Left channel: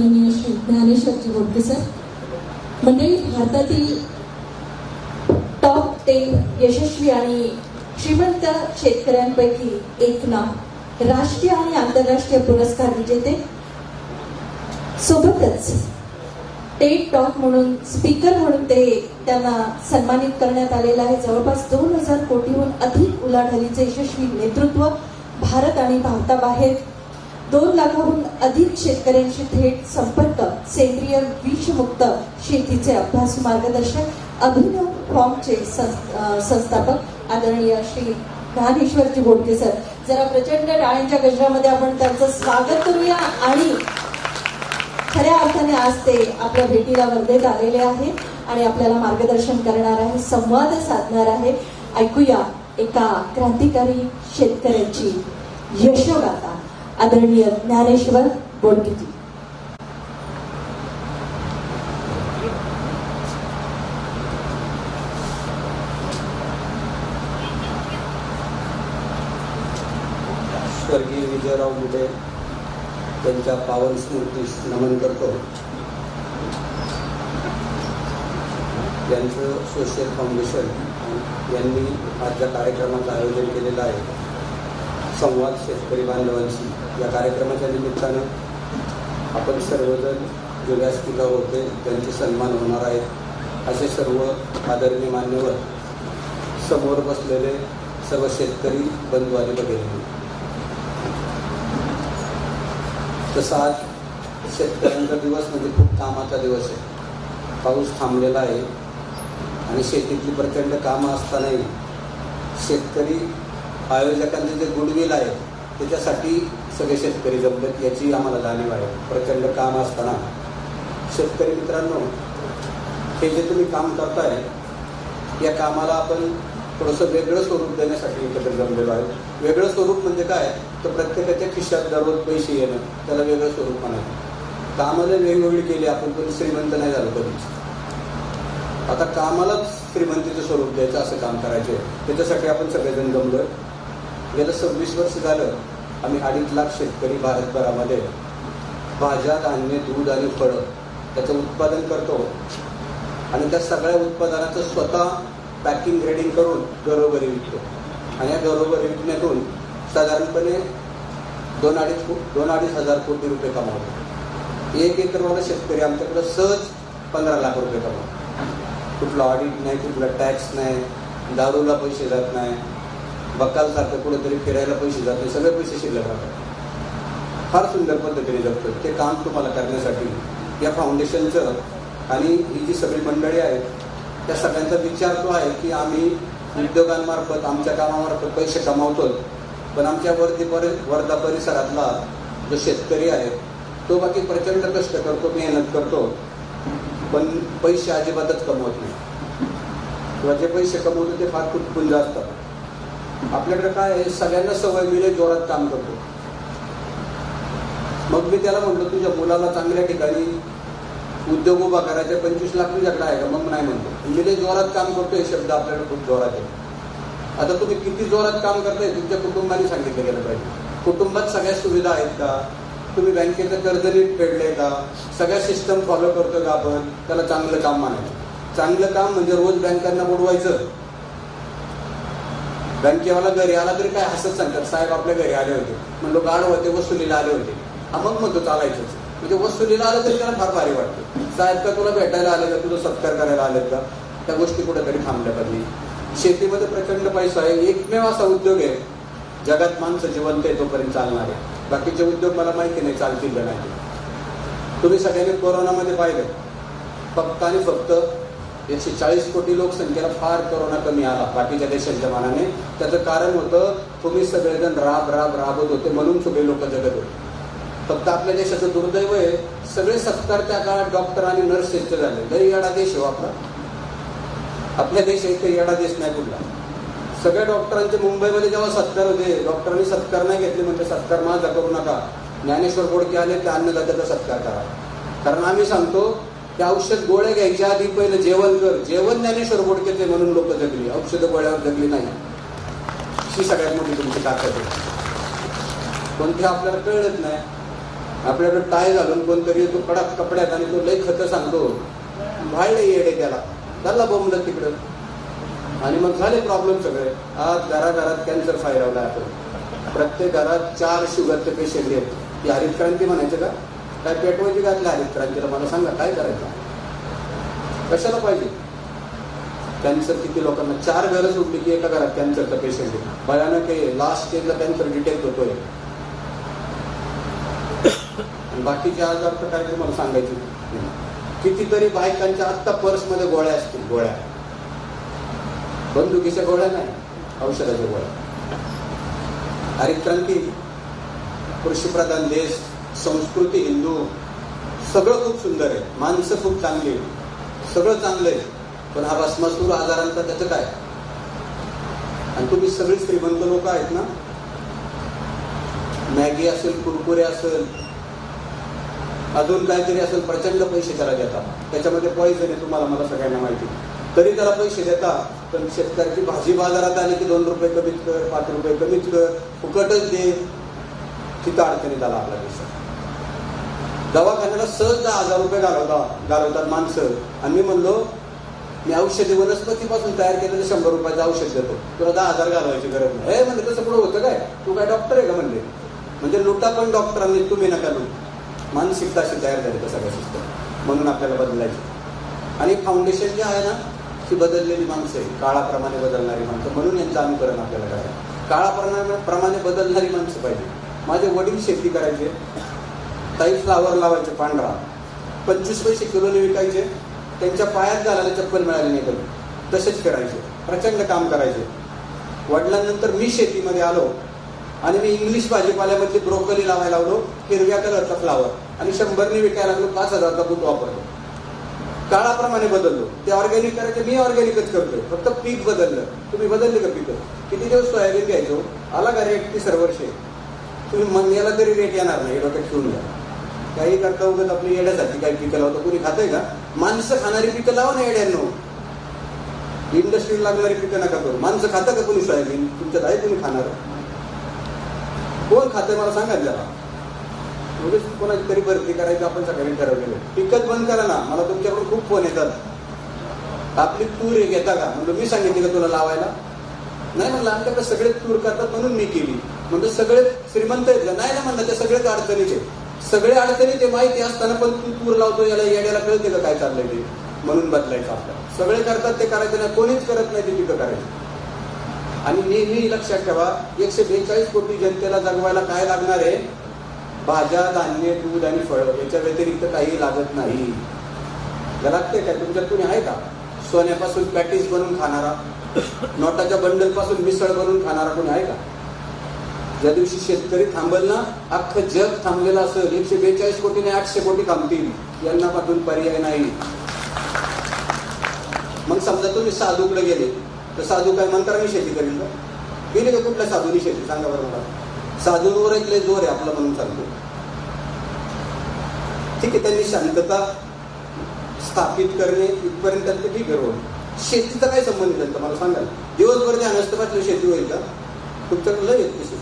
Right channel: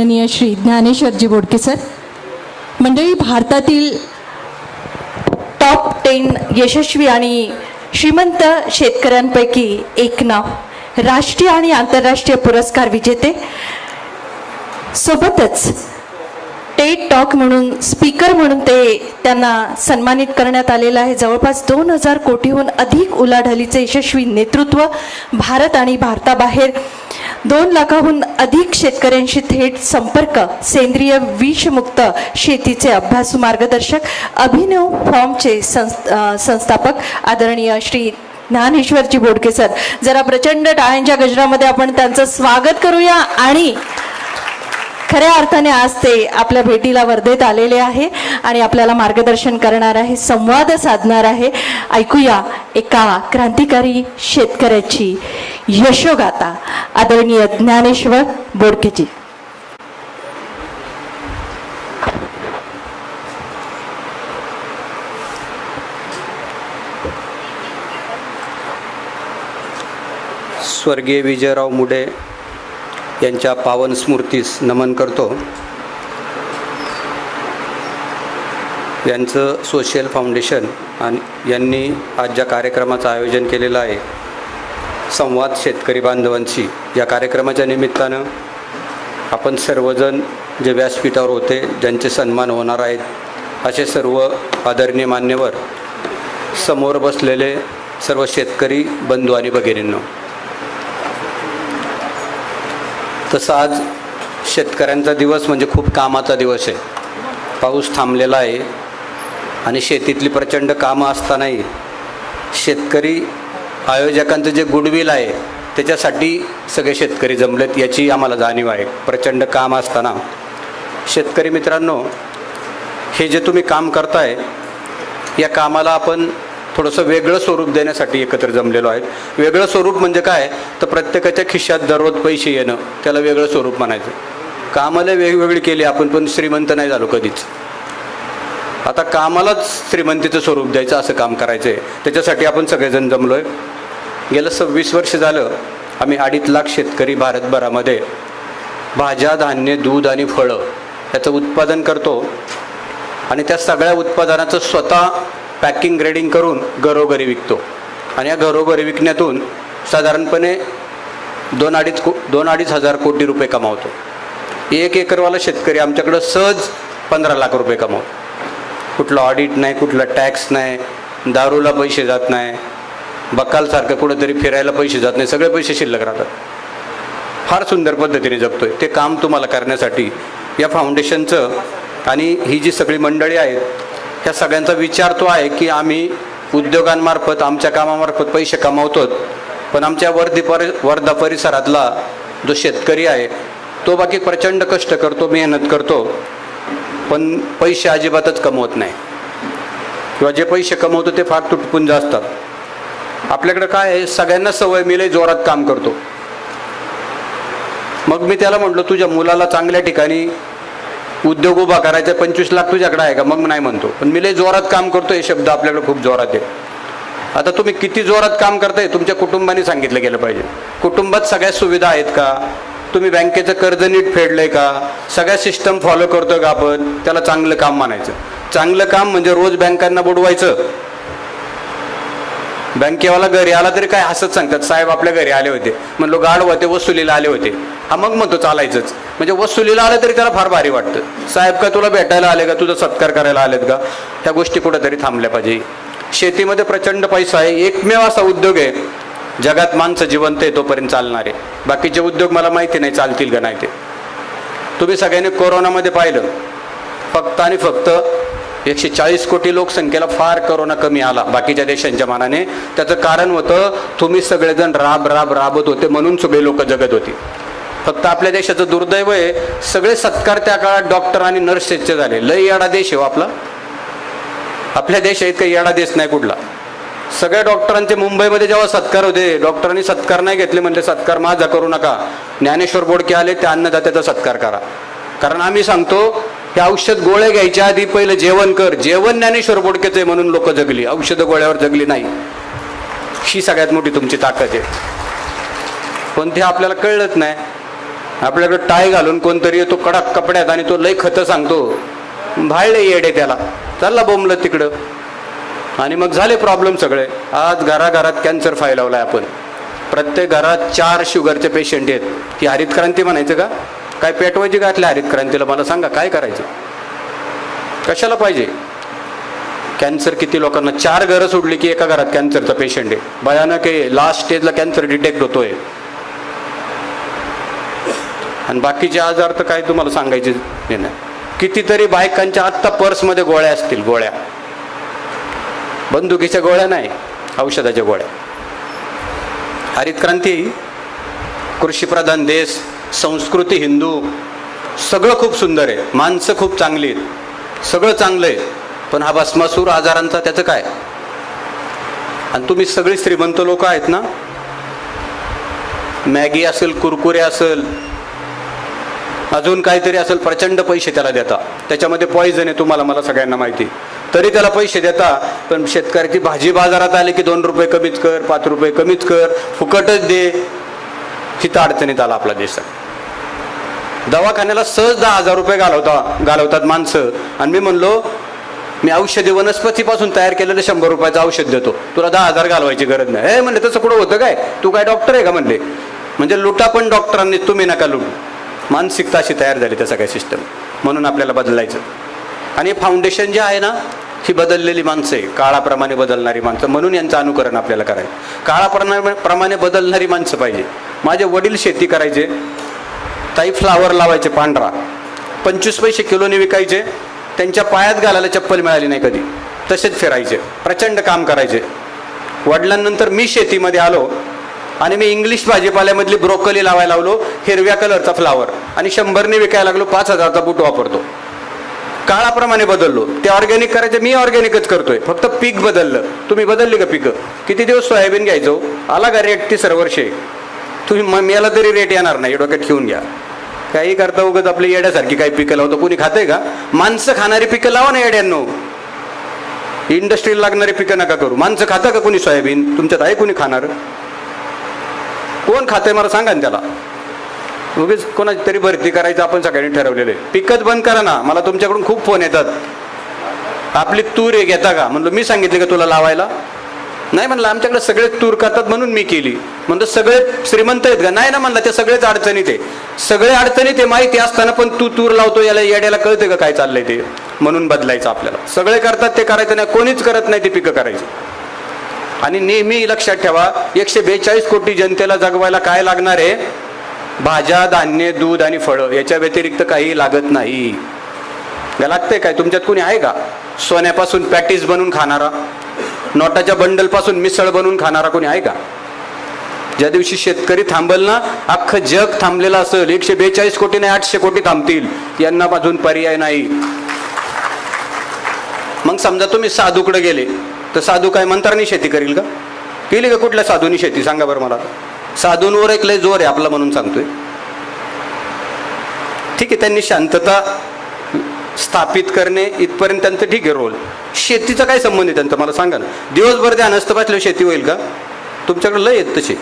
माननीय श्री ज्ञानेश्वरजी बोडके सर, मंडळी, भारतातील टॉप 10 यशस्वी आणि श्रीमंत शेतकऱ्यांपैकी एक नाव, राष्ट्रीय आणि आंतरराष्ट्रीय पुरस्कार विजेते, सोबतच टेड टॉक म्हणून स्पीकर म्हणून त्यांना सन्मानित करण्यात आलेलं आहे. जवळपास 2000 कोटीहून अधिक उलाढालीचे यशस्वी नेतृत्व, भारत आणि भारताबाहेर 2 लाखाहून अधिक शेतकऱ्यांशी थेट संपर्क, सेंद्रिय विषमुक्त शेतीचे अभ्यासू मार्गदर्शक, अभिनव फॉर्मचे संस्थापक आदरणीय श्री ज्ञानेश्वरजी बोडके सर. जरा प्रचंड टाळ्यांच्या गजरामध्ये आपण त्यांचं स्वागत करूया. आणि खऱ्या अर्थाने आज ते आपल्या भेटीला वर्धेत आलेले आहे आणि आपल्याला मार्गदर्शन करणार आहे, संवाद साधणार आहे. ऐकूया एका क्रांतिकारी शेतकऱ्याची यशोगाथा. आदरणीय ज्ञानेश्वर बोडकेजी. स्वर्गीय विजयराव मुडे यांच्या पावन स्मृतीस नमन करतो. यांचं सोशल फाउंडेशन यांनी आज ज्या कार्यक्रमाचं आयोजन केलेलं आहे, संवाद शेतकरी बांधवांशी, या कार्यक्रमाच्या निमित्तानं आपण सर्वजण जे व्यासपीठावर होते, ज्यांचे सन्मान होणार आहेत, असे सर्व आदरणीय मान्यवर, समोर बसलेले सर्व शेतकरी बंधू आणि भगिनींनो, तसं आज शेतकऱ्यांचा दिवस म्हणजे खूप कामाचा दिवस आहे. पाऊस थांबलेला आहे आणि शेतीतली प्रचंड कामं असतानाही शेतकरी आयोजकांचं जे गुडविल आहे त्याच्यासाठी सगळे शेतकरी जमलेत, याची आम्हाला जाणीव आहे. प्रचंड काम असताना शेतकरी मित्रांनो, हे जे तुम्ही काम करताय, या कामाला आपण थोडंसं वेगळं स्वरूप देण्यासाठी एकत्र जमलेलो आहे. वेगळं स्वरूप म्हणजे काय, तर प्रत्येकाच्या खिशात दररोज पैसे येणं, त्याला वेगळं स्वरूप म्हणायचं. कामाला वेगवेगळी केली आपण, पण श्रीमंत नाही झालो कधीच. आता कामालाच श्रीमंतीचं स्वरूप द्यायचं, असं काम करायचं आहे. त्याच्यासाठी आपण सगळेजण जमलो आहे. गेलं 26 वर्ष झालं आम्ही 2.5 लाख शेतकरी भारतभरामध्ये भाज्या, धान्य, दूध आणि फळं याचं उत्पादन करतो आणि त्या सगळ्या उत्पादनाचं स्वतः पॅकिंग ग्रेडिंग करून घरोघरी विकतो. आणि या घरोघरी विकण्यातून साधारणपणे 2-2.5 हजार कोटी रुपये कमावतो. 1 एकरवाला शेतकरी आमच्याकडं सहज 15 लाख रुपये कमावतो. कुठलं ऑडिट नाही, कुठला टॅक्स नाही, दारूला पैसे जात नाही, बकालसारखं कुठंतरी फिरायला पैसे जात नाही, सगळे पैसे शिल्लक राहतात. फार सुंदर पद्धतीने जगतोय. ते काम तुम्हाला करण्यासाठी या फाउंडेशनचं आणि ही जी सगळी मंडळी आहेत, ह्या सगळ्यांचा विचार तो आहे की आम्ही उद्योगांमार्फत, आमच्या कामामार्फत पैसे कमावतो, पण आमच्या वर्धा परिसरातला जो शेतकरी आहे तो बाकी प्रचंड कष्ट करतो, मेहनत करतो, पण पैसे अजिबातच कमवत नाही, किंवा जे पैसे कमवतो ते फार तुटपुंज असतात. आपल्याकडे काय आहे, सगळ्यांना सवय, मी लय जोरात काम करतो. मग मी त्याला म्हटलो, तुझ्या मुलाला चांगल्या ठिकाणी उद्योग उभा करायचा, 25 लाख तुझ्याकडे आहे का? मग नाही म्हणतो, पण मी लय जोरात काम करतो, हे शब्द आपल्याकडे खूप जोरात आहे. आता तुम्ही किती जोरात काम करताय तुमच्या कुटुंबाने सांगितलं गेलं पाहिजे. कुटुंबात सगळ्या सुविधा आहेत का? तुम्ही बँकेचं कर्ज नीट फेडलंय का? सगळ्या सिस्टम फॉलो करतो का आपण? त्याला चांगलं काम मानायचं. चांगलं काम म्हणजे रोज बँकांना बुडवायचं. बँकेवाला घरी आला तरी काय हसत सांगतात, साहेब आपल्या घरी आले होते. म्हणलो गाढ होते, वसुलीला आले होते. हा, मग म्हणतो चालायचंच. म्हणजे वसुलीला आलं तरी त्याला फार भारी वाटतं. साहेब का तुला भेटायला आले का, तुझा सत्कार करायला आलेत का? ह्या गोष्टी कुठेतरी थांबल्या पाहिजे. शेतीमध्ये प्रचंड पैसा आहे. एकमेव असा उद्योग आहे जगात माणसं जिवंत आहे तोपर्यंत चालणारे. बाकीचे उद्योग मला माहिती नाही चालतील का नाही ते. तुम्ही सगळ्यांनी कोरोनामध्ये पाहिलं, फक्त आणि फक्त 140 कोटी लोकसंख्येला फार कोरोना कमी आला बाकीच्या देशांच्या मानाने. त्याचं कारण होतं, तुम्ही सगळेजण राबत होते म्हणून सगळे लोक जगत होती. फक्त आपल्या देशाचं दुर्दैव आहे, सगळे सत्कार त्या काळात डॉक्टर आणि नर्सेसचे झाले. लय येडा देश आहे आपला. आपल्या देश इतका येडा देश नाही कुठला. सगळ्या डॉक्टरांचे मुंबईमध्ये जेव्हा सत्कार होते, डॉक्टरांनी सत्कार नाही घेतले, म्हणजे सत्कार माझा करू नका. ज्ञानेश्वर बोडके आले, त्या अन्नदात्याचा सत्कार करा. कारण आम्ही सांगतो, हे औषध गोळ्या घ्यायच्या आधी पहिलं जेवण कर. जेवण ज्ञानेश्वर बोडकेच आहे म्हणून लोक जगली, औषध गोळ्यावर जगली नाही. ही सगळ्यात मोठी तुमची ताकद आहे, पण ते आपल्याला कळलंच नाही. आपल्याकडे टाय घालून कोणतरी येतो कडक कपड्यात आणि तो लय खतं सांगतो, भाळले येडे त्याला, चालला बोंबलं तिकडं आणि मग झाले प्रॉब्लेम सगळे. आज घराघरात कॅन्सर फाईल लावलाय आपण. प्रत्येक घरात 4 शुगरचे पेशंट आहेत. ही हरित क्रांती म्हणायचं का? काय पेटवायची का आतल्या हरित क्रांतीला? मला सांगा काय करायचं, कशाला पाहिजे? कॅन्सर किती लोकांना, 4 घरं सोडली की एका घरात कॅन्सरचा पेशंट आहे. भयानक आहे. लास्ट स्टेजला कॅन्सर डिटेक्ट होतोय. आणि बाकीचे आजार तर काय तुम्हाला सांगायचे नाही. कितीतरी बायकांच्या आत्ता पर्समध्ये गोळ्या असतील, गोळ्या, बंदुकीच्या गोळ्या नाही, औषधाच्या गोळ्या. हरित क्रांती, कृषीप्रधान देश, संस्कृती हिंदू, सगळं खूप सुंदर आहे, माणसं खूप चांगली आहेत, सगळं चांगलं आहे. पण हा भस्मासूर आजारांचा त्याचं काय? आणि तुम्ही सगळी श्रीमंत लोक आहेत ना, मॅगी असेल, कुरकुरे असेल, अजून काहीतरी असेल, प्रचंड पैसे त्याला देता. त्याच्यामध्ये पॉइझन आहे, तुम्हाला मला सगळ्यांना माहिती, तरी त्याला पैसे देता. पण शेतकऱ्याची भाजी बाजारात आली की 2 रुपये कमीच कर, 5 रुपये कमीच कर, फुकटच दे. हिथं अडचणीत आला आपला देश. दवाखान्याला सहज 10,000 रुपये घालवतात माणसं. आणि मी म्हणलो, मी औषधी वनस्पतीपासून तयार केलेलं 100 रुपयाचं औषध देतो, तुला 10,000 घालवायची गरज नाही. हे म्हणले, तसं कुठं होतं काय? तू काय डॉक्टर आहे का? म्हणले, म्हणजे लुटा पण डॉक्टरांनी, तुम्ही नका लूट. मानसिकता अशी तयार झाली त्या सगळ्या सिस्टम. म्हणून आपल्याला बदलायचं. आणि फाउंडेशन जे आहे ना, ही बदललेली माणसं आहे, काळाप्रमाणे बदलणारी माणसं. म्हणून यांचं अनुकरण आपल्याला करायचं. काळाप्रमाणे बदलणारी माणसं पाहिजे. माझे वडील शेती करायचे, ताई फ्लावर लावायचे पांढरा, 25 पैसे किलोने विकायचे. त्यांच्या पायात घालायला चप्पल मिळाली नाही कधी, तसेच फिरायचे, प्रचंड काम करायचे. वडिलांनंतर मी शेतीमध्ये आलो आणि मी इंग्लिश भाजीपाल्यामधली ब्रोकली लावायला लावलो, हिरव्या कलरचा फ्लावर, आणि 100ने विकायला लागलो. 5,000चा बूट वापरतो. काळाप्रमाणे बदललो. ते ऑर्गॅनिक करायचे, मी ऑर्गॅनिकच करतोय, फक्त पीक बदललं. तुम्ही बदलली का पिकं? किती दिवस सोयाबीन घ्यायचो, आला का रेट 3 वर्षे? तुम्ही मेला तरी रेट येणार नाही, डोक्यात ठेवून घ्या. काही करता उगाच आपली येड्यासारखी काही पिकं लावतो. कोणी खातंय का? माणसं खाणारी पिकं लावा ना येड्यांनो. इंडस्ट्रीला लागणारी पिकं नका करू. माणसं खातं का कोणी सोयाबीन? तुमच्यात आहे कोणी खाणार? कोण खातंय मला सांगा ना त्याला. उगीच कोणाची तरी भरती करायचं आपण सगळ्यांनी ठरवलेलं आहे. पिकच बंद करा ना. मला तुमच्याकडून खूप फोन येतात, आपली तूर आहे घेता का? म्हणलं, मी सांगितले का तुला लावायला? नाही म्हणलं, आमच्याकडे सगळे तूर करतात म्हणून मी केली. म्हणलं, सगळे श्रीमंत आहेत का? नाही ना म्हणलं, ते सगळेच अडचणीत आहे. सगळे अडचणीत आहे माहिती असताना पण तू तूर लावतो, याला येड्याला कळते का काय चाललंय ते? म्हणून बदलायचं आपल्याला. सगळे करतात ते करायचं नाही, कोणीच करत नाही ते पिकं करायची. आणि नेहमी लक्षात ठेवा, 142 कोटी जनतेला जगवायला काय लागणार आहे? भाज्या, धान्य, दूध आणि फळं. याच्या व्यतिरिक्त काही लागत नाही. लागतंय काय? तुमच्यात कोणी आहे का सोन्यापासून पॅटीस बनवून खाणारा, नोटाच्या बंडल पासून मिसळ बनवून खाणारा कोणी आहे का? ज्या दिवशी शेतकरी थांबल ना, अख्खं जग थांबलेलं असेल. 142 कोटी नाही, 800 कोटी थांबतील. यांना अजून पर्याय नाही. मग समजा तुम्ही साधूकडे गेले, तर साधू काय मंत्रांनी शेती करील का? केली का कुठल्या साधूनी शेती? सांगा बरं मला. साधूंवर एक लय जोर आहे आपला म्हणून सांगतोय. ठीक आहे, त्यांनी शांतता स्थापित करणे इथपर्यंत त्यांचं ठीक आहे रोल. शेतीचा काय संबंध आहे त्यांचा मला सांगा ना. दिवसभर त्या नसतं बसल्यावर शेती होईल का? तुमच्याकडे लय येत तसे.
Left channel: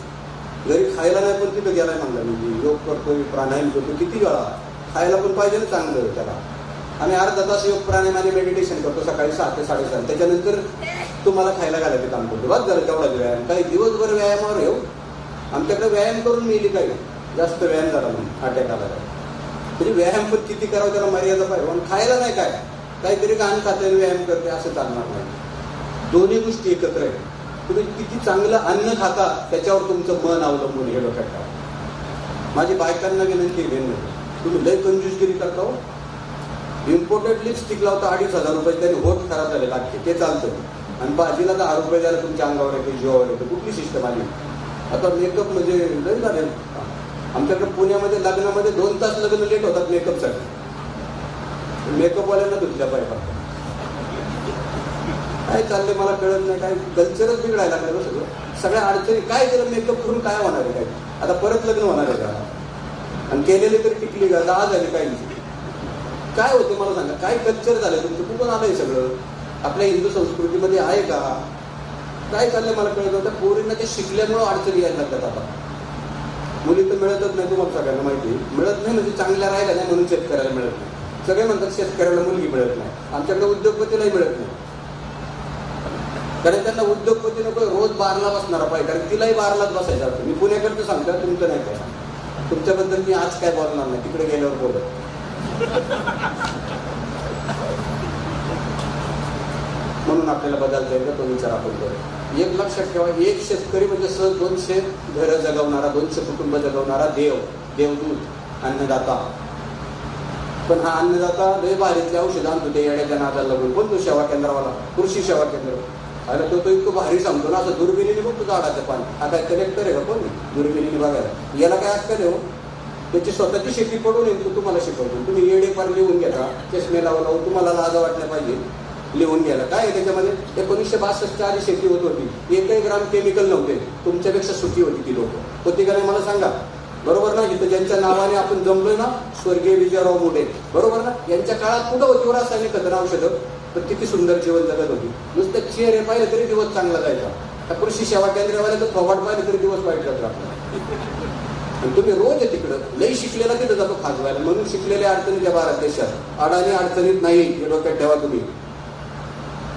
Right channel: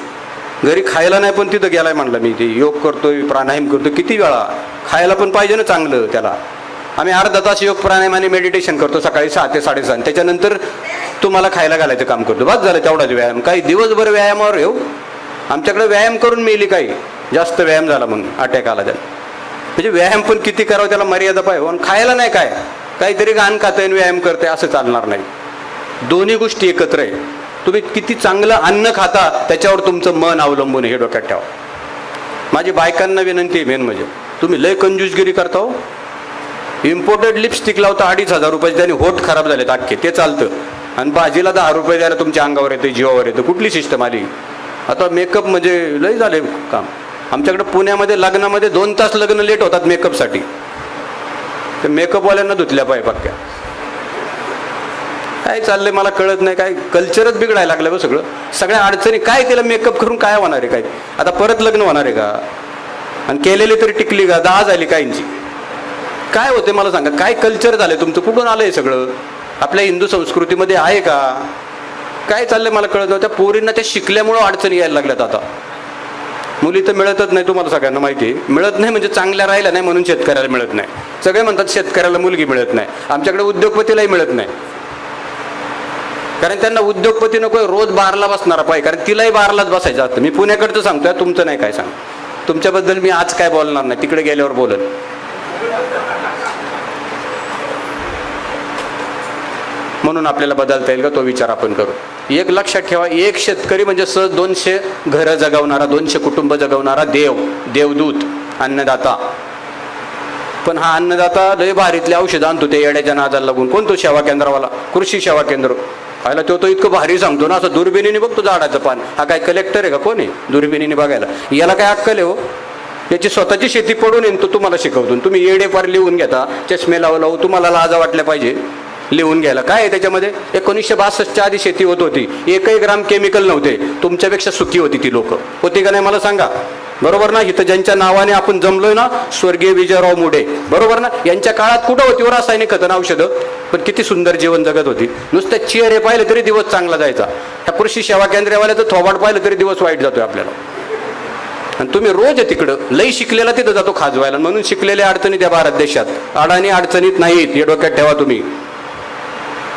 घरी खायला नाही पण तिथं गेलाय म्हणलं मी, ते योग करतोय, प्राणायाम करतोय, किती वेळा. खायला पण पाहिजे ना चांगलं त्याला. आम्ही अर्धा तास योग प्राणायाम आणि मेडिटेशन करतो सकाळी 6 ते 7:30. त्याच्यानंतर तुम्हाला खायला घालायचं काम करतो. बस झालं तेवढाच व्यायाम. काही दिवसभर व्यायामावर येऊ. आमच्याकडे व्यायाम करून मिली काही जास्त व्यायाम झाला म्हणून अटॅक आला त्याला. म्हणजे व्यायाम पण किती करावं त्याला मर्यादा पाहिजे. खायला नाही काय, काहीतरी घाण खातंय आणि व्यायाम करतंय असं चालणार नाही. दोन्ही गोष्टी एकत्र आहे. तुम्ही किती चांगलं अन्न खाता त्याच्यावर तुमचं मन अवलंबून आहे, हे डोक्यात ठेवा. माझी बायकांना विनंती आहे मेन म्हणजे, तुम्ही लय कंजूसगिरी करता हो. इम्पोर्टेड लिपस्टिक लावता 2,500 रुपये, त्याने होठ खराब झालेत अख्खे, ते चालतं. आणि भाजीला 10 रुपये द्यायला तुमच्या अंगावर येतं, जीवावर येतं. कुठली सिस्टम आली आता? मेकअप म्हणजे लय झाले काम. आमच्याकडे पुण्यामध्ये लग्नामध्ये 2 तास लग्न लेट होतात मेकअपसाठी. ते मेकअपवाल्यांना धुतल्या पाय पक्क्या. काय चाललंय मला कळत नाही. काय कल्चरच बिघडायला लागलं बघ सगळं. सगळ्या अडचणी काय, केलं मेकअप करून काय होणार आहे? काय आता परत लग्न होणार आहे का? आणि केलेली तरी टिकली का? 10 झाली काहींची. काय होते मला सांगा. काय कल्चर झालंय तुमचं? कुठून आलंय सगळं? आपल्या हिंदू संस्कृतीमध्ये आहे का? काय चाललंय मला कळत नाही. त्या पोरींना ते शिकल्यामुळं अडचणी यायला लागल्यात आता. मुली तर मिळतच नाही, तुम्हाला सगळ्यांना माहिती आहे. मिळत नाही म्हणजे चांगल्या राहिल्या नाही म्हणून शेतकऱ्याला मिळत नाही. सगळे म्हणतात शेतकऱ्याला मुलगी मिळत नाही, आमच्याकडे उद्योगपतीलाही मिळत नाही. कारण त्यांना उद्योगपती नको, रोज बारला बसणारा पाहिजे, कारण तिलाही बारलाच बसायचं असतं. मी पुण्याकडचं सांगतोय, तुमचं नाही काय सांग. तुमच्याबद्दल मी आज काय बोलणार नाही, तिकडे गेल्यावर बोलत. म्हणून आपल्याला बदलता येईल का तो विचार आपण करू. एक लक्षात ठेवा, एक शेतकरी म्हणजे सहज 200 घरं जगवणारा, 200 कुटुंब जगवणारा देवदूत, अन्नदाता. पण हा अन्नदाता लय भारीतले औषध आणतो ते येड्याच्या नादाला लागून. कोण तो सेवा केंद्रावाला, कृषी सेवा केंद्र खायला, तो इतकं भारी सांगतो ना, असं दुर्बिणीने बघतो झाडाचं पान. हा काय कलेक्टर आहे का, कोण आहे दुर्बिणीने बघायला? याला काय अक्कल आहे हो? याची स्वतःची शेती पडून येईन तो तुम्हाला शिकवतो. तुम्ही येडे पार लिहून घेता, चष्मे लावू, तुम्हाला लाज वाटल्या पाहिजे लिहून घ्यायला. काय आहे त्याच्यामध्ये? 1962च्या आधी शेती होत होती, एकही ग्राम केमिकल नव्हते. तुमच्यापेक्षा सुखी होती ती लोक, होती का नाही मला सांगा? बरोबर ना? इथं ज्यांच्या नावाने आपण जमलोय ना, स्वर्गीय विजयराव मुडे, बरोबर ना? यांच्या काळात कुठं होती व रासायनिक खतं औषधं? पण किती सुंदर जीवन जगत होती. नुसतं चेहरे पाहिले तरी दिवस चांगला जायचा. ह्या कृषी सेवा केंद्रावाल्याचं थोबाड पाहिलं तरी दिवस वाईट जातोय आपल्याला. आणि तुम्ही रोज आहे तिकडं, लई शिकलेला तिथं जातो खाजवायला. म्हणून शिकलेले अडचणीत या भारत देशात, अडाणी अडचणीत नाहीत, हे डोक्यात ठेवा तुम्ही.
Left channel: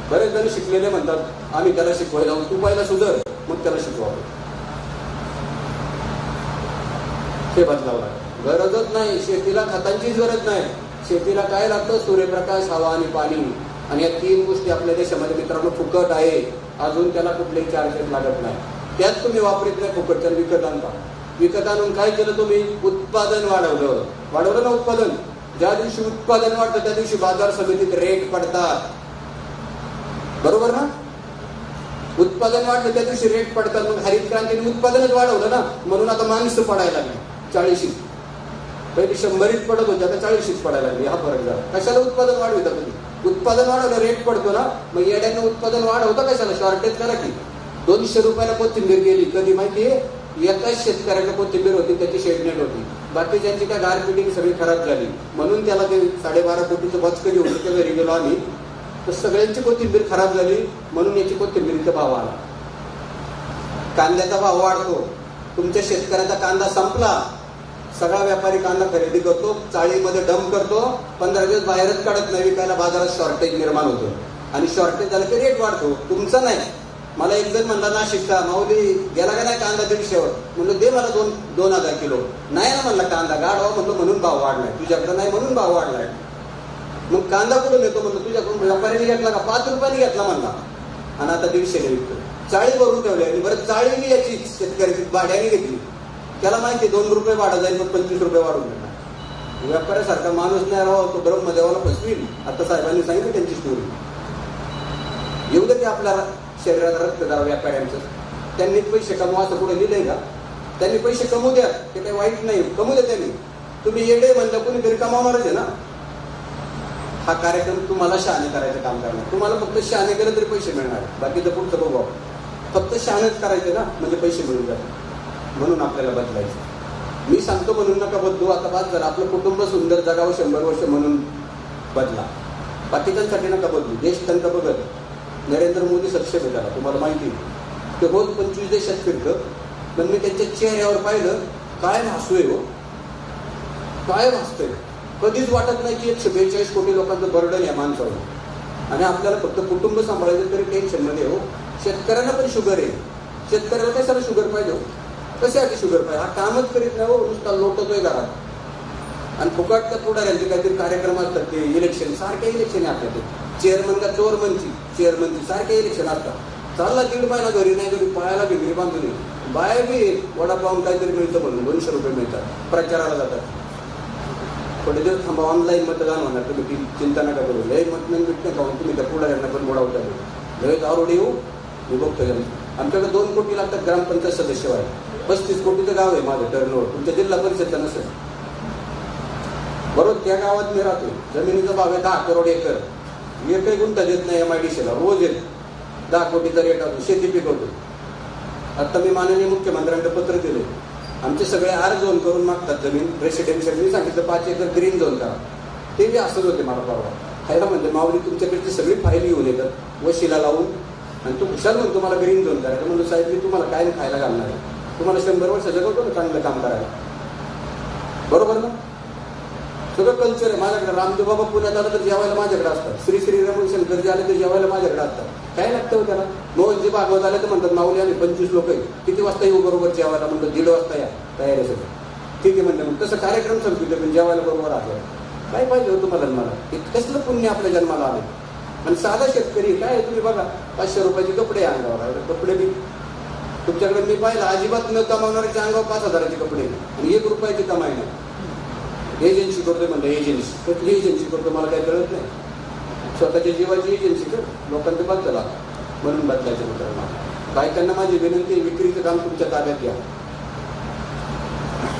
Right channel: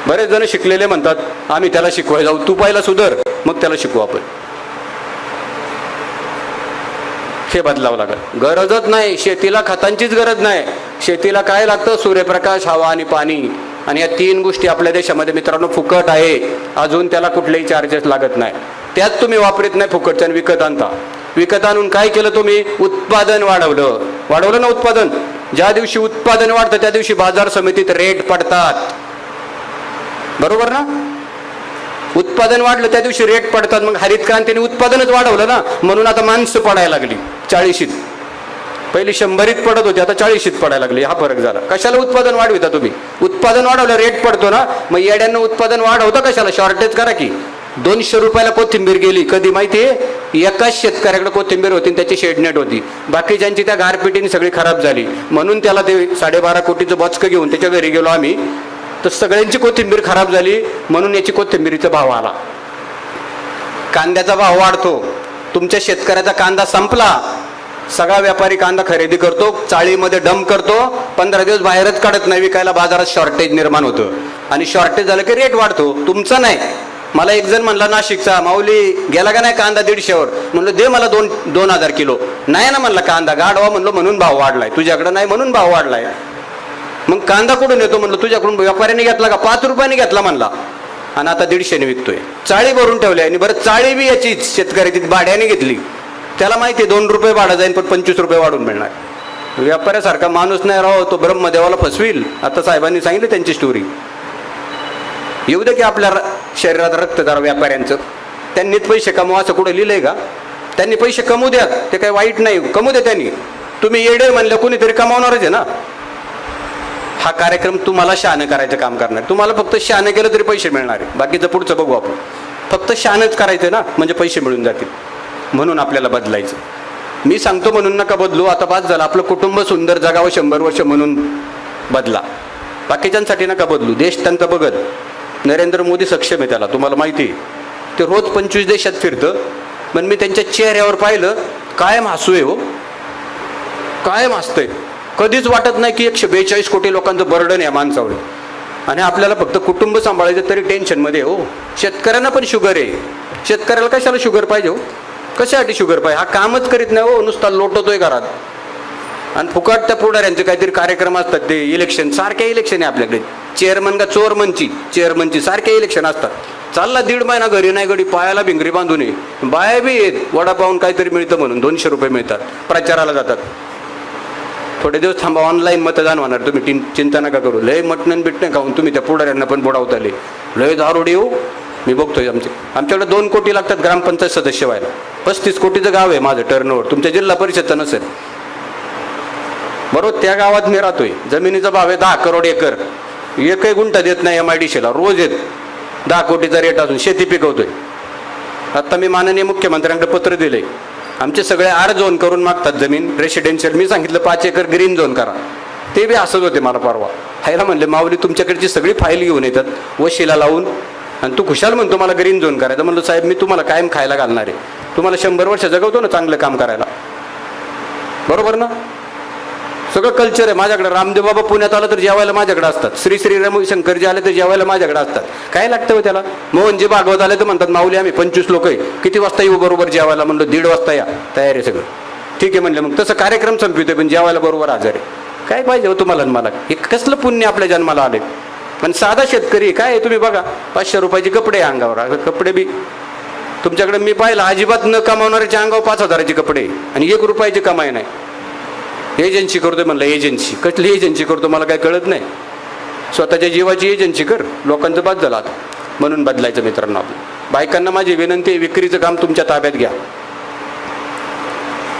बरेच जण शिकलेले म्हणतात आम्ही त्याला शिकवायला जाऊ. तू पहिला सुधर, मग त्याला शिकवू आपण. हे बदलावं लागेल. गरजच नाही शेतीला, खतांचीच गरज नाही. शेतीला काय लागतं? सूर्यप्रकाश, हवा आणि पाणी. आणि या 3 गोष्टी आपल्या देशामध्ये मित्रांनो फुकट आहे. अजून त्याला कुठलेही चार्जेस लागत नाही. त्यात तुम्ही वापरत नाही फुकटच्या, विकत आणता. विकत आणून काय केलं तुम्ही? उत्पादन वाढवलं ना उत्पादन. ज्या दिवशी उत्पादन वाढतं त्या दिवशी बाजार समितीत रेट पडतात, बरोबर ना? उत्पादन वाढलं त्या दिवशी रेट पडतात. मग हरित क्रांतीने उत्पादनच वाढवलं ना, म्हणून आता माणसं पडायला लागली 40शीत. पहिली 100ीत पडत होती, आता 40शीत पडायला लागली. हा फरक झाला. कशाला उत्पादन वाढविता तुम्ही? उत्पादन वाढवलं रेट पडतो ना. मग येड्यांना उत्पादन वाढवता कशाला? शॉर्टेज करा की. 200 रुपयाला कोथिंबीर गेली कधी माहितीये? एकाच शेतकऱ्याकडे कोथिंबीर होती, त्याची शेडनेट होती. बाकीच्यांची त्या गारपिटीने सगळी खराब झाली. म्हणून त्याला ते 12.5 कोटीचं बचकं घेऊन त्याच्या घरी गेलो आम्ही, तर सगळ्यांची कोथिंबीर खराब झाली. म्हणून याची कोथिंबीरीचा भाव आला. कांद्याचा भाव वाढतो. तुमच्या शेतकऱ्याचा कांदा संपला, सगळा व्यापारी कांदा खरेदी करतो, चाळीमध्ये डंप करतो, 15 दिवस बाहेरच काढत नाही विकायला. बाजारात शॉर्टेज निर्माण होतं. आणि शॉर्टेज झालं की रेट वाढतो. तुमचा नाही. मला एक जण म्हणला नाशिकचा, माऊली गेला का नाही कांदा 150वर? म्हणलं दे मला 2,000 किलो. नाही ना म्हणला कांदा गाडवा, म्हणलं म्हणून भाव वाढलाय. तुझ्याकडे नाही म्हणून भाव वाढलाय. मग कांदा कुठून येतो? म्हणलं तुझ्याकडून. व्यापाऱ्याने घेतला का? 5 रुपयाने घेतला म्हणला, आणि आता 150ने विकतोय. चाळी भरून ठेवली. आणि बरं चाळी बी याचीच शेतकरी भाड्याने घेतली. त्याला माहिती आहे 2 रुपये भाडं जाईल, पण 25 रुपये वाढून मिळणार. व्यापाऱ्यासारखा माणूस नाही राहो, तो ब्रह्मदेवाला फसविल. आता साहेबांनी सांगितलं त्यांची स्टोरी. येऊ दे की आपल्या शरीरात रक्त जरा व्यापाऱ्यांचं. त्यांनीच पैसे कमवा असं कुठं लिहिलंय का? त्यांनी पैसे कमवू द्या, ते काही वाईट नाही, कमवू द्या त्यांनी. तुम्ही येडे म्हणलं कोणीतरी कमावणारच आहे ना. हा कार्यक्रम तुम्हाला शहाणं करायचं काम करणार. तुम्हाला फक्त शहाणं केलं तरी पैसे मिळणार आहे. बाकीचं पुढचं बघू आपण. फक्त शहाणंच करायचं ना, म्हणजे पैसे मिळून जातील. म्हणून आपल्याला बदलायचं. मी सांगतो म्हणून नका बदलू. आता बाद झालं. आपलं कुटुंब सुंदर जगावं 100 वर्ष म्हणून बदला. बाकीच्यांसाठी नका बदलू. देश त्यांचा बघत. नरेंद्र मोदी सक्षम आहे, त्याला तुम्हाला माहिती आहे. ते रोज 25 देशात फिरतं. पण मी त्यांच्या चेहऱ्यावर पाहिलं, कायम हसू आहे हो, कायम हसतंय. कधीच वाटत नाही की 142 कोटी लोकांचं बर्डन आहे माणसावर. आणि आपल्याला फक्त कुटुंब सांभाळायचं तरी टेन्शनमध्ये हो. शेतकऱ्यांना पण शुगर आहे. शेतकऱ्याला कशाला शुगर पाहिजे हो? कशासाठी शुगर पाहिजे? हा कामच करीत नाही हो, नुसता लोटतोय घरात. आणि फुकट त्या पुढाऱ्यांचे काहीतरी कार्यक्रम असतात. ते इलेक्शन, सारखे इलेक्शन आहे आपल्याकडे. चेअरमन का चेअरमनची सारखे इलेक्शन असतात. चालला 1.5 महिना घरी नाही गडी, पायाला भिंगरी बांधून ये. बाया बी येत, वडापावून काहीतरी मिळतं म्हणून 200 रुपये मिळतात, प्रचाराला जातात. थोडे दिवस थांबा, ऑनलाईन मतदान होणार. तुम्ही चिंता नका करू. लय मटण बिटणं खाऊन तुम्ही त्या पुढाऱ्यांना पण बुडावताले. लय दारोडी हो. मी बघतोय आमच्याकडे 2 कोटी लागतात ग्रामपंचायत सदस्य व्हायला. 35 कोटीचं गाव आहे माझं टर्नओव्हर. तुमच्या जिल्हा परिषद नसेल. बरोबर त्या गावात मी राहतोय. जमिनीचा भाव आहे 10 करोड एकर. एकही गुंठा देत नाही MIDCला. रोज येत 10 कोटीचा रेट असून शेती पिकवतोय. आता मी माननीय मुख्यमंत्र्यांकडे पत्र दिले. आमचे सगळे R झोन करून मागतात जमीन रेसिडेन्शियल. मी सांगितलं 5 एकर ग्रीन झोन करा. ते बी असंच होते मला परवा. हायला म्हणले माऊली तुमच्याकडची सगळी फाईल घेऊन येतात वशिला लावून, आणि तू खुशाल म्हणतो मला ग्रीन झोन करायचं. म्हणलं साहेब मी तुम्हाला कायम खायला घालणार आहे. तुम्हाला 100 वर्ष जगवतो ना चांगलं काम करायला, बरोबर ना? सगळं कल्चर आहे माझ्याकडे. रामदेव बाबा पुण्यात आलं तर जेवायला माझ्याकडे असतात. श्री श्री रविशंकरजी आले तर जेवायला माझ्याकडे असतात. काय लागतं हो त्याला? मोहनजी भागवत आले तर म्हणतात माऊली आम्ही 25 लोक आहे, किती वाजता येऊ बरोबर जेवायला? म्हणलं 1:30 वाजता या, तयार आहे सगळं. ठीक आहे म्हणलं, मग तसं कार्यक्रम संपवितोय पण जेवायला बरोबर हजर आहे. काय पाहिजे हो तुम्हाला मला? हे कसलं पुण्य आपल्या जन्माला आले? पण साधा शेतकरी काय आहे, तुम्ही बघा 500 रुपयाचे कपडे अंगावर. कपडे बी तुमच्याकडे मी पाहिलं अजिबात न कमावणाऱ्याच्या अंगावर 5,000चे कपडे आणि 1 रुपयाची कमाई नाही. एजन्सी करतोय म्हणलं. एजन्सी कसली एजन्सी करतो मला काय कळत नाही. स्वतःच्या जीवाची एजन्सी कर, लोकांचं बाद झालं आता. म्हणून बदलायचं मित्रांनो. बायकांना माझी विनंती आहे, विक्रीचं काम तुमच्या ताब्यात घ्या.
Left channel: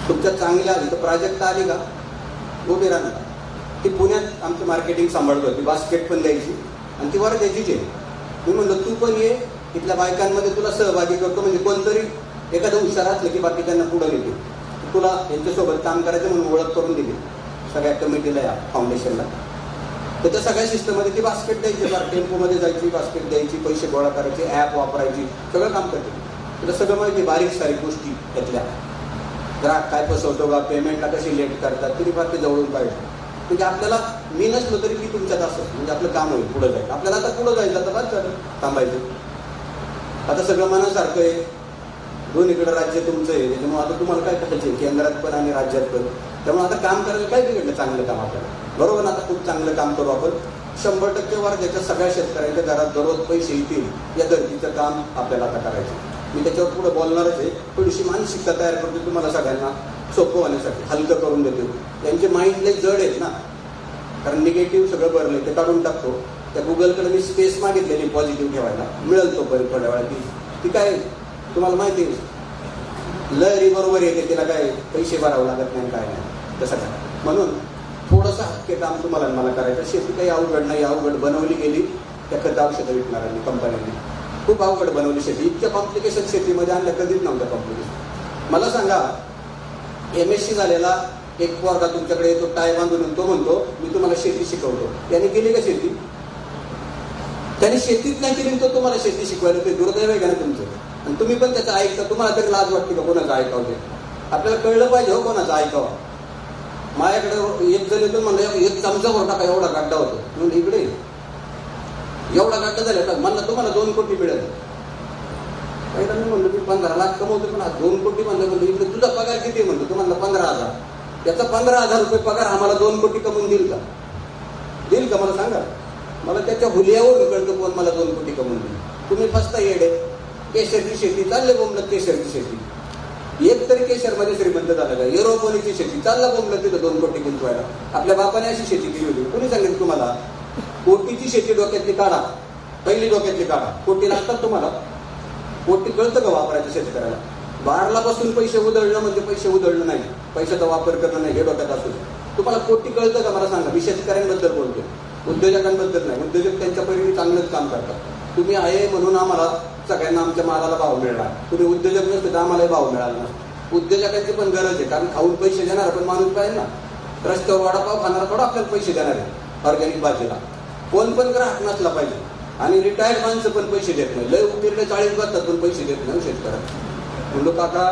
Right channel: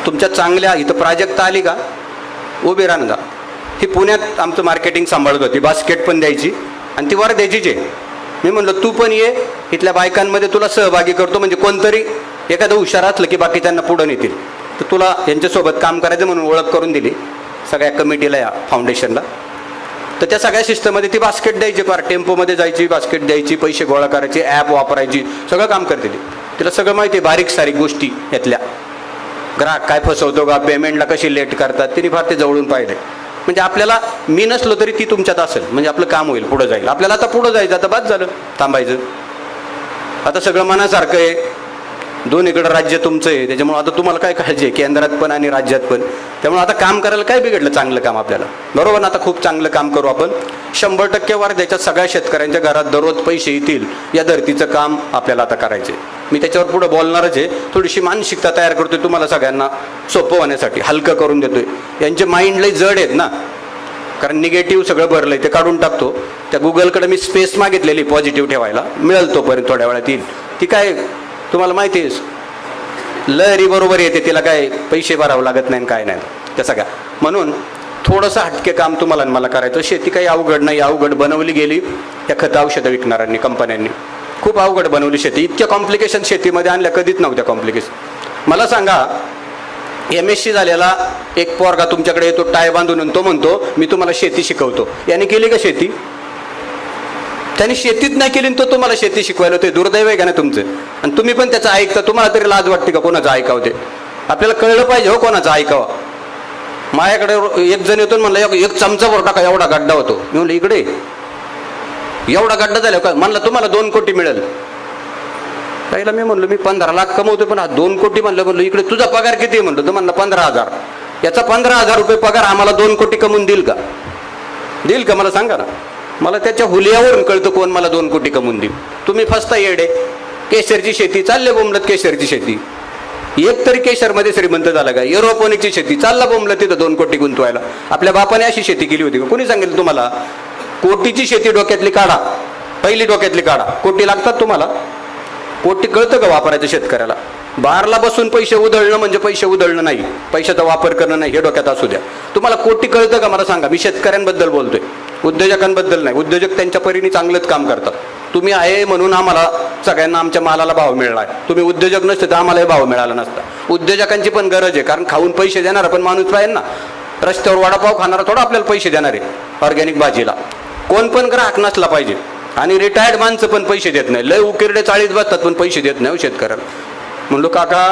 तुमच्या चांगल्या इथं प्राजक्ता आली का उभी राहून जा. ही पुण्यात आमचं मार्केटिंग सांभाळत होती, बास्केट पण द्यायची आणि ती वर द्यायचीच आहे. मी म्हणलं तू पण ये, इथल्या बायकांमध्ये तुला सहभागी करतो, म्हणजे कोणतरी एखादं हुशार असलं की बाकी त्यांना पुढं नेतील. तर तुला यांच्यासोबत काम करायचं म्हणून ओळख करून दिली सगळ्या कमिटीला, या फाउंडेशनला. तर त्या सगळ्या सिस्टममध्ये ती बास्केट द्यायची, फार टेम्पोमध्ये जायची, बास्केट द्यायची, पैसे गोळा करायचे, ॲप वापरायची, सगळं काम करते ती. तिला सगळं माहिती आहे, बारीक सारीक गोष्टी यातल्या. ग्राहक काय फसवतो का, पेमेंटला कशी लेट करतात, तिने फार ते जवळून पाहिलंय. म्हणजे आपल्याला मी नसलो तरी ती तुमच्यात असेल, म्हणजे आपलं काम होईल, पुढं जाईल. आपल्याला आता पुढं जायचं, आता बाद झालं थांबायचं. आता सगळं मनासारखं आहे, दोन्हीकडे राज्य तुमचं आहे, त्याच्यामुळे आता तुम्हाला काय काळजी आहे, केंद्रात पण आणि राज्यात पण. त्यामुळे आता काम करायला काय बिघडलं, चांगलं काम आपल्याला, बरोबर ना? आता खूप चांगलं काम करू आपण. 100% वर्ध्याच्या सगळ्या शेतकऱ्यांच्या घरात दररोज पैसे येतील या धर्तीचं काम आपल्याला आता करायचे. मी त्याच्यावर पुढे बोलणारच आहे. थोडीशी मानसिकता तयार करतोय तुम्हाला सगळ्यांना सोपं होण्यासाठी, हलकं करून देतोय. यांचे माइंड लय जड आहेत ना, कारण निगेटिव्ह सगळं भरलंय, ते काढून टाकतो. त्या गुगलकडे मी स्पेस मागितलेली पॉझिटिव्ह ठेवायला, मिळेल तोपर्यंत थोड्या वेळात येईल. ती काय तुम्हाला माहिती आहे, लहरी बरोबर येते, तिला काय पैसे भरावं लागत नाही काय नाही त्या सगळ्या. म्हणून थोडंसं हटके काम तुम्हाला मला करायचं. शेती काही अवघड नाही, अवघड बनवली गेली त्या खत औषधं विकणाऱ्यांनी, कंपन्यांनी खूप अवघड बनवली शेती. इतक्या कॉम्प्लिकेशन शेतीमध्ये आणल्या कधीच नव्हत्या कॉम्प्लिकेशन. मला सांगा, MSc झालेला एक पोरगा तुमच्याकडे येतो टाय बांधून, तो म्हणतो मी तुम्हाला शेती शिकवतो. याने केली का शेती? त्यांनी शेतीच नाही केली, तो तुम्हाला शेती शिकवायला. ते दुर्दैव आहे का नाही तुमचं? आणि तुम्ही पण त्याचं ऐकता. तुम्हाला तरी लाज वाटते का कोणाचं ऐकावं? ते आपल्याला कळलं पाहिजे हो कोणाचं ऐकावं. माझ्याकडे एक जण येतो म्हणलं एक चमचा वर टाका, एवढा गड्डा होतो. मी म्हणलं इकडे एवढा गड्डा झाला का? म्हणलं तुम्हाला 2 कोटी मिळेल. पहिला मी म्हणलं मी 15 लाख कमवतो, पण 2 कोटी म्हणलं इकडे तुझा पगार किती आहे म्हणलं. तर म्हणलं 15,000. याचा 15,000 रुपये पगार आम्हाला 2 कोटी कमवून देईल का? देईल का मला सांगा ना. मला त्याच्या हुलियावरून कळतं कोण मला 2 कोटी कमवून देईल. तुम्ही फसता येडे. केशरची शेती चालले बोंबलत, केशरची शेती. एक तरी केशरमध्ये श्रीमंत झाला का? एरोपोनिकची शेती चालला बोंबलत, तिथं 2 कोटी गुंतवायला. आपल्या बापाने अशी शेती केली होती का? कोणी सांगितलं तुम्हाला? कोटीची शेती डोक्यातली काढा, पहिली डोक्यातली काढा. कोटी लागतात तुम्हाला? कोटी कळतं का वापरायचं शेतकऱ्याला? बारला बसून पैसे उधळणं म्हणजे पैसे उधळणं नाही, पैशाचा वापर करणं नाही, हे डोक्यात असू द्या. तुम्हाला कोटी कळतं का मला सांगा? मी शेतकऱ्यांबद्दल बोलतोय, उद्योजकांबद्दल नाही. उद्योजक त्यांच्या परीने चांगलंच काम करतात. तुम्ही आहे म्हणून आम्हाला सगळ्यांना आमच्या मालाला भाव मिळणार. तुम्ही उद्योजक नसते तर आम्हालाही भाव मिळाला नसता. उद्योजकांची पण गरज आहे, कारण खाऊन पैसे देणारा पण माणूस पाहिजे ना. रस्त्यावर वडापाव खाणारा थोडा आपल्याला पैसे देणार आहे ऑर्गॅनिक भाजीला. कोण पण ग्राहक नसला पाहिजे. आणि रिटायर्ड माणसं पण पैसे देत नाही. लय उकिरडे 40 बसतात पण पैसे देत नाही शेतकऱ्याला. म्हणलो काका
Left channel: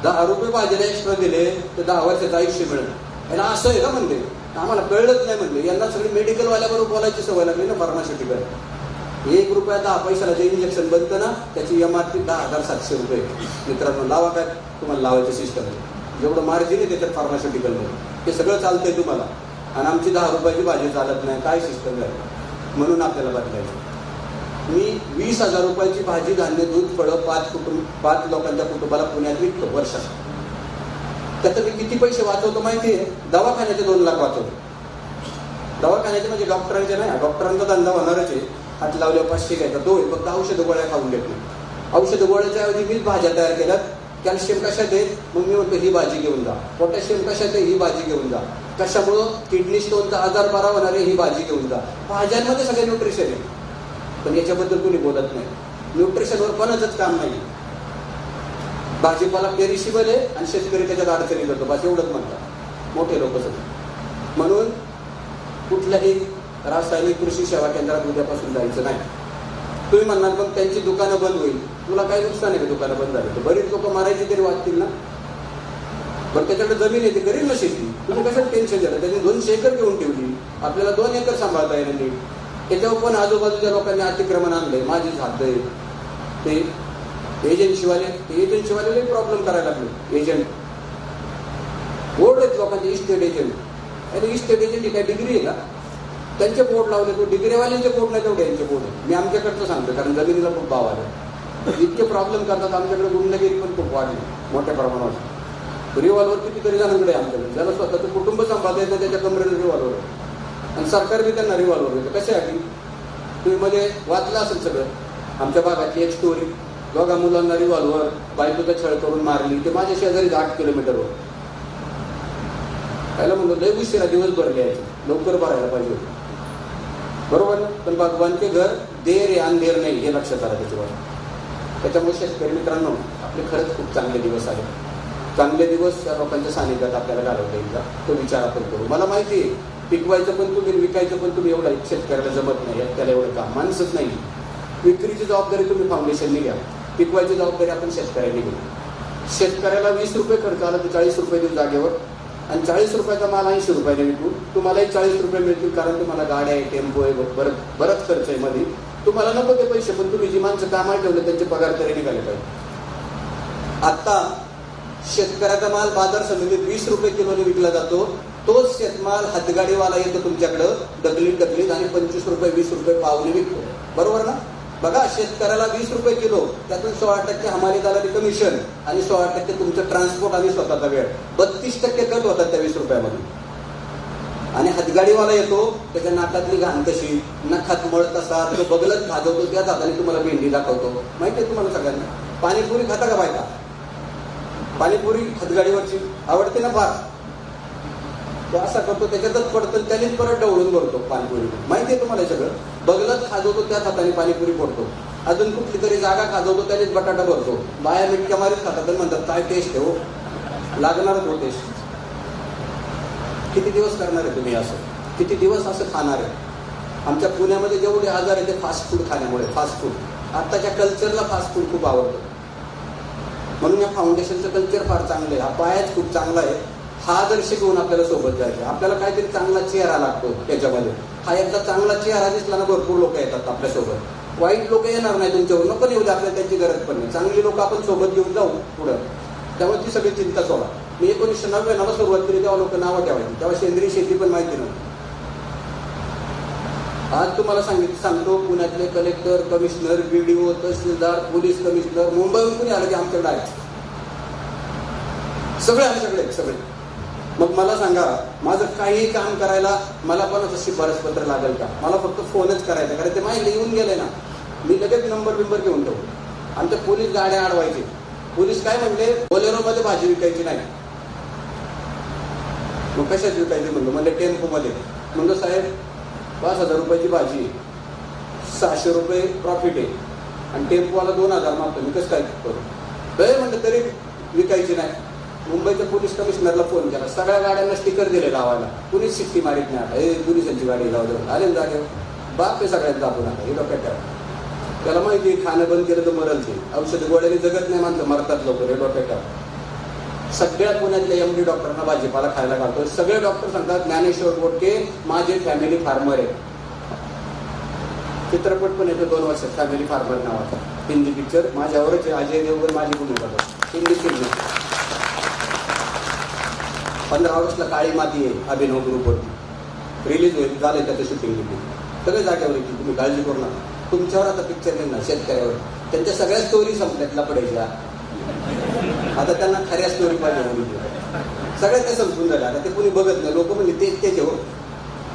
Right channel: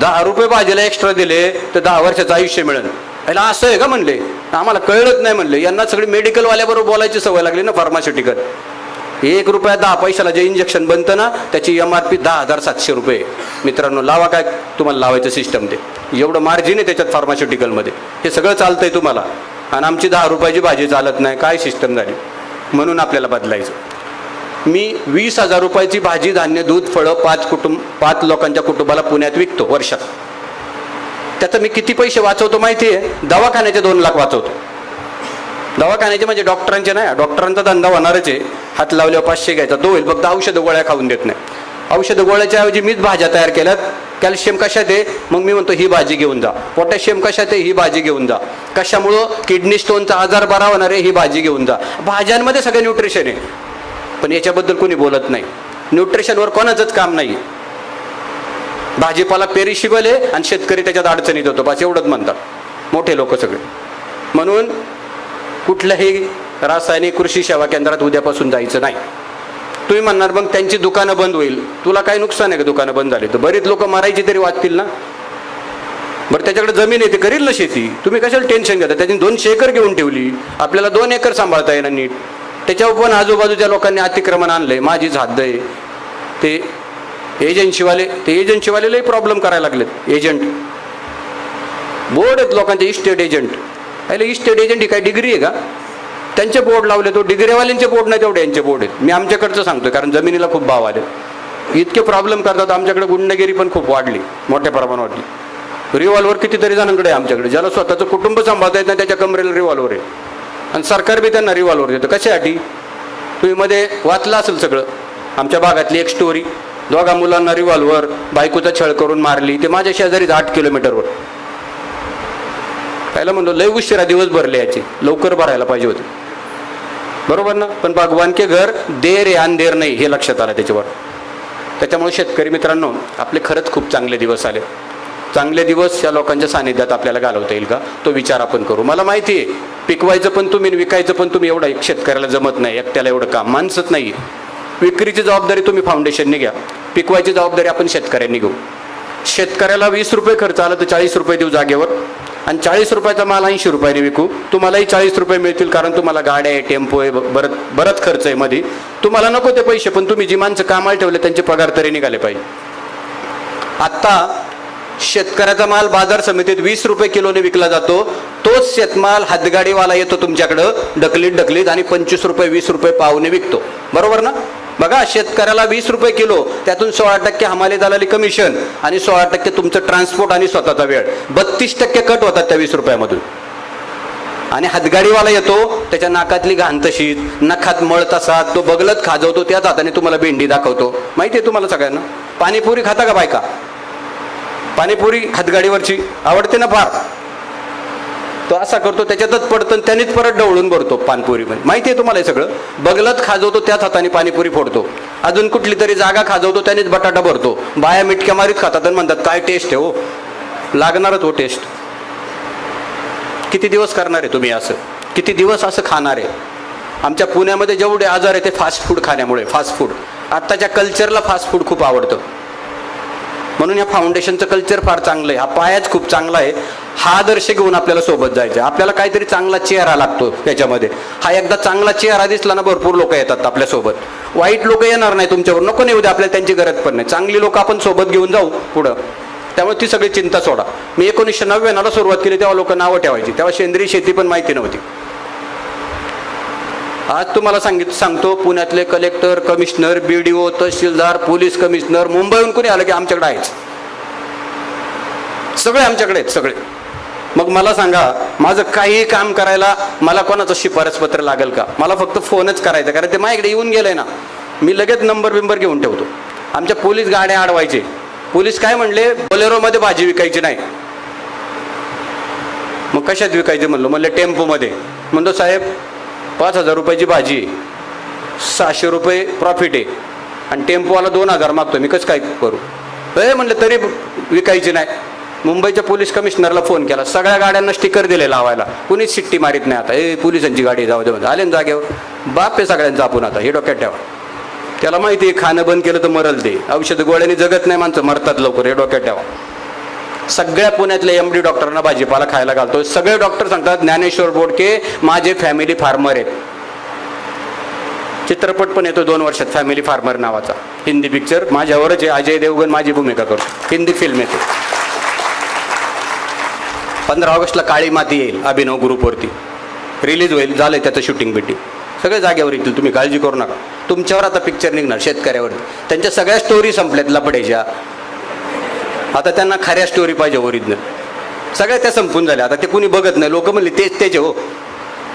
10 रुपये भाजीला एक्स्ट्रा दिले तर 10 वर्षाचं आयुष्य मिळेल. याला असं आहे का म्हणले? आम्हाला कळलंच नाही म्हणले. यांना सगळी मेडिकलवाल्याबरोबर बोलायची सवय लागली ना, फार्मास्युटिकल. 1 रुपया 10 पैशाला जे इंजेक्शन बनतं ना, त्याची MRP 10,700 रुपये. मित्रांनो लावा काय तुम्हाला लावायचं सिस्टम, ते एवढं मार्जिन आहे त्याच्यात फार्मास्युटिकलमध्ये. हे सगळं चालतंय तुम्हाला, आणि आमची 10 रुपयाची भाजी चालत नाही. काय सिस्टम झाली? म्हणून आपल्याला बदलायचं. मी 20,000 रुपयाची भाजी, धान्य, दूध, फळं 5 लोकांच्या कुटुंबाला पुण्यात विकतो वर्षात. त्याचं मी किती पैसे वाचवतो माहिती आहे? दवाखान्याचे 2 लाख वाचवतो. दवाखान्याचे म्हणजे डॉक्टरांचे नाही. डॉक्टरांचा धंदा होणारच आहे. हात लावल्यावर 500 घ्यायचा तो होईल, फक्त औषधं गोळ्या खाऊन देत नाही. औषधं गोळ्याच्या ऐवजी मीच भाज्या तयार केल्यात. कॅल्शियम कशात आहे? मग मी म्हणतो ही भाजी घेऊन जा. पोटॅशियम कशात आहे? ही भाजी घेऊन जा. कशामुळं? किडनी स्टोनचा आजार बरा होणार आहे, ही भाजी घेऊन जा. भाज्यांमध्ये सगळं न्यूट्रिशन आहे, पण याच्याबद्दल कोणी बोलत नाही. न्यूट्रिशनवर कोणाचंच काम नाही. भाजीपाला पेरिशिबल आहे आणि शेतकरी त्याच्यात अडचणीत होतो, बस एवढंच म्हणतात मोठे लोक सगळे. म्हणून कुठल्याही रासायनिक कृषी सेवा केंद्रात उद्यापासून जायचं नाही. तुम्ही म्हणणार मग त्यांची दुकानं बंद होईल. तुला काय नुकसान आहे का दुकानं बंद झाली तर? बरीच लोक मारायची तरी वाचतील ना. बरं त्याच्याकडे जमीन आहे, ते करील ना शेती. तुम्ही कशाला टेन्शन घेता? त्याने 200 एकर घेऊन ठेवली, आपल्याला 2 एकर सांभाळता येणार नीट. त्याच्यावर पण आजूबाजूच्या लोकांनी अतिक्रमण आणलंय, माझीच हद्द आहे. ते एजन्सीवालेलाही प्रॉब्लेम करायला लागलेत. एजंट बोर्ड आहेत लोकांचे, इस्टेट एजंट. अरे इस्टेट एजंट ही काय डिग्री आहे का? त्यांचे बोर्ड लावले, तो डिग्रीवाल्यांचे बोर्ड नाही तेवढे यांचे बोर्ड आहेत. मी आमच्याकडचं सांगतोय कारण जमिनीला खूप भाव आले, इतके प्रॉब्लेम करतात. आमच्याकडे गुंडगिरी पण खूप वाढली, मोठ्या प्रमाणात वाढली. रिव्हॉल्वर कितीतरी जणांकडे आहे आमच्याकडे. ज्याला स्वतःचं कुटुंब सांभाळता येत नाही त्याच्या कमरेला रिव्हॉल्वर आहे, आणि सरकार बी त्यांना रिव्हॉल्वर देतं. कशासाठी? तुम्ही मध्ये वाचलं असेल सगळं. आमच्या भागातली एक स्टोरी, 2 मुलांना रिव्हॉल्वर, बायकोचा छळ करून मारली. ते माझ्या शेजारीच 8 किलोमीटरवर. पहिला म्हणतो लय उशिरा दिवस भरले याचे, लवकर भरायला पाहिजे होते, बरोबर ना. पण भगवान के घर देर आहे अंधेर नाही, हे लक्षात आलं त्याच्यावर. त्याच्यामुळे शेतकरी मित्रांनो, आपले खरंच खूप चांगले दिवस आले. चांगले दिवस या लोकांच्या सानिध्यात आपल्याला घालवता येईल का, तो विचार आपण करू. मला माहिती आहे पिकवायचं पण तुम्ही, विकायचं पण तुम्ही. एवढं एक शेतकऱ्याला जमत नाही, एकट्याला एवढं काम माणसंच नाही. विक्रीची जबाबदारी तुम्ही फाउंडेशनने घ्या, पिकवायची जबाबदारी आपण शेतकऱ्यांनी घेऊ. शेतकऱ्याला 20 रुपये खर्च आला तर 40 रुपये देऊ जागेवर, आणि 40 रुपयाचा माल 80 रुपयाने विकू. तुम्हालाही 40 रुपये मिळतील, कारण तुम्हाला गाड्या आहे, टेम्पो आहे, बरंच खर्च आहे मध्ये. तुम्हाला नको ते पैसे, पण तुम्ही जी माणसं कामाला ठेवले त्यांचे पगार तरी निघाले पाहिजे. आता शेतकऱ्याचा माल बाजार समितीत 20 रुपये किलोने विकला जातो. तोच शेतमाल हातगाडीवाला येतो तुमच्याकडं ढकलीत आणि 25 रुपये 20 रुपये पावने विकतो, बरोबर ना. बघा, शेतकऱ्याला 20 रुपये किलो, त्यातून 16% हमाली दलाली कमिशन आणि 16% तुमचं ट्रान्सपोर्ट आणि स्वतःचा वेळ, 32% कट होतात त्या 20 रुपयामधून. आणि हातगाडीवाला येतो, त्याच्या नाकातली घाण तशीच, नखात मळ तसा, तो बगलत खाजवतो, त्याच हाताने तुम्हाला भेंडी दाखवतो. माहिती आहे तुम्हाला सगळ्यांना. पाणीपुरी खाता का बायका? पाणीपुरी हातगाडीवरची आवडते ना फार. तो असा करतो, त्याच्यातच पडतं, त्यानेच परत डवळून भरतो पाणीपुरी मध्ये. माहिती आहे तुम्हाला हे सगळं. बगलत खाजवतो, त्याच हाताने पाणीपुरी फोडतो. अजून कुठली तरी जागा खाजवतो, त्यानेच बटाटा भरतो. बाया मिटक्या मारीत खातात आणि म्हणतात काय टेस्ट आहे हो. लागणारच हो टेस्ट. किती दिवस करणार आहे तुम्ही असं? किती दिवस असं खाणार आहे? आमच्या पुण्यामध्ये जेवढे आजार आहे ते फास्ट फूड खाण्यामुळे. फास्ट फूड, आत्ताच्या कल्चरला फास्ट फूड खूप आवडतं. म्हणून या फाउंडेशनचं कल्चर फार चांगलं आहे. हा पायाच खूप चांगला आहे. हा आदर्श घेऊन आपल्याला सोबत जायचं. आपल्याला काहीतरी चांगला चेहरा लागतो त्याच्यामध्ये. हा एकदा चांगला चेहरा दिसला ना, भरपूर लोक येतात आपल्यासोबत. वाईट लोक येणार नाही तुमच्यावर, नको नाही उद्या, आपल्याला त्यांची गरज पण नाही. चांगली लोक आपण सोबत घेऊन जाऊ पुढं. त्यामुळे ती सगळी चिंता सोडा. मी 1999 सुरुवात केली तेव्हा लोक नावं ठेवायची, तेव्हा सेंद्रिय शेती पण माहिती नव्हती. आज तुम्हाला सांगतो, पुण्यातले कलेक्टर, कमिशनर, BDO, तहसीलदार, पोलीस कमिशनर, मुंबईहून कोणी आलं की आमच्याकडे आहेच. सगळे आमच्याकडे आहेत सगळे. मग मला सांगा, माझं काही काम करायला मला कोणाचं शिफारसपत्र लागेल का? मला फक्त फोनच करायचा, कारण ते माझ्याकडे येऊन गेलंय ना. मी लगेच नंबर घेऊन ठेवतो. आमच्या पोलीस गाड्या अडवायचे. पोलीस काय म्हणले, बोलेरोमध्ये भाजी विकायची नाही. मग कशात विकायची म्हणलं टेम्पोमध्ये. म्हणतो साहेब 5,000 रुपयाची भाजी, 600 रुपये प्रॉफिट आहे, आणि टेम्पोवाला 2,000 मागतो, मी कसं काय करू? म्हणलं तरी विकायची नाही. मुंबईच्या पोलीस कमिशनरला फोन केला, सगळ्या गाड्यांना स्टिकर दिले लावायला, कुणीच शिट्टी मारीत नाही. आता पोलिसांची गाडी जाऊ दे, आले ना जागेवर. बाप आहे सगळ्यांचा आपण आता, हे डोक्यात ठेवा. त्याला माहिती आहे खाणं बंद केलं तर मरल ते. औषध गोळ्याने जगत नाही माणसं, मरतात लवकर, हे डोक्यात ठेवा. सगळ्या पुण्यातल्या MD डॉक्टरांना भाजीपाला खायला घालतो. सगळे डॉक्टर सांगतात ज्ञानेश्वर बोडके माझे फॅमिली फार्मर आहेत. चित्रपट पण येतो 2 वर्षात फॅमिली फार्मर नावाचा, हिंदी पिक्चर. माझ्यावरच आहे, अजय देवगण माझी भूमिका करतो, हिंदी फिल्म येते. 15 ऑगस्टला काळी माती येईल अभिनव ग्रुपवरती, रिलीज होईल. झालंय त्याचं शूटिंग बिटिंग, सगळे जागेवर येतील, तुम्ही काळजी करू नका. तुमच्यावर आता पिक्चर निघणार शेतकऱ्यावर. त्यांच्या सगळ्या स्टोरी संपल्यात लपड्याच्या. आता त्यांना खऱ्या स्टोरी पाहिजे, ओरिजिनल. सगळ्या त्या संपून झाल्या, आता ते कुणी बघत नाही. लोक म्हणले तेच हो,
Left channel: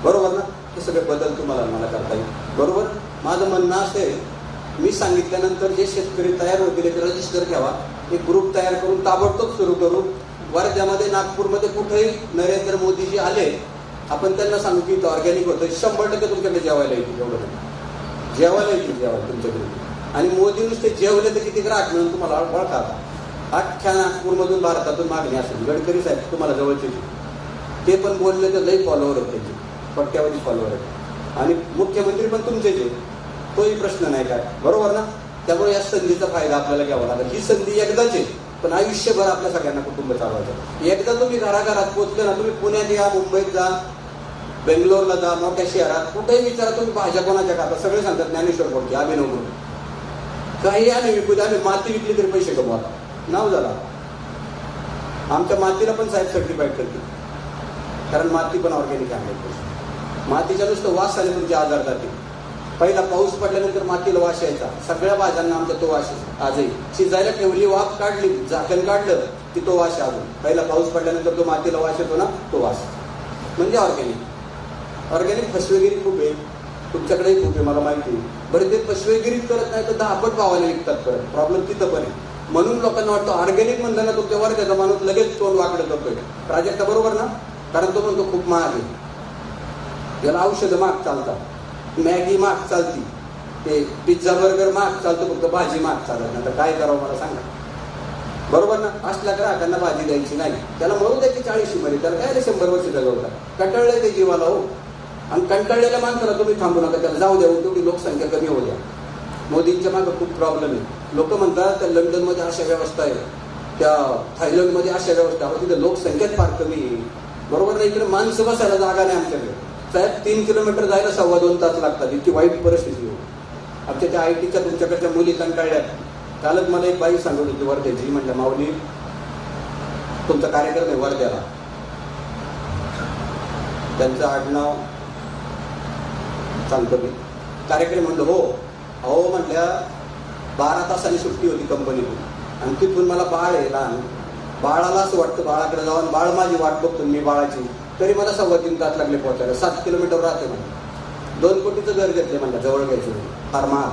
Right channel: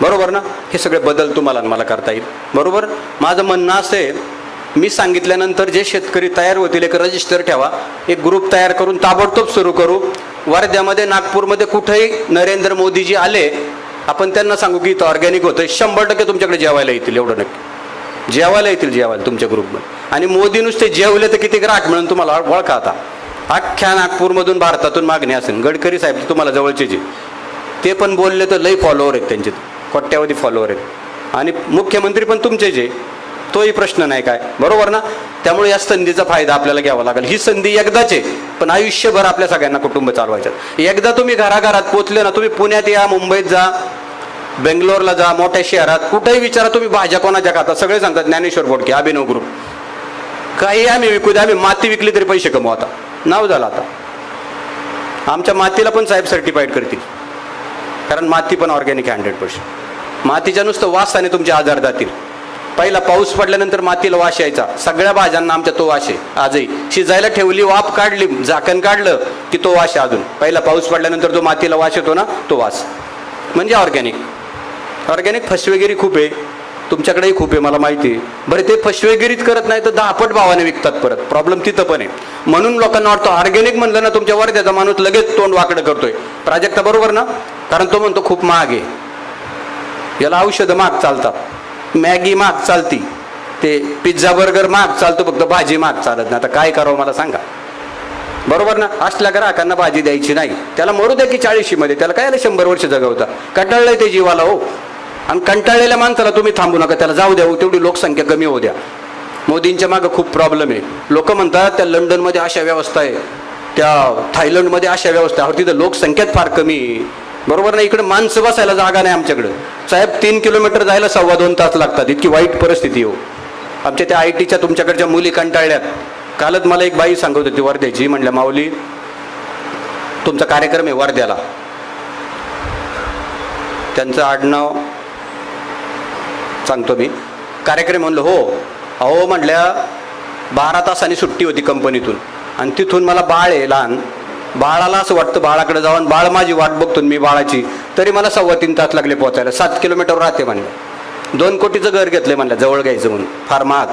बरोबर ना. हे सगळे बदल तुम्हाला मला करता येईल, बरोबर. माझं म्हणणं असं आहे, मी सांगितल्यानंतर जे शेतकरी तयार होतील एक रजिस्टर ठेवा, एक ग्रुप तयार करून ताबडतोब सुरू करू. वर्ध्यामध्ये, नागपूरमध्ये कुठेही नरेंद्र मोदीजी आले, आपण त्यांना सांगू की इथं ऑर्गॅनिक होतंय, 100% तुमच्याकडे जेवायला येतील. एवढं नक्की जेवायला येतील, जेवायला तुमच्या ग्रुपमध्ये. आणि मोदी नुसते जेवले तर किती ग्राहक मिळून तुम्हाला ओळखा. आता अख्ख्या नागपूरमधून, भारतातून मागणी असेल. गडकरी साहेब तुम्हाला जवळचे जे, ते पण बोलले तर लई फॉलोअर आहेत त्यांचे, कोट्यावधी फॉलोअर आहेत. आणि मुख्यमंत्री पण तुमचे जे, तोही प्रश्न नाही काय, बरोबर ना? त्यामुळे या संधीचा फायदा आपल्याला घ्यावा लागेल. ही संधी एकदाच आहे, पण आयुष्यभर आपल्या सगळ्यांना कुटुंब चालवायचं. एकदा तुम्ही घराघरात पोचले ना, तुम्ही पुण्यात या, मुंबईत जा, बेंगलोरला जा, मोठ्या शहरात कुठेही विचारा तुम्ही भाज्या कोणाच्या खाता, सगळे सांगतात ज्ञानेश्वर बोडके, अभिनव ग्रुप. काही आम्ही विकू द्या, आम्ही माती विकली तरी पैसे कमवू. आता नाव झालं. आता आमच्या मातीला पण साहेब सर्टिफाईड करतील, कारण माती पण ऑर्गॅनिक 100%. मातीच्या नुसतं वासाने तुमचे आजार जातील. पहिला पाऊस पडल्यानंतर मातीला वास यायचा, सगळ्या भाज्यांना आमच्या तो वास आहे. आजही शिजायला ठेवली, वाफ काढली, झाकण काढलं की तो वास आहे. अजून पहिला पाऊस पडल्यानंतर जो मातीला वास येतो ना, तो वास म्हणजे ऑर्गॅनिक. ऑर्गॅनिक फसवेगिरी खूप आहे, तुमच्याकडेही खूप आहे, मला माहिती आहे. बरं, ते फसवेगिरीच करत नाही तर 10 भावाने विकतात परत. प्रॉब्लेम तिथं पण आहे. म्हणून लोकांना वाटतं ऑर्गॅनिक म्हणलं ना, तुमच्या वर्ध्याचा माणूस लगेच तोंड वाकडं करतोय. प्राजक्ता बरोबर ना? कारण तो म्हणतो खूप महाग आहे, याला औषधं महाग चालतात, मॅगी महाग चालती, ते पिझ्झा बर्गर महाग चालतो, फक्त भाजी महाग चालत नाही. आता काय करावं मला सांगा, बरोबर ना? असल्या ग्राहकांना भाजी द्यायची नाही. त्याला मरू द्या की 40 मध्ये, त्याला काय 100 वर्ष जगवता. कंटाळलंय ते जीवाला हो. आणि कंटाळलेल्या माणसाला तुम्ही थांबू नका, त्याला जाऊ द्या. तेवढी लोकसंख्या कमी होऊ द्या. मोदींच्या मागं खूप प्रॉब्लेम आहे. लोक म्हणतात त्या लंडनमध्ये अशा व्यवस्था आहे, त्या थायलंडमध्ये अशा व्यवस्था आहे, तिथं लोकसंख्याच फार कमी आहे. बरोबर ना? इकडे माणसं बसायला जागा नाही आमच्याकडे. साहेब 3 किलोमीटर जायला 2.25 तास लागतात. इतकी वाईट परिस्थिती हो. आमच्या त्या IT च्या तुमच्याकडच्या मुली कंटाळल्यात. कालच मला एक बाई सांगत होती वर्ध्याची, म्हणल्या माऊली तुमचा कार्यक्रम आहे वर्ध्याला, त्यांचं आडनाव सांगतो मी, कार्यक्रम. म्हणलं हो. अहो म्हणल्या 12 तासांनी सुट्टी होती कंपनीतून, आणि तिथून मला बाळ आहे लहान. बाळाला असं वाटतं बाळाकडे जाऊन, बाळ माझी वाट बघतो मी बाळाची, तरी मला 3.25 तास लागले पोहोचायला. 7 किलोमीटर राहते म्हणलं. 2 कोटीचं घर घेतलंय म्हणलं, जवळ घ्यायचं म्हणून, फार महाग,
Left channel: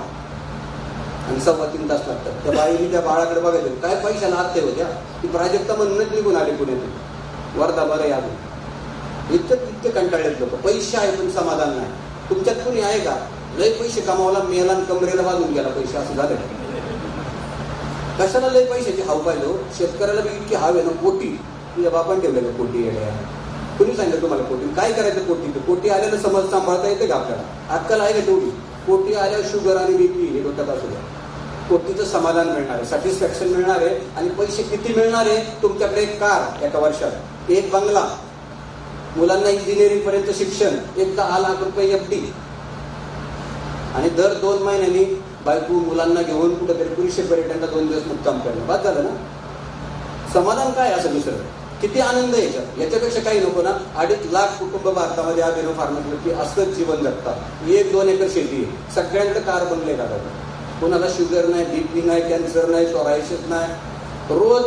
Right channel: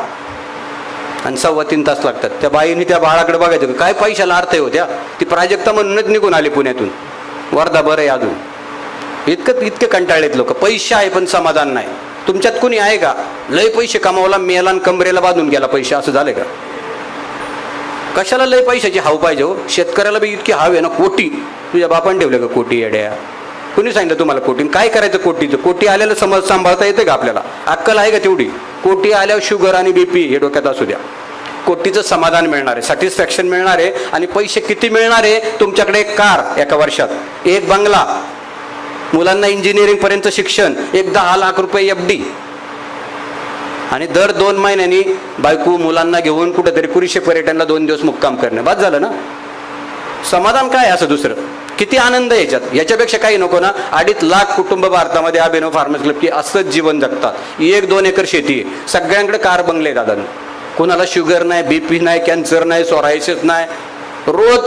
आणि 3.25 तास लागतात. त्या बाईने त्या बाळाकडे बघायचं, काय पैशाला अर्थ होत्या. ती प्राजक्ता म्हणूनच निघून आली पुण्यातून. वर्धा बरं आहे अजून. इतके कंटाळलेत लोक. पैसे आहे पण समाधान नाही. तुमच्यात कुणी आहे का लय पैसे कमावला, मेला आणि कमरेला बांधून गेला पैसे, असं झाले का? कशाला लय पैशाची हाव पाहिजे हो? शेतकऱ्याला बी इतकी हाव आहे ना. कोटी तुझ्या बापाने ठेवले का कोटी? येड्या, कुणी सांगितलं तुम्हाला कोटी? काय करायचं कोटीचं? कोटी आल्याला समज सांभाळता येते का आपल्याला? अक्कल आहे का तेवढी? कोटी आल्यावर शुगर आणि BP हे डोक्यात असू द्या. कोटीचं समाधान मिळणार आहे, सॅटिस्फॅक्शन मिळणार आहे. आणि पैसे किती मिळणार आहे? तुमच्याकडे एक कार एका वर्षात, एक बंगला, मुलांना इंजिनिअरिंग पर्यंत शिक्षण, एक 10 लाख रुपये FD, आणि दर 2 महिन्यांनी बायको मुलांना घेऊन कुठेतरी कुरीशे पर्यटनला 2 दिवस मुक्काम करणं. बाद झालं ना? समाधान काय असं दुसरं? किती आनंद याच्यात? याच्यापेक्षा काही नको ना? 2.5 लाख कुटुंब भारतामध्ये अभिनव फार्मर्स क्लब की असंच जीवन जगतात. 1-2 एकर शेती, सगळ्यांकडे कार बंगले दादा. कोणाला शुगर नाही, BP नाही, कॅन्सर नाही, सोरायसिस नाही. रोज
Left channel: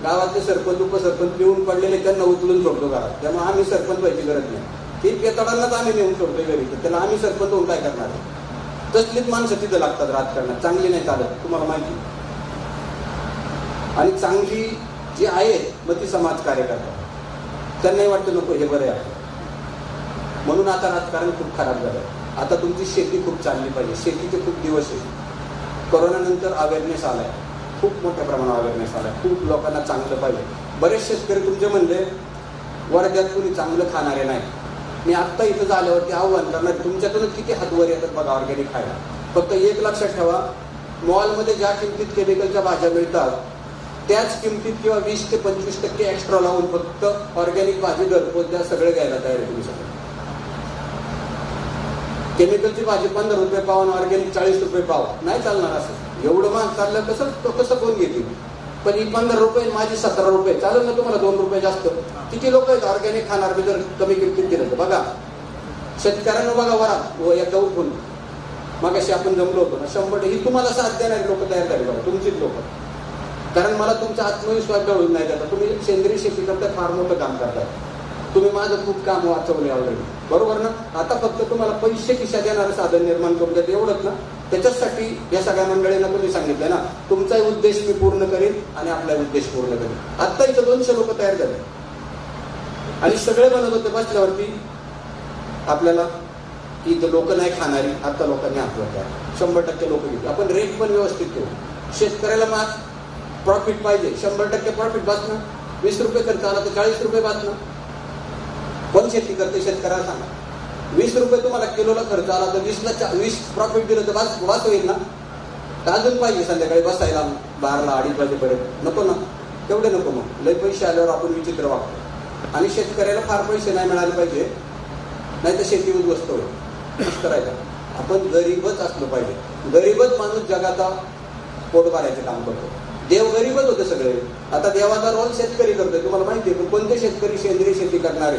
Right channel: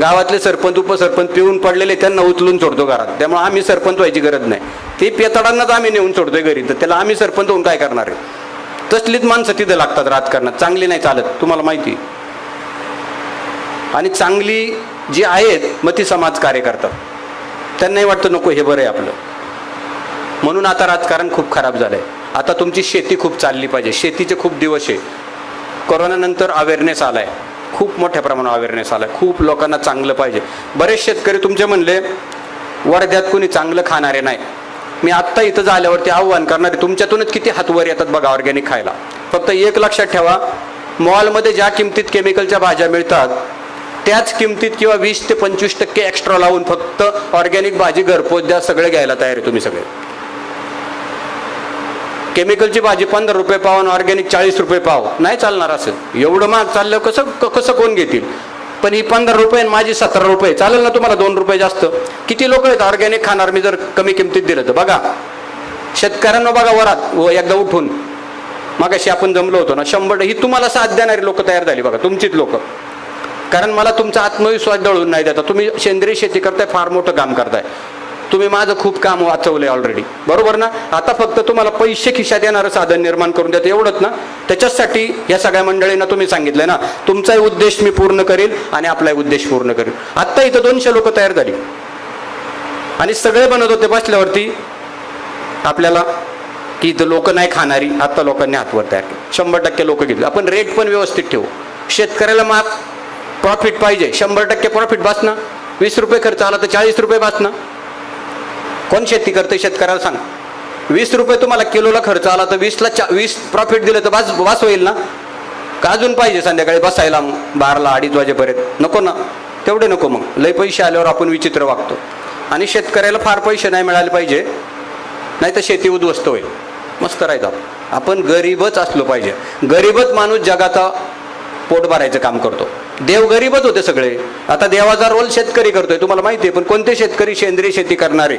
गावातले सरपंच उपसरपंच पिऊन पडलेले, त्यांना उचलून सोडतो घरात. त्यामुळे आम्ही सरपंच व्हायची गरज नाही. ते पेताडांनाच आम्ही नेऊन सोडतोय घरी, तर त्याला आम्ही सरपंच होऊन काय करणार आहे? तसलीच माणसं तिथे लागतात राजकारणात. चांगली नाही चालत, तुम्हाला माहिती. आणि चांगली जी आहेत मग ती समाजकार्य करतात. त्यांनाही वाटतं नको हे बरं आहे आपलं. म्हणून आता राजकारण खूप खराब झालंय. आता तुमची शेती खूप चालली पाहिजे. शेतीचे खूप दिवस आहे. कोरोनानंतर अवेअरनेस आलाय, खूप मोठ्या प्रमाणावर अवेअरनेस आलाय. खूप लोकांना चांगलं पाहिजे. बरेच शेतकरी तुमचे म्हणले वर्ध्यात कोणी चांगलं खाणारे नाही. मी आत्ता इथं झाल्यावरती आव्हान करणारे, तुमच्यातूनच किती हातवर येतात बघा ऑर्गॅनिक खायला. फक्त एक लक्षात ठेवा, मॉलमध्ये ज्या किमतीत केमिकलच्या भाज्या मिळतात त्याच किमतीत किंवा 20 ते 25% एक्स्ट्रा लावून फक्त ऑर्गॅनिक भाजी घरपोच द्या, सगळे घ्यायला तयार आहे तुम्ही सगळे. केमिकलची भाजी 15 रुपये पाव आणि ऑर्गॅनिक 40 रुपये पाव, नाही चालणार. असं एवढं महाग चाललं कसं कोण घेतील? पण ही 15 रुपये आणि माझी 17 रुपये, चालेल ना तुम्हाला? 2 रुपये जास्त. किती लोक आहेत ऑर्गॅनिक खाणार मी जर कमी किमतीत दिलं तर? बघा शेतकऱ्यांना, बघा वरात एकदा उठून. मगाशी आपण जमलो होतो ना, 100 ही तुम्हाला साथ देणारी लोक तयार झाली बघा, तुमचीच लोक. कारण मला तुमचा आत्मविश्वास दळून नाही देता. तुम्ही सेंद्रिय शेती करताय, फार मोठं काम करताय. तुम्ही माझं खूप काम वाचवलंय ऑलरेडी, बरोबर ना? आता फक्त तुम्हाला पैसे खिशात येणारं साधन निर्माण करून द्यायचं, एवढंच ना? त्याच्यासाठी या सगळ्या मंडळींना तुम्ही सांगितलंय ना, तुमचाही उद्देश मी पूर्ण करीन आणि आपलाही उद्देश पूर्ण करीन. आत्ता इथं 200 लोक तयार झाली आणि सगळे बनत होते बसल्यावरती आपल्याला की इथं लोक नाही खाणारी. आता लोकांनी हातवर तयार केलं, 100% लोक घेतले. आपण रेट पण व्यवस्थित ठेवू. शेतकऱ्याला माग प्रॉफिट पाहिजे, 100% प्रॉफिट बस ना. 20 रुपये खर्च आला तर 40 रुपये बस ना. कोण शेती करते शेतकऱ्याला सांगा? 20 रुपये तुम्हाला किलोला खर्च आला तर 20 प्रॉफिट दिलं तर वास होईल ना? का अजून पाहिजे संध्याकाळी बसायला 12ला 2:30 वाजेपर्यंत? नको ना, तेवढे नको. मग लय पैसे आल्यावर आपण विचित्र वागतो. आणि शेतकऱ्याला फार पैसे नाही मिळाले पाहिजे, नाही तर शेती उद्ध्वस्त होईल. मस्त राहायचं आपण, गरीबच असलो पाहिजे. गरीबच माणूस जगाचा पोट भरायचं काम करतो. देव गरीबच होते सगळे. आता देवाचा रोल शेतकरी करतोय तुम्हाला माहिती आहे. पण कोणते शेतकरी? सेंद्रिय शेती करणारे.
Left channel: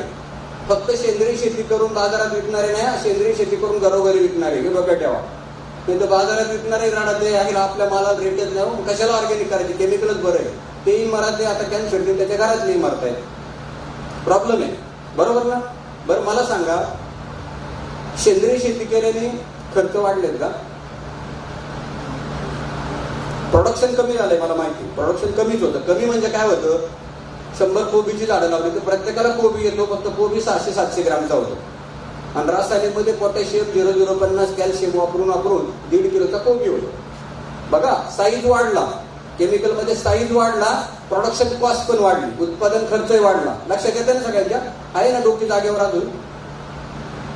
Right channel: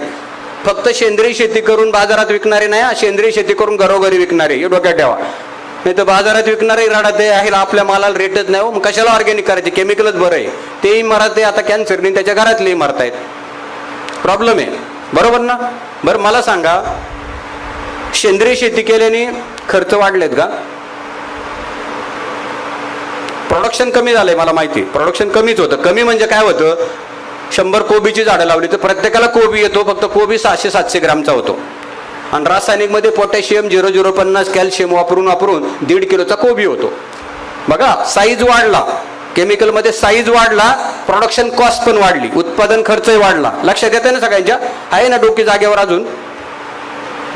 फक्त सेंद्रिय शेती करून बाजारात विकणारे नाही, सेंद्रिय शेती करून घरोघरी विकणारे, हे डोक्यात ठेवा. नाही तर बाजारात विकणारे राहत आहे, आपल्या मालाला रेटच नाही. मग कशाला ऑर्गॅनिक करायचे? केमिकलच बरं आहे. तेही मरत आहे आता कॅन्सरने, त्याच्या घरातलेही मरत आहेत. प्रॉब्लेम आहे, बरोबर ना? बरं मला सांगा, सेंद्रिय शेती केल्याने खर्च वाढलेत का? प्रोडक्शन कमी झालंय, मला माहिती. प्रोडक्शन कमीच होतं. कमी म्हणजे काय होतं? 100 कोबीची झाडं लावली तर प्रत्येकाला कोबी येतो, फक्त कोबी 600-700 ग्रामचा होतो. आणि रासायनिक मध्ये पोटॅशियम 0,050 कॅल्शियम वापरून 1.5 किलोचा कोबी होतो. बघा, साईज वाढला. केमिकल मध्ये साईज वाढला, प्रोडक्शन कॉस्ट पण वाढली, उत्पादन खर्चही वाढला. लक्षात येते ना सगळ्यांच्या? आहे ना डोकी जागेवर? अजून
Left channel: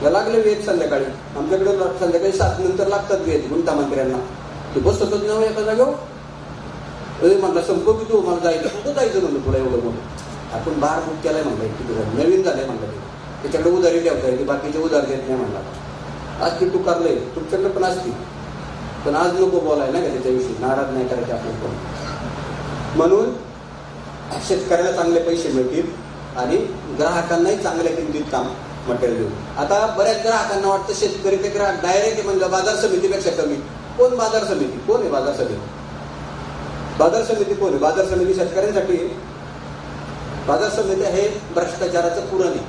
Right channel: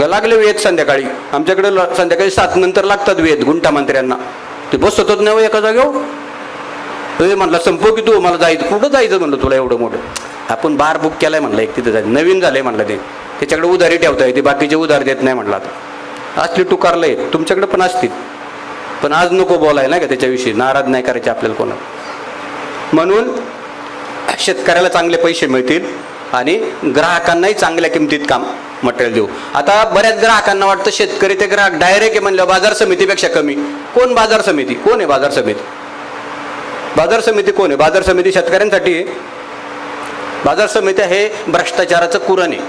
लागले वेद संध्याकाळी. आमच्याकडे संध्याकाळी 7 नंतर लागतात वेद गुंठा मंत्र्यांना. ते बसतच नाही एका जागेवर. म्हणलं संपव की तू, मला जायचं. कुठं जायचं म्हणलं तुला एवढं मोठं? आपण बार बुक केलाय म्हणलं, एक तिथं जायचं. नवीन झालंय म्हणलं ते, त्याच्याकडे उधारी ठेवता येते, बाकीचे उधार देत नाही म्हणलं. आता असली टुकारलंय, तुमच्याकडे पण असतील, पण आज नको बोलाय नाही का त्याच्याविषयी. नाराज नाही करायचे आपल्याला कोणा. म्हणून शेतकऱ्याला चांगले पैसे मिळतील आणि ग्राहकांनाही चांगल्या किमतीत काम मटेरियल देऊ. आता बऱ्याच ग्राहकांना वाटतं शेतकरी ते ग्राहक डायरेक्ट आहे म्हणलं बाजार समितीपेक्षा कमी. कोण बाजार समिती? कोण आहे बाजार समिती? बाजार समिती कोण आहे? बाजार समिती शेतकऱ्यांसाठी आहे. बाजार समिती हे भ्रष्टाचाराचं कुरण आहे.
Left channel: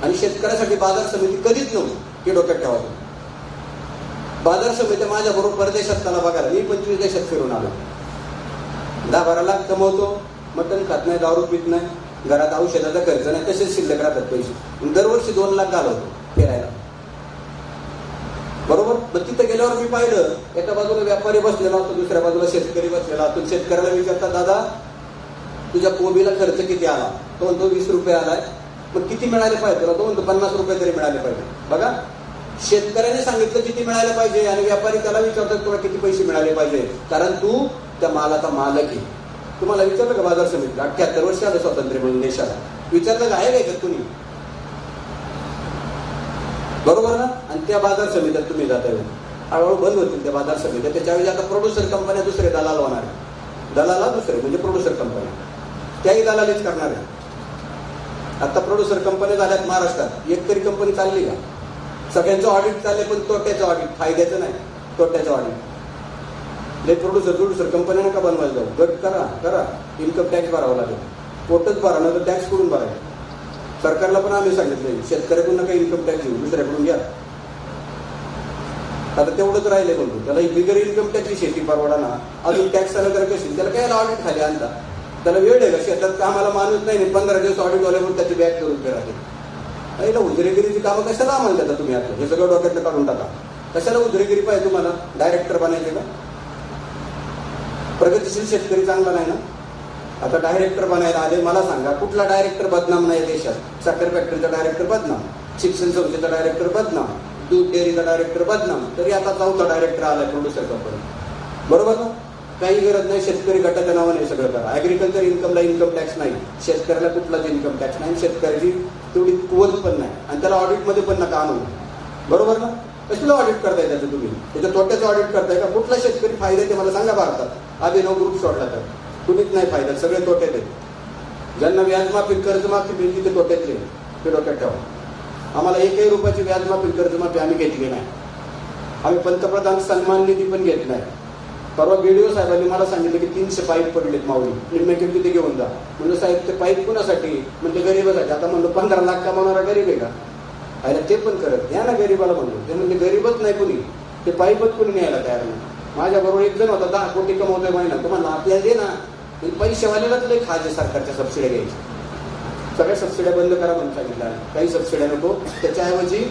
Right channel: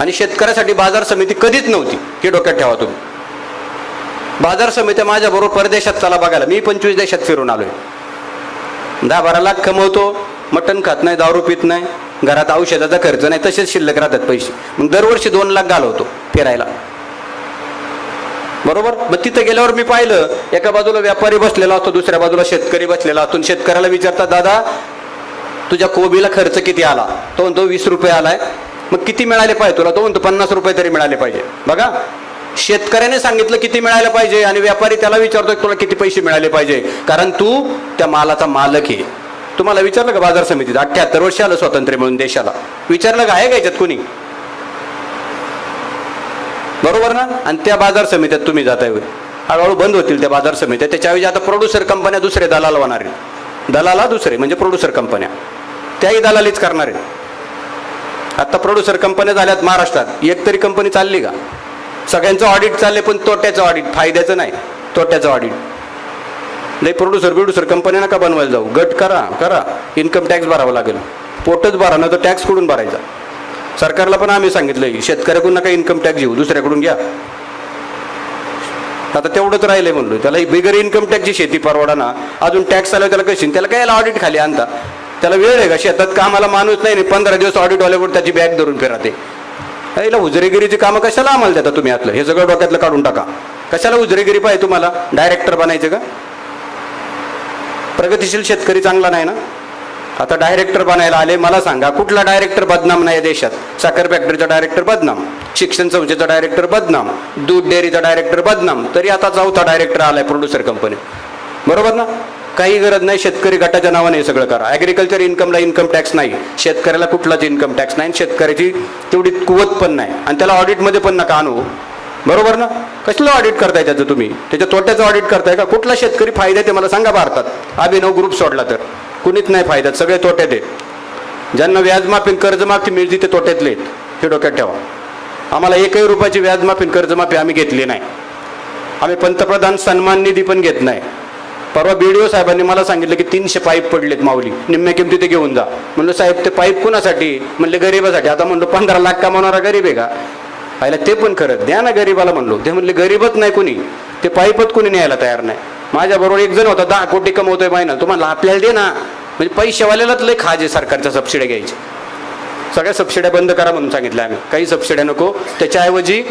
आणि शेतकऱ्यासाठी बाजार समिती कधीच नव्हती, हे डोक्यात ठेवा तुम्ही. बाजार समिती माझ्या बरोबर परदेशात चला बघायला. मी 25 देशात फिरून आलोय. 10-12 लाख कमवतो, मटण खात नाही, दारू पित नाही, घरात औषधाचा खर्च नाही, तसेच शिल्लक राहतात पैसे. मग दरवर्षी 2 लाख घालवतो फिरायला, बरोबर? मग तिथं गेल्यावर मी पाहिलं, एका बाजूला व्यापारी बसलेला असतो, दुसऱ्या बाजूला शेतकरी बसलेला असतो. शेतकऱ्याला विचारतात, दादा तुझ्या कोबीला खर्च किती आला? तो म्हणतो 20 रुपये आलाय. मग किती मिळाले पाहिजे तुला? तो म्हणतो 50 रुपये तरी मिळाले पाहिजे. बघा, शेतकऱ्याने सांगितलं किती मिळायला पाहिजे आणि व्यापारी त्याला विचारतोय तुला किती पैसे मिळाले पाहिजे, कारण तू त्या मालाचा मालक आहे. तुम्हाला विचारलं का बाजार समितीत? 78 वर्ष आलं स्वातंत्र्य मिळून देशाला. विचारलं का? आहे का याच्यात कोणी? बरोबर ना? आणि त्या बाजार समित्यात तुम्ही जाताय. हळूहळू बंद होतील त्या बाजार समित्या. त्याच्याऐवजी आता प्रोड्युसर कंपन्या दुसरे दलाल होणार आहे. दलाला दुसरे म्हणजे प्रोड्युसर कंपन्या, त्याही दलालीच करणार आहे. आता प्रोड्युसर कंपन्या झाल्यात महाराष्ट्रात. एक तरी कंपनी चालली का? सगळ्यांचं ऑडिट चालले, पण तोट्याचं ऑडिट, फायद्याचं नाही, तोट्याचं ऑडिट. नाही, प्रोड्युसर कंपन्या नका बनवायला जाऊ. गट करा, इन्कम टॅक्स भरावा लागेल. पोटच भरा ना, तर टॅक्स कुठून भरायचा? सरकारला पण आम्ही सांगितलंय, शेतकऱ्याकडून नका इन्कम टॅक्स घेऊ, दुसऱ्याकडून घ्या. आता तेवढंच राहिलंय म्हणलो. त्याला बिगर इन्कम टॅक्सची शेती परवडा ना, अजून टॅक्स आला त्याला कशी? त्याला काय ऑडिट खाली आणता? त्याला वेळ आहे का? शेतात कामाला माणूस नाही, 15 दिवस ऑडिट वाल्याकडून त्याची बॅग धरून फिरते. याला हुजरेगिरीची कामं कशाला आम्हाला देता तुम्ही? आतलं हे सगळं डोक्यातलं काढून टाका. कशाला हुजरेगिरी पाहिजे तुम्हाला? डायरेक्टर बनायचं का? प्रगतिशील शेतकरी चांगला नाही ना? आता डायरेक्टर बनायला आले. मला सांगा, कुठला डायरेक्टर बदनाम नाही देशात? साखर फॅक्टरीचा डायरेक्टर बदनाम, शिक्षण संस्थेचा डायरेक्टर बदनाम, दूध डेअरीचा डायरेक्टर बदनाम, तरी आता 4था डायरेक्टर आलाय प्रोड्युसर कंपनी. बरोबर ना? काही गरज नाही. शेतकरी गटाच्या नावाने हे सगळं करा. ऍग्रिकल्चर इन्कमला इन्कम टॅक्स नाही, शेतकऱ्याला कुठलाच इन्कम टॅक्स नाही, शेतकऱ्याची तेवढी कुवत पण नाही, आणि त्याला ऑडिटमध्ये पण नका आणू. बरोबर ना? कसलं ऑडिट करताय त्याचं तुम्ही? त्याच्या तोट्याचं ऑडिट करताय का? कुठला शेतकरी फायद्यात आहे मला सांगा भारतात? अभिनव ग्रुप सोडला तर कुणीच नाही फायद्यात, सगळे तोट्यात आहेत. ज्यांना व्याजमाफी कर्जमाफी मिळते ते तोट्यातले आहेत, हे डोक्यात ठेवा. आम्हाला 1 रुपयाची व्याजमाफी कर्जमाफी आम्ही घेतली नाही. आम्ही पंतप्रधान सन्मान निधी पण घेत नाही. परवा BDO साहेबांनी मला सांगितलं की 300 पाईप पडलेत माऊली, निम्म्या किमती ते घेऊन जा. म्हणलं साहेब ते पाईप कुणासाठी? म्हणले गरीबासाठी. आता म्हणलो 15 लाख कमावणारा गरीब आहे का? पाहिलं ते पण करत द्या ना गरीबाला म्हणलो. ते म्हणले गरीबच नाही कोणी, ते पाईपच कोणी न्यायला तयार नाही. माझ्याबरोबर एक जण होता, 10 कोटी कमवतोय महिना. तुम्हाला आपल्याला दे ना. म्हणजे पैशावाल्यालाच लय खाजे सरकारच्या सबसिड्या घ्यायचे. सगळ्या सबसिड्या बंद करा म्हणून सांगितलं आम्ही. काही सबसिड्या नको. त्याच्याऐवजी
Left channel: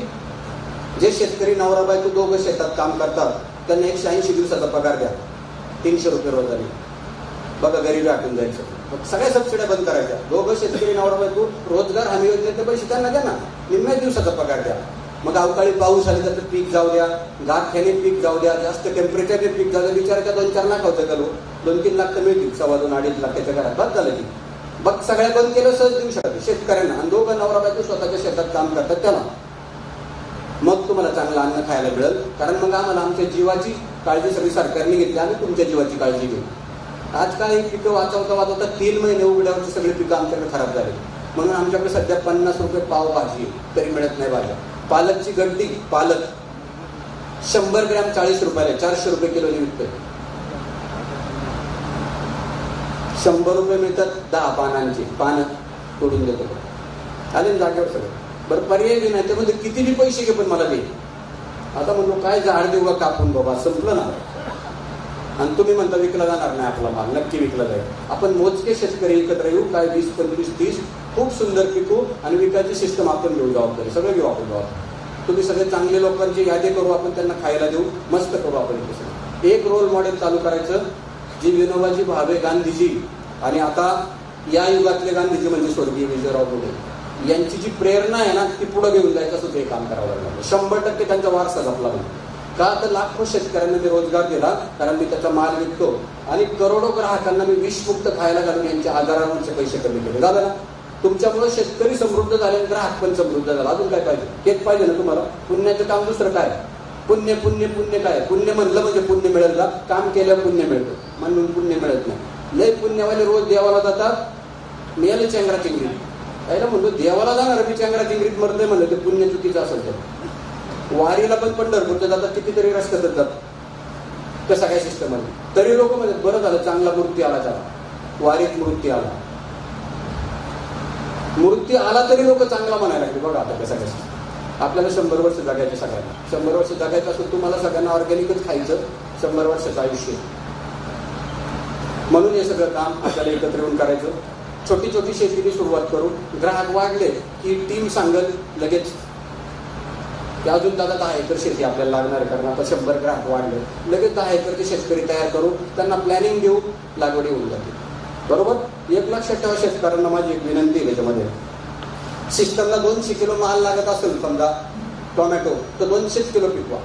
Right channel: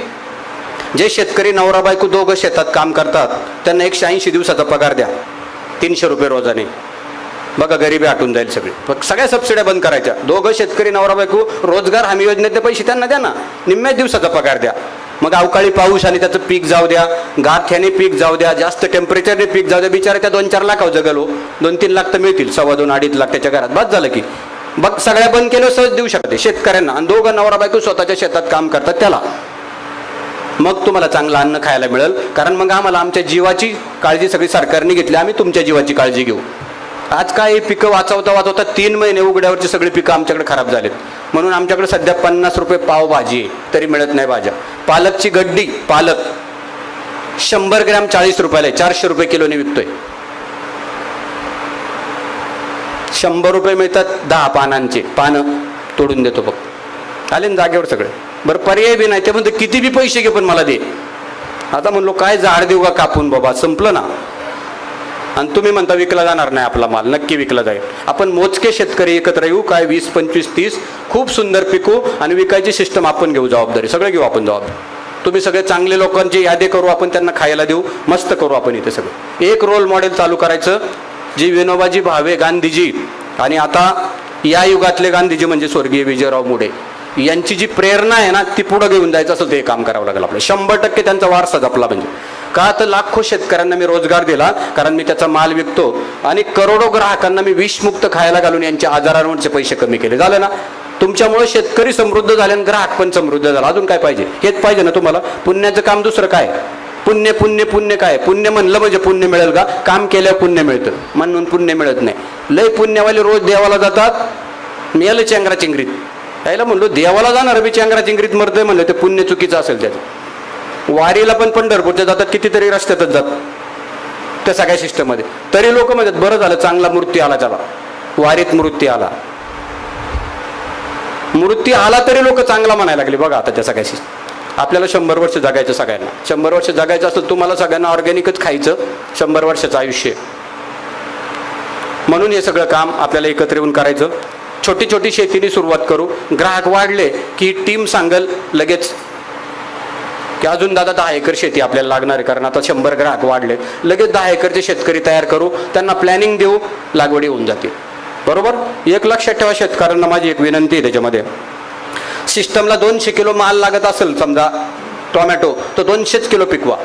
जे शेतकरी नवरा बायको दोघं शेतात काम करतात त्यांना 180 दिवसाचा पगार द्या, 300 रुपये रोजाने. बघा गरिबी आटून जाईल सगळी. सगळ्या सबसिड्या बंद करायच्या. दोघं शेतकरी नवरा बायको रोजगार हमी योजनेतले पैसे त्यांना द्या ना, निम्म्या दिवसाचा पगार द्या. मग अवकाळी पाऊस आणि त्याचं पीक जाऊ द्या, गाठ्याने पीक जाऊ द्या, जास्त टेम्परेचरने पीक जाऊ द्या, बिचारा त्या 2-4 लाखावर जगलो, 2-3 लाख तर मिळतील, 2.25-2.5 लाख त्याच्या घरात बस झालं की. बघ सगळ्या बंद केलं सहज देऊ शकते शेतकऱ्यांना, आणि दोघं नवरा बायको स्वतःच्या शेतात काम करतात त्याला. मग तुम्हाला चांगलं अन्न खायला मिळेल. कारण मग आम्हाला आमच्या जीवाची काळजी सगळी सरकारने घेतली, आम्ही तुमच्या जीवाची काळजी घेऊ. आज काय पिकं वाचवता 3 महिने उघड्यावरची सगळी पिकं आमच्याकडे खराब झालेत. म्हणून आमच्याकडे सध्या 50 रुपये पाव भाजी आहे, तरी मिळत नाही भाज्या. पालकची गड्डी पालक 100 ग्रॅम 40 रुपयाला आहे, 400 रुपये किलोने विकतोय. 100 रुपये मिळतात 10 पानांचे, पानं तोडून देतो बघ. आले ना जागेवर सगळे. बरं पर्याय बी नाही, ते म्हणतो किती बी पैसे घे पण मला दे. आता म्हणलो काय झाड देऊ का कापून बाबा, संपलं ना. आणि तुम्ही म्हणता विकला जाणार नाही आपला माल, नक्की विकला जाईल. आपण मोजके शेतकरी एकत्र येऊ, काय 20, 25, 30 खूप सुंदर पिकू आणि विकायची सिस्टम आपण घेऊ, जबाबदारी सगळे घेऊ आपण जबाबदारी. तुम्ही सगळे चांगले लोकांची यादी करू, आपण त्यांना खायला देऊ, मस्त करू आपण इथे सगळं. एक रोल मॉडेल चालू करायचं, जी विनोबाजी भावे गांधीजी आणि आता या युगातले गांधीजी म्हणजे स्वर्गीय विजयराव मुडे यांची जी प्रेरणा आहे ना, ती पुढे घेऊन जायचं असं ते काम करावं लागेल आपल्याला. 100% त्यांचा वारसा जपला म्हणजे. का तर लाखो शेतकऱ्यांना मी रोजगार दिला, कारण मी त्याचा माल विकतो, आणि करोडो ग्राहकांना मी विषमुक्त खायला घालून यांच्या आजारांवरचे पैसे कमी केले. झालं ना. तुमच्यामुळे शेतकरी समृद्ध झाले आणि ग्राहक पण समृद्ध झाला. अजून काय पाहिजे? हेच पाहिजे ना तुम्हाला. पुण्याचं काम दुसरं काय? पुण्य पुण्य पुण्य काय? पुण्य म्हणलं म्हणजे पुण्य मिळेल का? काम केल्यावर पुण्य मिळतं, म्हणून पुण्य मिळत नाही. लय पुण्यवाले रोज देवाला जातात, मिळालं चेंगरा चिंगरीत. यायला म्हणलो देवाला जाणार मी चेंगरा चिंगरीत मरतोय म्हणलं, ते पुण्य चुकीचं असेल त्याचं. वारीला पण पंढरपूरच्या जातात, कितीतरी रस्त्यातच जातात त्या सगळ्या सिस्टममध्ये. तरी लोक म्हणतात बरं झालं चांगला मूर्ती आला, चला वारीत मूर्ती आला. मूर्ती आला तरी लोक चांगला म्हणायला लागले. बघा आता त्या सगळ्या सिस्टम. आपल्याला 100 वर्ष जगायचं सगळ्यांना. 100 वर्ष जगायचं असतं तुम्हाला सगळ्यांना ऑर्गॅनिकच खायचं, 100 वर्षाचं आयुष्य. म्हणून हे सगळं काम आपल्याला एकत्र येऊन करायचं. छोटी छोटी शेतीने सुरुवात करू. ग्राहक वाढले की टीम सांगल लगेच की अजून दादा 10 एकर शेती आपल्याला लागणार आहे, कारण आता 100 ग्राहक वाढले. लगेच 10 एकरचे शेतकरी तयार करू, त्यांना प्लॅनिंग देऊ, लागवडी होऊन जातील. बरोबर. एक लक्षात ठेवा शेतकऱ्यांना माझी एक विनंती आहे त्याच्यामध्ये. सिस्टमला 200 किलो माल लागत असेल समजा टोमॅटो, तर 200 किलो पिकवा.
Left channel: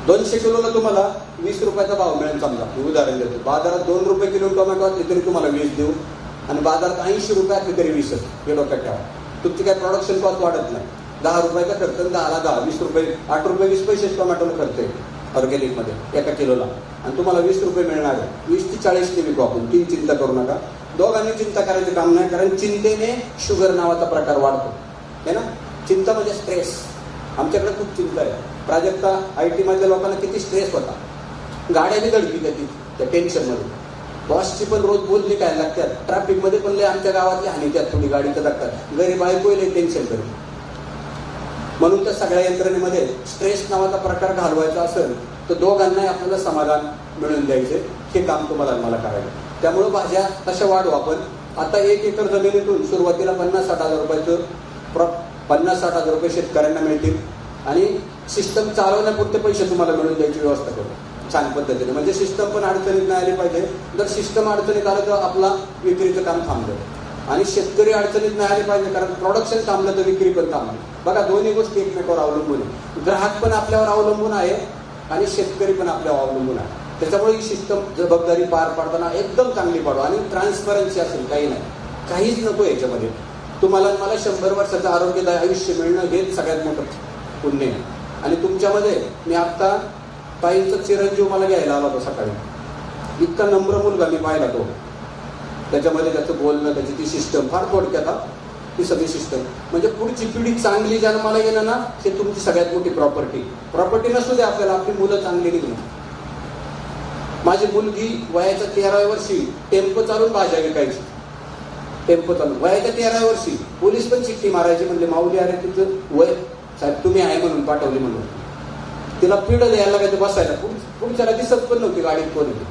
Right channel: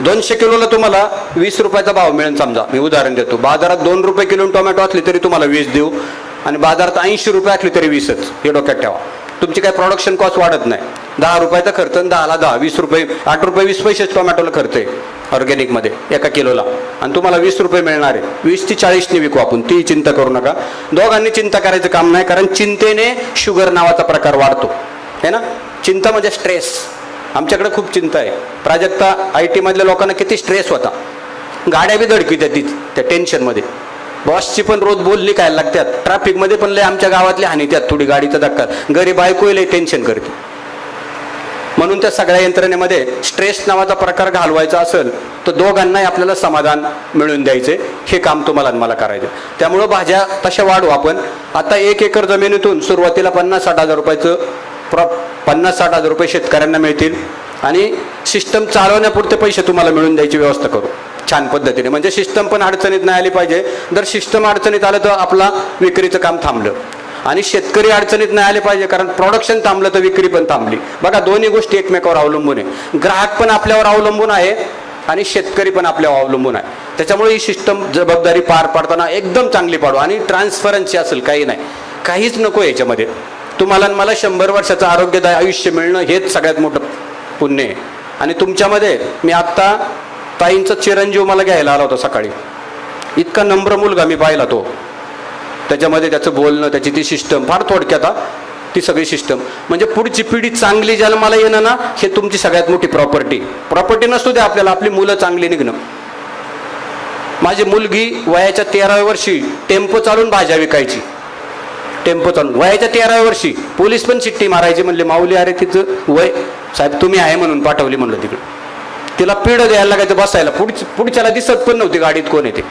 200 किलोला तुम्हाला 20 रुपयाचा भाव मिळेल. समजा मी उदाहरण देतो, बाजारात 2 रुपये किलो टोमॅटो असली तरी तुम्हाला 20 देऊ, आणि बाजारात 80 रुपये असली तरी 20च. हे डोक्यात ठेवा. तुमची काय प्रोडक्शन कॉस्ट वाढत नाही. 10 रुपयाचा खर्च, 10ला 10, 20 रुपये, 8 रुपये 20 पैसे टोमॅटोला खर्च आहे ऑर्गॅनिकमध्ये एका किलोला, आणि तुम्हाला 20 रुपये मिळणार आहे. 20 ची 40 विकू आपण, ती चिंता करू नका. दोघांनी चिंता करायचं काम नाही, कारण चिंतेने शुगर नावाचा प्रकार वाढतो है ना. चिंता म्हणजे स्ट्रेस. आमच्याकडे खूप चिंता आहे. प्राजक्ता IT मधल्या लोकांना किती स्ट्रेस होता, गाड्या बी धडकीत त्या टेन्शनमध्ये. बॉसची पण रोज बोलली काय लागतात, ट्रॅफिकमध्ये पण लय आमच्या गावातली हानी त्यात थोडी गाडीचा धक्का, घरी बायको लय टेन्शन करते. म्हणून त्या सगळ्या यंत्रणेमध्ये स्ट्रेस नावाचा प्रकार घालवायचा असेल तर दोघांनाही आपल्याला समाधान मिळवून द्यायचे. हे काम तुम्हाला मला करायचं. त्यामुळं भाज्या तशा वाढवू आपण. आता 1 एकर जमिनीतून सुरुवातीला 50-60 हजार रुपयाचं 50-60 हजार रुपये शेतकऱ्यांना मिळतील, आणि सिस्टम चालवण्यापुरते पैसे तुम्हाला मिळून द्यायची व्यवस्था करू छान पद्धतीने. म्हणजे सिस्टम पण अडचणीत नाही आली पाहिजे. जर सिस्टम अडचणीत आलं तर आपला विक्रीचं काम थांबलं, आणि शेतकरी अडचणीत नाही आले पाहिजे, कारण प्रोडक्शन थांबलं तर विक्री पण थांबली. बघा दोन्ही गोष्टी एकमेकावर अवलंबून आहे. ग्राहक पण आपल्यावर अवलंबून आहे आणि शेतकरी पण आपल्यावर अवलंबून आहे. त्याच्यामुळे ही सिस्टम जबाबदारी पार पाडताना एकदम चांगली पाडू, आणि ट्रान्सफरन्सी असेल, काही नाही, काहीच नको याच्यामध्ये. तुम्हाला मला 100 वर्षाचं आरोग्यदायी आयुष्य मिळणं हेच सगळ्यात मोठं पुण्य आहे. आणि तुमच्यामध्ये मी आत्ता ताईंचा चिरंजीव मला घ्यायला आला होता सकाळी. इतका नम्र मुलगा मी पाहिला तो. त्याच्यामध्ये त्याचं बोलणं, त्याची ती सिस्टम फार थोडक्यात, ती सगळी सिस्टम म्हणजे पुढची पिढी चांगली जन्माला येणं ना, हे तुमची सगळ्यात मोठी प्रॉपर्टी नसू द्या आपल्याला, आपली मुलं चांगली निघणं. माझी मुलगी वयाच्या 13व्या वर्षी टेम्पो चालून भाज्या विकायची. टेम्पो चालून वयाच्या 13व्या वर्षी. पोलीस पण चिठ्ठी मारायची, म्हणले माऊली अरे तिचं वय साहेब तुम्ही आहे म्हणून पाठवली म्हणलं तिकडे. तिला पिढ द्यायला लागायचं बसायला, पुढच्याला दिसत पण नव्हती गाडीत कोण येते.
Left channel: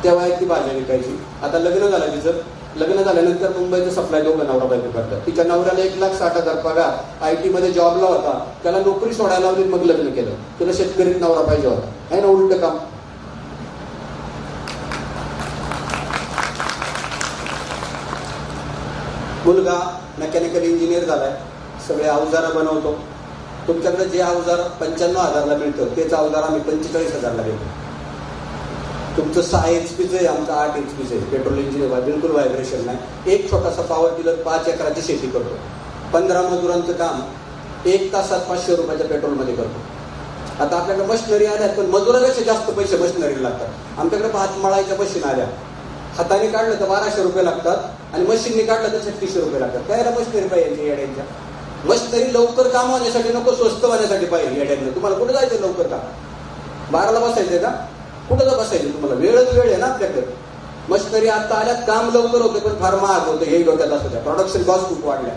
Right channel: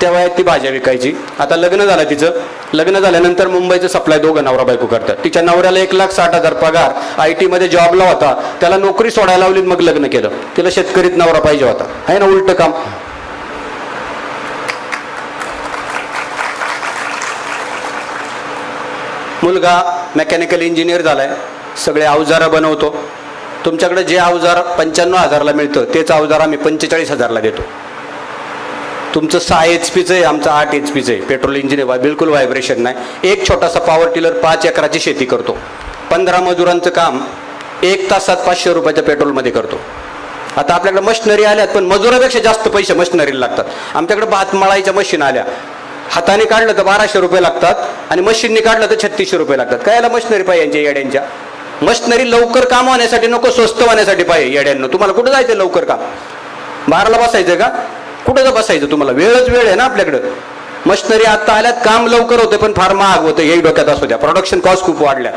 त्या वयात ती भाज्या विकायची. आता लग्न झालं तिचं. लग्न झाल्यानंतर मुंबईचं सप्लाय दोघं नवरा बायको करतात. तिच्या नवऱ्याला 1,60,000 पगार, IT मध्ये जॉबला होता, त्याला नोकरी सोडायला लावली, मग लग्न केलं. तिला शेतकरीत नवरा पाहिजे होता, आहे ना उलट काम. मुलगा मेकॅनिकल इंजिनियर झालाय, सगळे अवजारं बनवतो, तुमच्याकडे जे अवजार 95,000ला मिळतं तेच अवजार आम्ही 45,000ला देतो. तुमचं 6 HP आहे, आमचं 8 HP आहे. पेट्रोल इंजिन आहे, बिलकुल व्हायब्रेशन नाही. एक छोटासा पॉवर टिलर 5 एकराची शेती करतो. 15 मजुरांचं काम 1 तासात 500 रुपयाच्या पेट्रोलमध्ये करतो. आता आपल्याकडे मशिनरी आल्यात, पण मजुरापेक्षा जास्त पैसे मशिनरीला लागतात. आमच्याकडे भात मळायच्या मशीन आल्या, हाताने काढलं तर 1200 रुपये लागतात आणि मशीनने काढलं तर 3600 रुपये लागतात. कायला मशिनरी पाहिजे यांच्या येड्यांच्या? मशिनरी लवकर काम होण्यासाठी नको, स्वस्त होण्यासाठी पाहिजे. येड्यांना तुम्हाला कुठं जायचं लवकर काम? 12ला बसायचं का? कुठं तर बसायचं? तुम्हाला वेळच वेळ आहे ना आपल्याकडं. मशिनरी आता आल्यात, काम लवकर होते पण फार महाग होतं, हे डोक्यात असू द्या. प्रोडक्शन कॉस्ट खूप वाढल्या.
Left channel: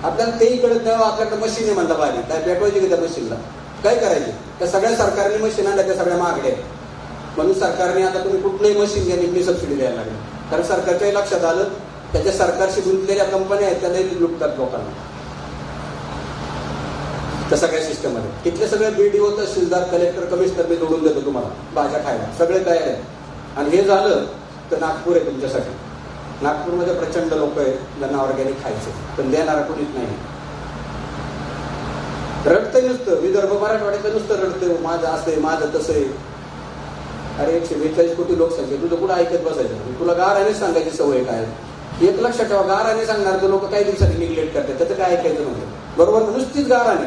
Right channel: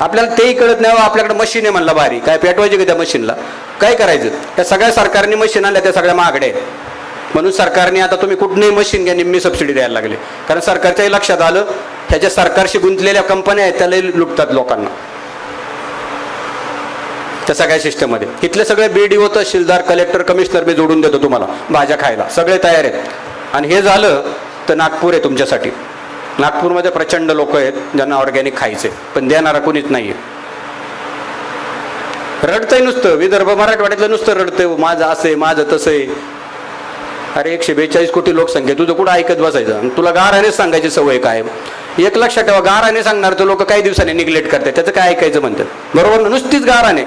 आपल्याला तेही कळत नाही. आपल्याकडे मशीन आहे म्हणलं भारी, काय पेटवायचे का त्या मशीनला? काय करायचं? त्या सगळ्या सरकारने मशीन आणल्या, त्या सगळ्या महागड्या आहेत. म्हणून सरकारने आता तुम्ही कुठलीही मशीन घ्या, निम्मी सबसिडी द्यायला लागले. कारण सरकारच्याही लक्षात आलं ह्याच्या सरकारशी गुंतलेल्या कंपन्या आहेत त्याला लुटतात लोकांना त्या सगळ्या सिस्टममध्ये. इथले सगळे BDO, तहसीलदार, कलेक्टर, कमिशनर मी जोडून देतो तुम्हाला भाज्या खायला, सगळे तयार आहेत. आणि हे झालं तर नागपूर आहे तुमच्यासाठी. नागपूरमध्ये प्रचंड लोक आहेत ज्यांना ऑर्गॅनिक खायचे, पण देणारा कोणीच नाहीये. रडतंय नुसतं, विदर्भ मराठवाड्यातलं नुसतं रडतंय, माझं असं आहे, माझं तसं आहे. अरे 142 कोटी लोकसंख्या, तुझं कुठं ऐकत बसायचं? तुला गारानेच सांगायची सवय काय? एक लक्षात ठेवा, गाराने सांगणार तर लोक काही दिवसांनी निग्लेक्ट करतात, त्याचं काय ऐकायचं म्हणतात. बरोबर ना? नुसतीच गाराने.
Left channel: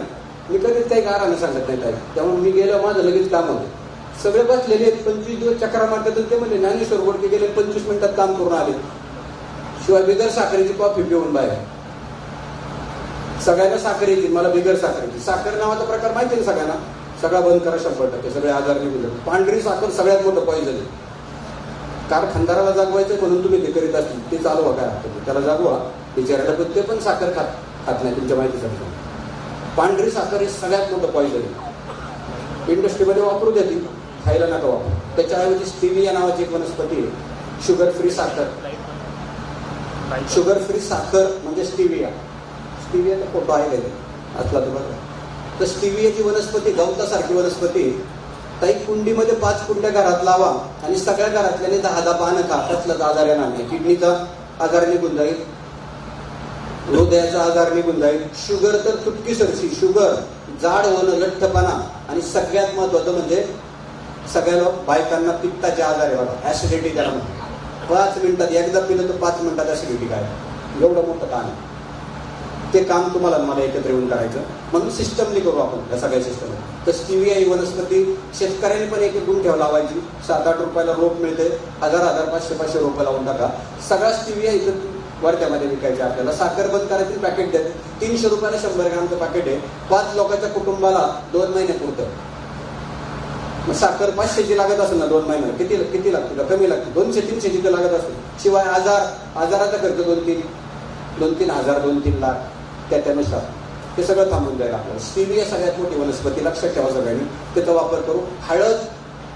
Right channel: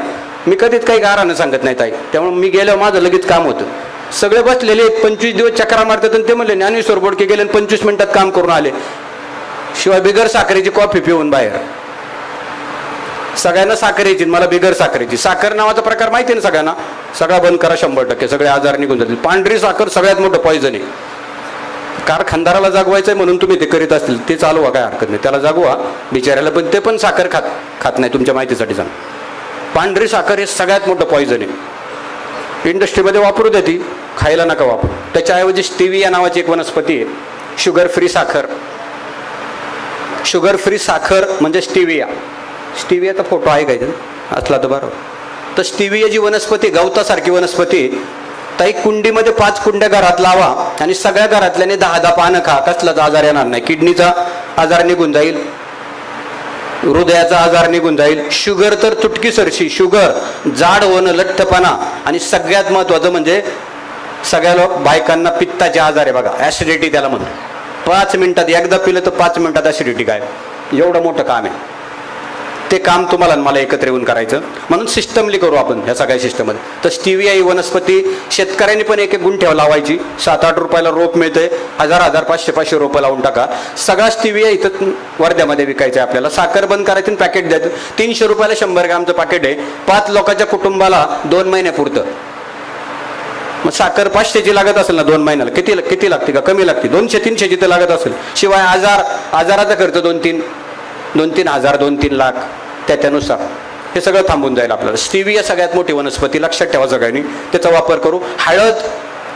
मी कधीच काही गाराने सांगत नाही ताई. त्यामुळे मी गेल्यावर माझं लगेच काम होतं. सगळे बसलेले 25 दिवस चक्रा मारतात आणि ते म्हणले ज्ञानेश्वर बोडके गेले 25 मिनिटात काम करून आले. शिवाय बिगर साखरेची कॉफी पिऊन बाहेर. सगळ्यांना साखर यायची, मला बिगर साखरेची. साखर नावाचा प्रकार माहिती ना सगळ्यांना? सगळा बंद करा 100%, सगळे आजार निघून जातील. पांढरी साखर सगळ्यात मोठं पॉइझन आहे. कारखानदाराला जागवायचंय म्हणून तुम्ही ते करीत असतील, ते चालवा, काय हरकत नाही, त्याला जागवा बिचाऱ्याला, पण ते पण साखर खात नाही. तुमच्या माहितीसाठी सांग, पांढरी साखर हे सगळ्यात मोठं पॉइझन आहे. इंडस्ट्रीमध्ये वापरू दे, ती खायला नका वापरू. त्याच्याऐवजी स्टिविया नावाची एक वनस्पती आहे, शुगर फ्री साखर. शुगर फ्री साखर म्हणजे स्टिविया. स्टिवियाचा फोटो आहे काय असला तर बरं. तर स्टिविया जी वनस्पती, गवतासारखी वनस्पती, ताई कुंडीमध्ये 5 कुंड्या घरात लावा आणि सगळ्या घरातल्याने 10-10 पानं खा, कसलाच आजार येणार नाही. किडनीचा आजार निघून जाईल, हृदयाचा आजार निघून जाईल. शुगर तर तुटकी सरशी, शुगर, जाड होणं, लठ्ठपणा, आणि सगळ्यात महत्वाचं म्हणजे सगळ्या बायकांना पित्ताचे आजार आहे बघा, ऍसिडिटी त्याला म्हणतो. 5 मिनिटात एकदा पिलं तर 5 मिनिटात ऍसिडिटी काय, एवढं मोठं काम आहे. ते काम तुम्हाला मला एकत्र येऊन करायचं, म्हणून सिस्टमली करू आपण ह्या सगळ्या सिस्टममध्ये. तर स्टिविया ही वनस्पती शेतकऱ्यांनी पण एक गुंठ्यावर लावायची. 7-8 रुपयाला रोप मिळते, 1000-1000, 500-500 रोपं लावून टाका. सगळा स्टिविया इथं वर्ध्यामध्ये विकायचं आहे आपल्याला. साखर बंद करायची, पॅकेट द्यायचं. 300 रुपयाला 100 ग्रामचं पॅकेट आहे. 5 लोकांच्या कुटुंबाला 2 महिन्यापुरतं. मग साखर 500ची लागत असेल ना 2 महिन्याला, किती लागते का? कमी लागते. 200-300ची तर लागत असेल. शिवाय आजाराचा खर्च 2-3 हजार, 2-3 लाख त्यानुसार हे सगळं थांबून जाईल आपल्याला. स्टिविया सगळ्यात मोठी वनस्पती, लक्षात ठेवा सगळ्यांनी, त्याचा वापर करू. हळद,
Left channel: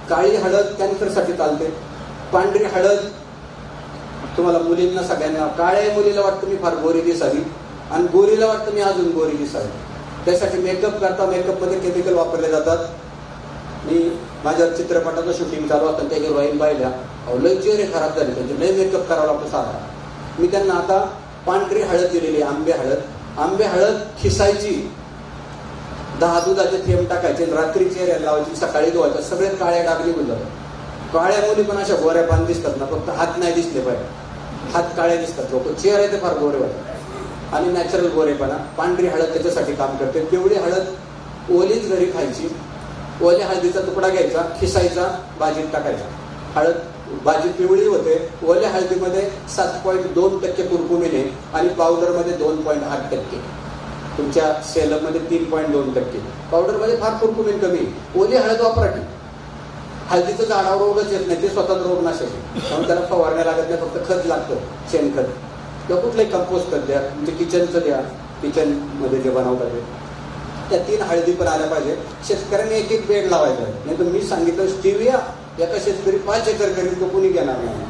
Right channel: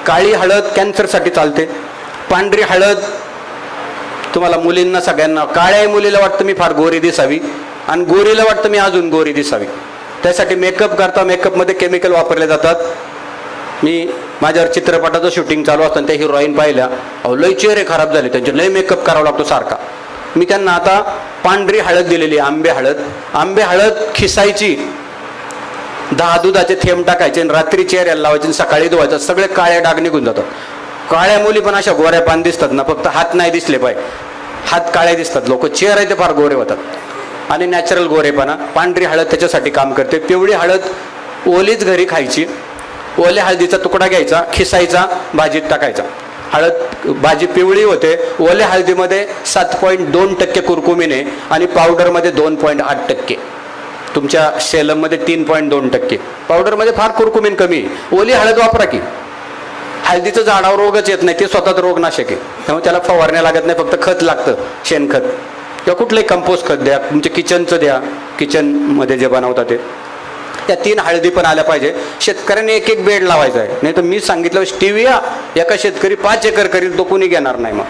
काळी हळद कॅन्सरसाठी चालते. पांढरी हळद तुम्हाला मुलींना सगळ्यांना, काळ्या मुलीला वाटतं मी फार गोरी दिसावी आणि गोरीला वाटतं मी अजून गोरी दिसावी, त्यासाठी मेकअप करता. मेकअपमध्ये केमिकल वापरले जातात. मी माझ्यावर चित्रपटाचं शूटिंग चालू असताना त्या हिरोईन पाहिल्या, लय चेहरे खराब झाले त्यांचे, लय मेकअप करावा लागतो सारखा. मी त्यांना आता पांढरी हळद दिलेली, आंबे हळद खिसायची, 10 दुधाचे थेंब टाकायचे आणि रात्री चेहऱ्याला लावायचे, सकाळी धुवायचं, सगळे काळे डाग निघून जातात. काळ्या मुली पण अशा गोऱ्या पान दिसतात ना, फक्त हात नाही दिसले पाहिजे, हात काळे दिसतात, लोक चेहरे ते फार गोरे होतात. आणि नॅचरल गोरेपणा, पांढरी हळद त्याच्यासाठी काम करते. पिवळी हळद ओलीच घरी खायची. ओल्या हळदीचा तुकडा घ्यायचा, खिसायचा, भाजीत टाकायचा. हळद भाजी पिवळी होते. ओल्या हळदीमध्ये 7.2% कुरकुमीन आहे आणि पावडरमध्ये 2.8%. तुमच्या सेलममध्ये 3.2%. पावडरमध्ये फार कुरकुमीन कमी आहे. ओली हळद वापरा की. हळदीचं झाडावर रोगच येत नाही, ते स्वतःच रोगनाशक आहे, त्यामुळे त्याला फवारण्या लागत नाही, फक्त खत लागतं, शेणखत किंवा कुठलंही कंपोस्ट खत द्या, तुमच्या किचनचं द्या, किचनमध्ये जे बनवतात ते. त्या 3 हळदी पण आल्या पाहिजे. शेतकऱ्याने एक बेड लावायचा आहे, नाही तर मी सांगितलं स्टिविया एका शेतकरी 5 एकर करीत, तो कोणी घेणार नाही. मग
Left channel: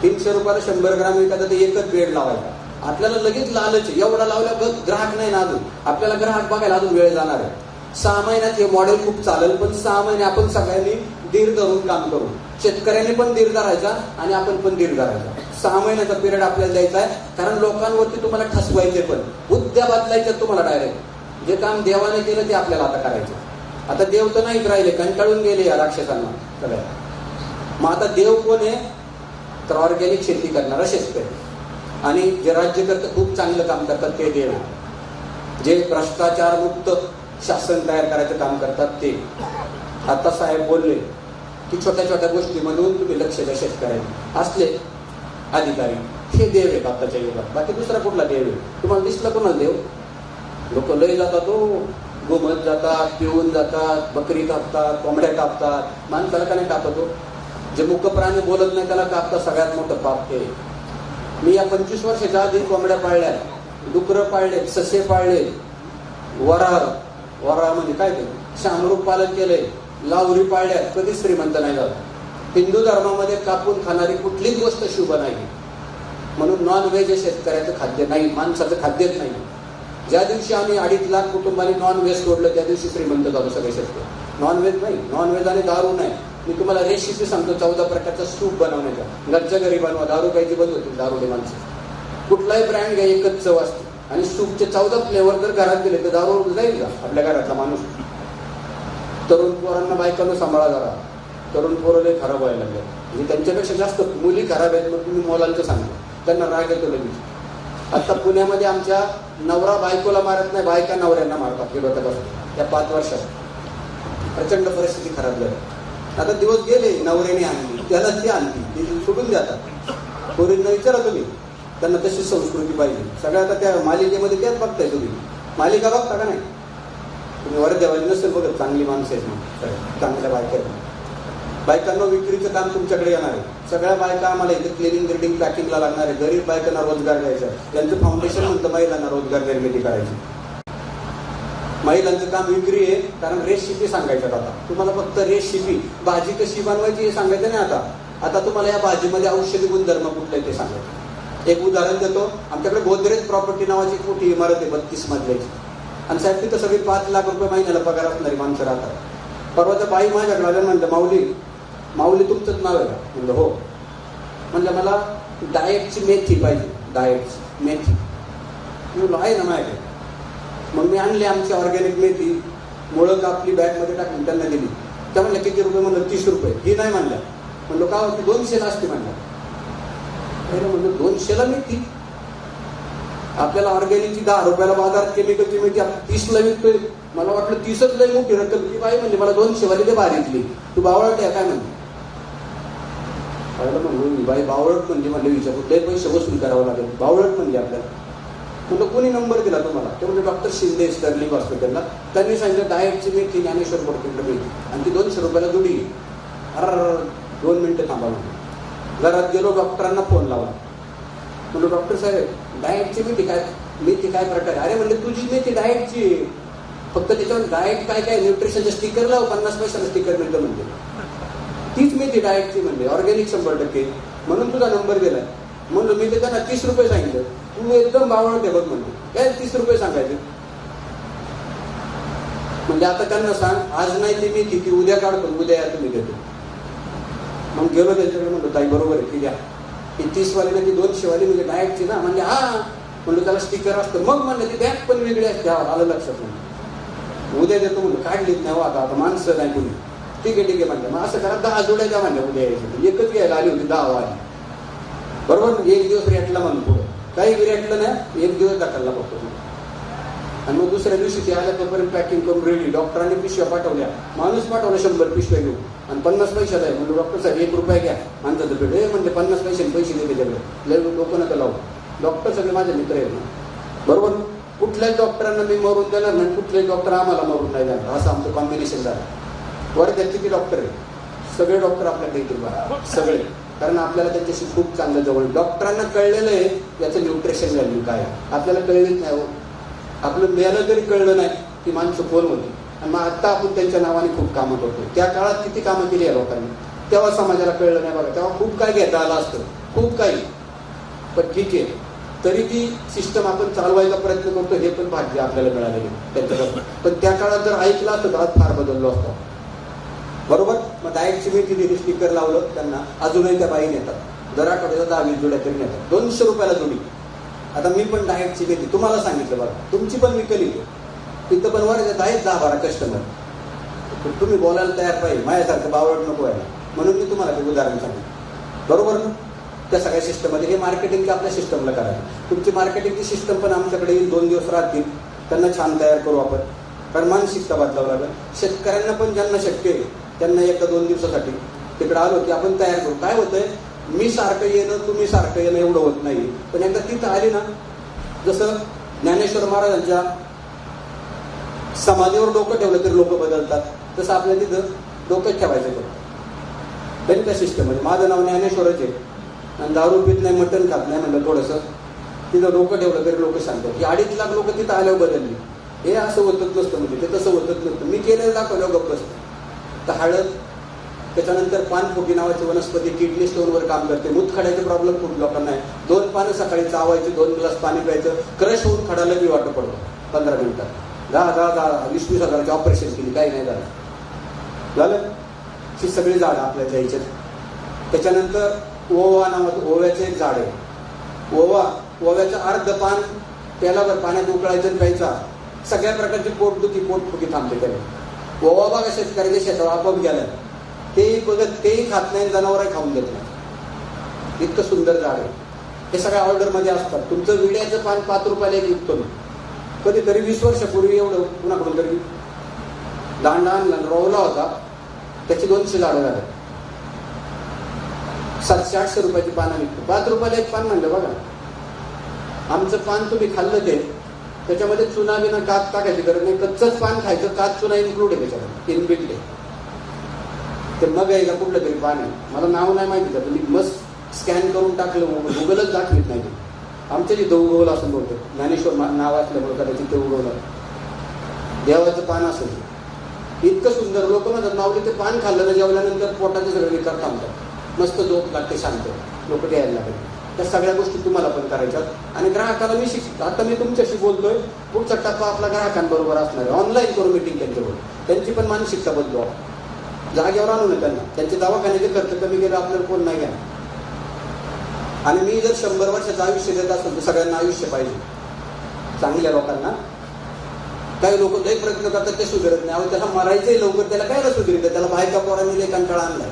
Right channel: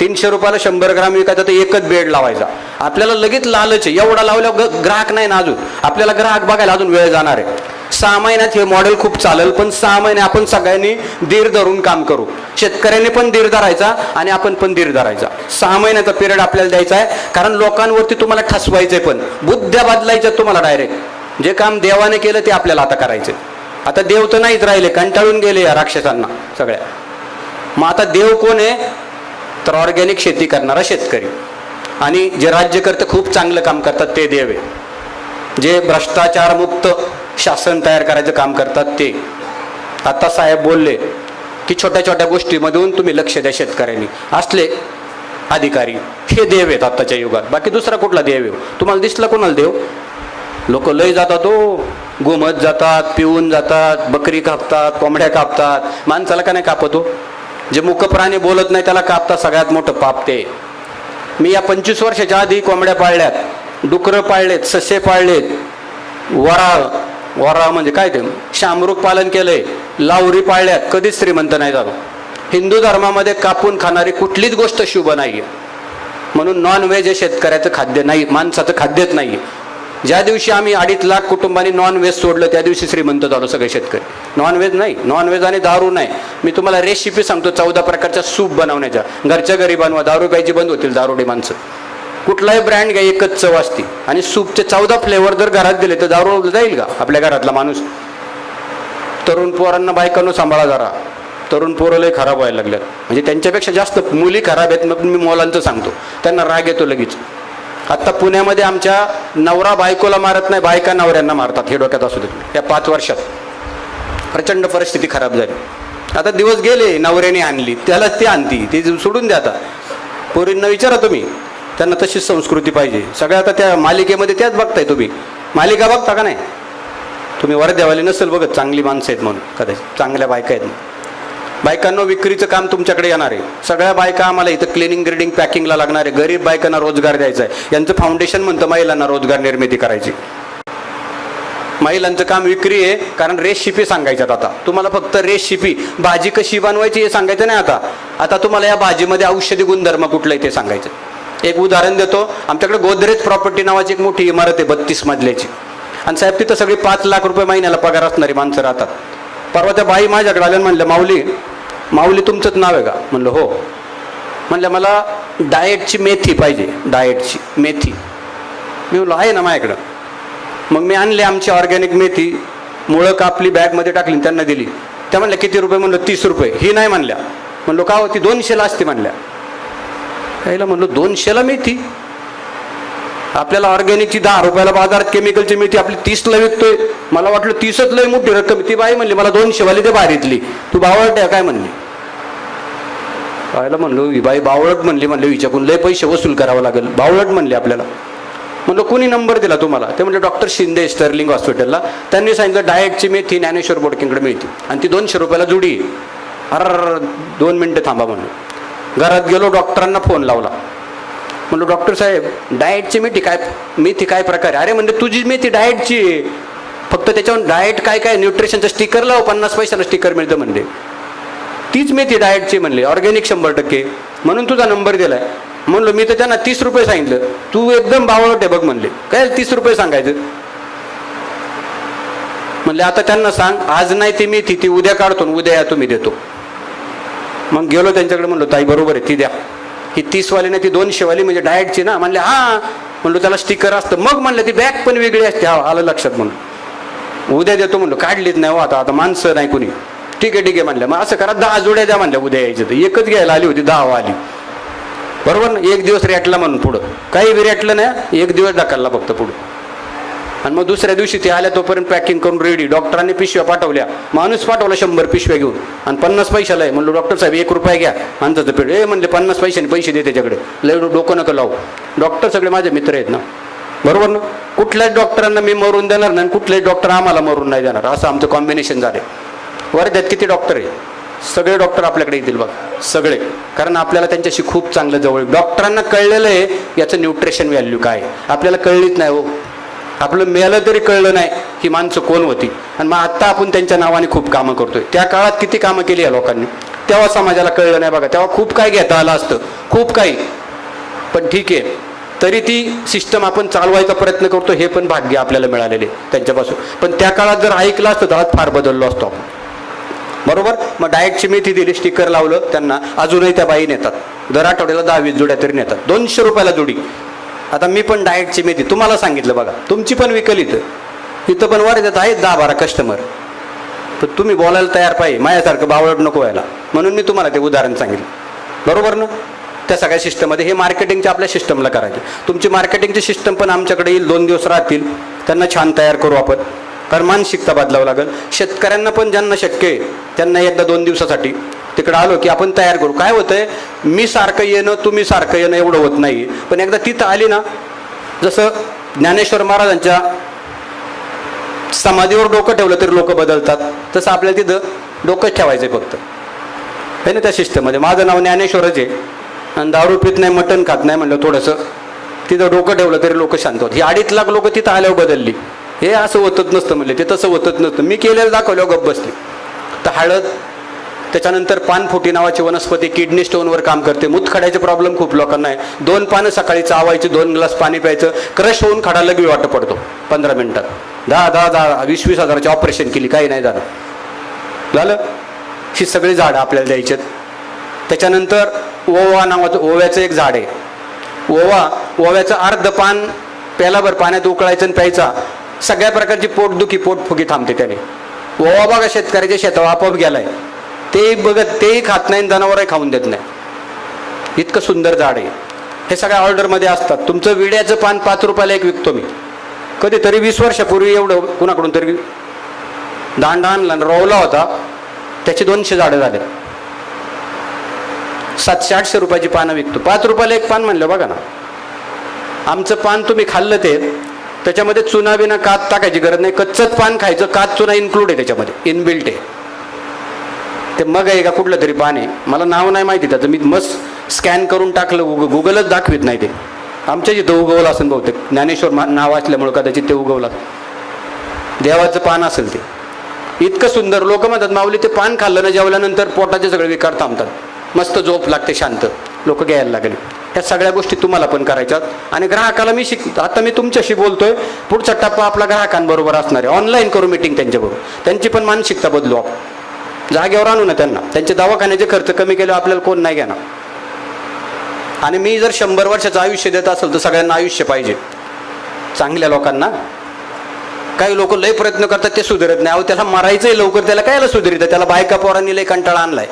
300 रुपयाला 100 ग्राम विकायचा, तर एकच बेड लावायचा. आपल्याला लगेच लालच आहे, एवढा लावल्यावर ग्राहक नाही ना अजून, आपल्याला ग्राहक बघायला अजून वेळ जाणार आहे. 6 महिन्यात हे मॉडेल खूप चालेल, पण 6 महिने आपण सगळ्यांनी धीर धरून काम करू. शेतकऱ्यांनी पण धीर धरायचा आणि आपण पण धीर धरायचा. 6 महिन्याचा पिरियड आपल्याला द्यायचा आहे, कारण लोकांवरती तुम्हाला ठसवायचंय, पण बुद्ध्या बदलायच्या तुम्हाला डायरेक्ट. जे काम देवाने केलं ते आपल्याला आता करायचं. आता देव तर नाहीच राहिले, कंटाळून गेले या राक्षसांना सगळ्या. मग आता देव कोण आहे? तर ऑर्गॅनिक शेती करणारा शेतकरी, आणि जे राज्यकर्ते खूप चांगलं काम करतात ते देव आहे. जे भ्रष्टाचार मुक्त शासन तयार करायचं काम करतात ते. आता साहेब बोलले की छोट्या छोट्या गोष्टीमधून तुम्ही लक्ष द्या शेतकऱ्यांनी. असले अधिकारी हे देव आहेत आताच्या युगात. बाकी दुसरा कुठला देव आहे? तुम्हाला दिसला कोणाला देव? लोक लय जातात, हो गोमत जातात, पिऊन जातात, बकरी कापतात, कोंबड्या कापतात. माणसाला का नाही कापतो? जे मूक प्राणी बोलत नाही त्याला कापतात. सगळ्यात मोठं पाप ते. मी या 25 वर्षाच्या आधी कोंबड्या पाळल्यात, डुकरं पाळलेत, ससे पाळलेत, वराळ म्हणजे काय ते शामरूक पालन केलंय, लावरी पाळल्यात. कधीच श्रीमंत नाही झालो. हिंदू धर्मामध्ये कापून खाणारी कुठलीच गोष्ट शुभ नाहीये. म्हणून नॉनव्हेज हे शेतकऱ्याचं खाद्य नाही, माणसाचं खाद्यच नाहीये. ज्या दिवशी आम्ही 2.5 लाख कुटुंबांनी नॉनव्हेज सोडलं त्या दिवशी श्रीमंत झालो सगळे शेतकरी. नॉनव्हेज नाही, नॉनव्हेज आणि दारू नाही. मी तुम्हाला रेसिपी सांगतो 14 प्रकारच्या सूप बनवण्याच्या. घरच्या घरी बनवा, दारू प्यायची बंद होतील दारुडे माणसं. कुठलाही ब्रँड घ्या, एकच चव असते. आणि सूपचे 14 फ्लेवर जर घरात दिले तर दारू जाईल का आपल्या घरातला माणूस? तरुण पोरांना बायकांनो सांभाळा जरा. तरुण पोरं लय खराब व्हायला लागल्या. म्हणजे त्यांच्यापेक्षा जास्त मुली खराब आहेत. मग मी मुलांचं सांगतो, त्यांना राग येतो लगेच. आता पुण्यामध्ये आमच्या नवरा बायकोला मारत नाही, बायका नवऱ्यांना मारतात. हे डोक्यात असू दे. या 5 वर्षात प्रचंड परिस्थिती खराब झाली. आता दिवस गेले, नवऱ्याने आणली त्याला ती आणती, ती सोडून द्या. आता पोरींना विचारा तुम्ही, त्यांना तशीच संस्कृती पाहिजे. सगळ्या आता त्या मालिकेमध्ये त्याच बघताय तुम्ही. मालिका बघता का नाही तुम्ही? वरद्यावाली नसेल बघत, चांगली माणसं आहेत म्हणून कदाचित, चांगल्या बायका आहेत. बायकांना विक्रीचं काम तुमच्याकडे येणार आहे. सगळ्या बायका आम्हाला इथं क्लिनिंग ग्रेडिंग पॅकिंगला लागणार आहे. गरीब बायकांना रोजगार द्यायचा आहे. यांचं फाउंडेशन म्हणतं महिलांना रोजगार निर्मिती करायची. महिलांचं काम विक्री आहे, कारण रेसिपी सांगायच्यात. आता तुम्हाला फक्त रेसिपी, भाजी कशी बनवायची हे सांगायचं नाही. आता तुम्हाला या भाजीमध्ये औषधी गुणधर्म कुठलं आहे ते सांगायचं. एक उदाहरण देतो. आमच्याकडे गोदरेज प्रॉपर्टी नावाची एक मोठी इमारत आहे 32 मजल्याची. आणि साहेब तिथं सगळी 5 लाख रुपये महिन्याला पगार असणारी माणसं राहतात. परवा त्या बाई माझ्याकडे आल्या, म्हणलं माऊली तुमचंच नाव आहे का? म्हणलं हो. म्हणलं मला डाएटची मेथी पाहिजे, डाएटची मेथी. मी म्हणलो आहे ना माझ्याकडं. मग मी आणली आमची ऑर्गॅनिक मेथी, मुळं कापली, बॅगमध्ये टाकली, त्यांना दिली. त्या म्हणल्या किती रुपये? म्हणलं 30 रुपये. ही नाही म्हणल्या. म्हणलो का? ती 200ला असते म्हणल्या. त्याला म्हणलो 200ला मेथी? आपल्याला ऑर्गॅनिकची 10 रुपयाला बाजारात केमिकलची मेथी आपली 30ला विकतोय. मला वाटलं 30च लय मोठी रक्कम. ती बाई म्हणली मला 200 वाली ते बाहेरीतली. तू बावळट आहे काय म्हणली? बायला म्हणलो ही बाई बावळट म्हणली. म्हणले विचारून लय पैसे वसूल करावं लागेल. बावळट म्हणले आपल्याला. म्हणलो कोणी नंबर दिला तुम्हाला? ते म्हणजे डॉक्टर शिंदे स्टर्लिंग हॉस्पिटलला. त्यांनी सांगितलं डाएटची मेथी ज्ञानेश्वर बोडकेंकडे मिळते आणि ती 200 रुपयाला जुडी. अरे 2 मिनिटं थांबा म्हणून घरात गेलो, डॉक्टरांना फोन लावला. म्हणलो डॉक्टर साहेब डाएटची मेथी काय प्रकार आहे? अरे म्हणजे तुझी मेथी डाएटची आहे, फक्त त्याच्यावर डाएट काय न्यूट्रिशनचं स्टिकर लाव, 50 पैशाला स्टिकर मिळतं म्हणले. तीच मेथी डाएटची म्हणले, ऑर्गॅनिक 100%, म्हणून तुझा नंबर दिलाय. म्हणलो मी तर त्यांना 30 रुपये सांगितलं. तू एकदम बावळट आहे बघ म्हणले. काय 30 रुपये सांगायचं? म्हणले आता त्यांना सांग आज नाही ती मेथी, ती उद्या काढतो, उद्या या तुम्ही देतो. मग गेलो त्यांच्याकडे, म्हणलो ताई बरोबर आहे ती द्या. ही 30 वाली नाही ती 200 वाली म्हणजे डाएटची ना? म्हणले हा. म्हणलो त्याला स्टिकर असतं. मग म्हणलं ती बॅग पण वेगळी असते. हा आलं लक्षात. म्हणून उद्या देतो म्हणलो. काढलीच नाही हो आता माणसं नाही कोणी. ठीक आहे म्हणलं. मग असं करा 10 जोड्या द्या म्हणल्या. उद्या यायचं तर एकच घ्यायला आली होती, 10 आली. बरोबर ना? एक दिवस रेटला म्हणून पुढं काही बी रेटलं नाही, एक दिवस ढकलला फक्त पुढं. आणि मग दुसऱ्या दिवशी ते आल्या तोपर्यंत पॅकिंग करून रेडी. डॉक्टरांनी पिशव्या पाठवल्या. माणूस पाठवला 100 पिशव्या घेऊन आणि 50 पैशाला आहे. म्हणलो डॉक्टर साहेब 1 रुपया घ्या माणसाचं पेट. म्हणले 50 पैशाने पैसे दे त्याच्याकडे. लय डोकं नका लावू. डॉक्टर सगळे माझे मित्र आहेत ना, बरोबर ना? कुठल्याच डॉक्टरांना मी मरून देणार नाही, कुठल्याच डॉक्टर आम्हाला मरून नाही देणार, असं आमचं कॉम्बिनेशन झालं. वर्ध्यात किती डॉक्टर आहे? सगळे डॉक्टर आपल्याकडे येतील बघा, सगळे. कारण आपल्याला त्यांच्याशी खूप चांगलं जवळ. डॉक्टरांना कळलेलं आहे याचं न्यूट्रिशन व्हॅल्यू काय आहे. आपल्याला कळलीच नाही हो. आपलं मेलं तरी कळलं नाही ही माणसं कोण होती. आणि मग आता आपण त्यांच्या नावाने खूप कामं करतोय. त्या काळात किती कामं केली या लोकांनी, तेव्हा समाजाला कळलं नाही बघा. तेव्हा खूप काही घेता आलं असतं, खूप काही. पण ठीक आहे, तरी ती सिस्टम आपण चालवायचा प्रयत्न करतो. हे पण भाग्य आपल्याला मिळालेले त्यांच्यापासून. पण त्या काळात जर ऐकलं असतं तर फार बदललो असतो, बरोबर? मग डाएटची मेथी दिली, स्टिकर लावलं त्यांना. अजूनही त्या बाई नेतात, दर आठवड्याला 10-20 जोड्या तरी नेतात. 200 रुपयाला जोडी. आता मी पण डाएटची मेथी तुम्हाला सांगितलं बघा, तुमची पण विकलित. इथं पण वर्ध्यात आहेत 10-12 कस्टमर, पण तुम्ही बोलायला तयार पाहिजे, माझ्यासारखं बावळट नको व्हायला. म्हणून मी तुम्हाला ते उदाहरण सांगितलं, बरोबर ना. त्या सगळ्या सिस्टममध्ये हे मार्केटिंगच्या आपल्या सिस्टमला करायचे. तुमची मार्केटिंगची सिस्टम पण आमच्याकडे येईल, 2 दिवस राहतील, त्यांना छान तयार करू आपण. कारण मानसिकता बदलावं लागेल. शेतकऱ्यांना पण ज्यांना शक्य आहे त्यांना एकदा 2 दिवसासाठी तिकडे आलो की आपण तयार करू. काय होतंय, मी सारखं येणं तुम्ही सारखं येणं एवढं होत नाही, पण एकदा तिथं आली ना, जसं ज्ञानेश्वर महाराजांच्या समाधीवर डोकं ठेवलं तरी लोक बदलतात, तसं आपल्याला तिथं डोकंच ठेवायचं फक्त आहे ना. त्या सिस्टममध्ये माझं नाव ज्ञानेश्वरच आहे आणि दारू पित नाही, मटण खात नाही म्हणलं, थोडंसं तिथं डोकं ठेवलं तरी लोक शांत होत. ही 2.5 लाख लोक तिथं आल्यावर बदलली. हे असं होतच नसतं म्हणले, ते तसं होतच नसतं. मी केलेलं दाखवल्यावर गप्प बसली. तर हळद, त्याच्यानंतर पानफुटी नावाची वनस्पती किडनी स्टोनवर काम करते. मूतखड्याचे प्रॉब्लेम खूप लोकांना आहे. 2 पानं सकाळी चावायचे, 2 ग्लास पाणी प्यायचं, क्रश होऊन खडा लगेच वाटत पडतो 15 मिनिटात. 10-20 हजाराची ऑपरेशन केली, काही नाही झालं. ही सगळी झाडं आपल्याला द्यायची. त्याच्यानंतर ओवा नावाचं, ओव्याचं एक झाड आहे. ओव्याचं अर्ध पान प्यालाभर पाण्यात उकळायचं आणि प्यायचा. सगळ्या प्रकारची पोटदुखी पोटफुगी थांबते त्याने. ओवा बघा शेतकऱ्याच्या शेतावर आपोआप गेलाय, ते बघत तेही खात नाही, जनावरही खाऊन देत नाही. इतकं सुंदर झाड आहे. हे सगळ्या ऑर्डरमध्ये असतात. तुमचं विड्याचं पान 5 रुपयाला एक विकतो मी. कधीतरी 20 वर्षापूर्वी एवढं कुणाकडून तरी दांडा आणला, रोवला होता, त्याची 200 झाडं झाले. 700-800 रुपयाची पानं विकतो. 5 रुपयाला एक पान म्हणलं बघा ना. आमचं पान तुम्ही खाल्लं ते, त्याच्यामध्ये चुना बिना कात टाकायची गरज नाही. कच्चंच पान खायचं, कात चुना इन्क्लूड आहे त्याच्यामध्ये, इनबिल्ट आहे ते. मग आहे का कुठलं तरी पान आहे, मला नाव नाही माहिती त्याचं, मी मस्त स्कॅन करून टाकलं, गुगलच दाखवित नाही ते. आमच्या जिथं उगवलं असेल बहुतेक, ज्ञानेश्वर नाव असल्यामुळे कदाचित ते उगवलं. देवाचं पान असेल ते. इतकं सुंदर. लोक म्हणतात माऊली ते पान खाल्लं ना जेवल्यानंतर पोटाचे सगळे विकार थांबतात, मस्त झोप लागते, शांत. लोक घ्यायला लागले. या सगळ्या गोष्टी तुम्हाला पण करायच्यात. आणि ग्राहकाला मी आता मी तुमच्याशी बोलतोय, पुढचा टप्पा आपला ग्राहकांबरोबर असणार आहे. ऑनलाईन करू मीटिंग त्यांच्याबरोबर, त्यांची पण मानसिकता बदलू आपण, जागेवर आणू ना त्यांना. त्यांचे दवाखान्याचे खर्च कमी केल्यावर आपल्याला कोण नाही घेणार. आणि मी जर 100 वर्षाचं आयुष्य देत असेल तर सगळ्यांना आयुष्य पाहिजे, चांगल्या लोकांना. काही लोक लय प्रयत्न करतात, ते सुधारत नाही. अहो त्याला मारायचंय लवकर, त्याला कायला सुधारित? त्याला बायका पोरांनी लय कंटाळा आणलाय,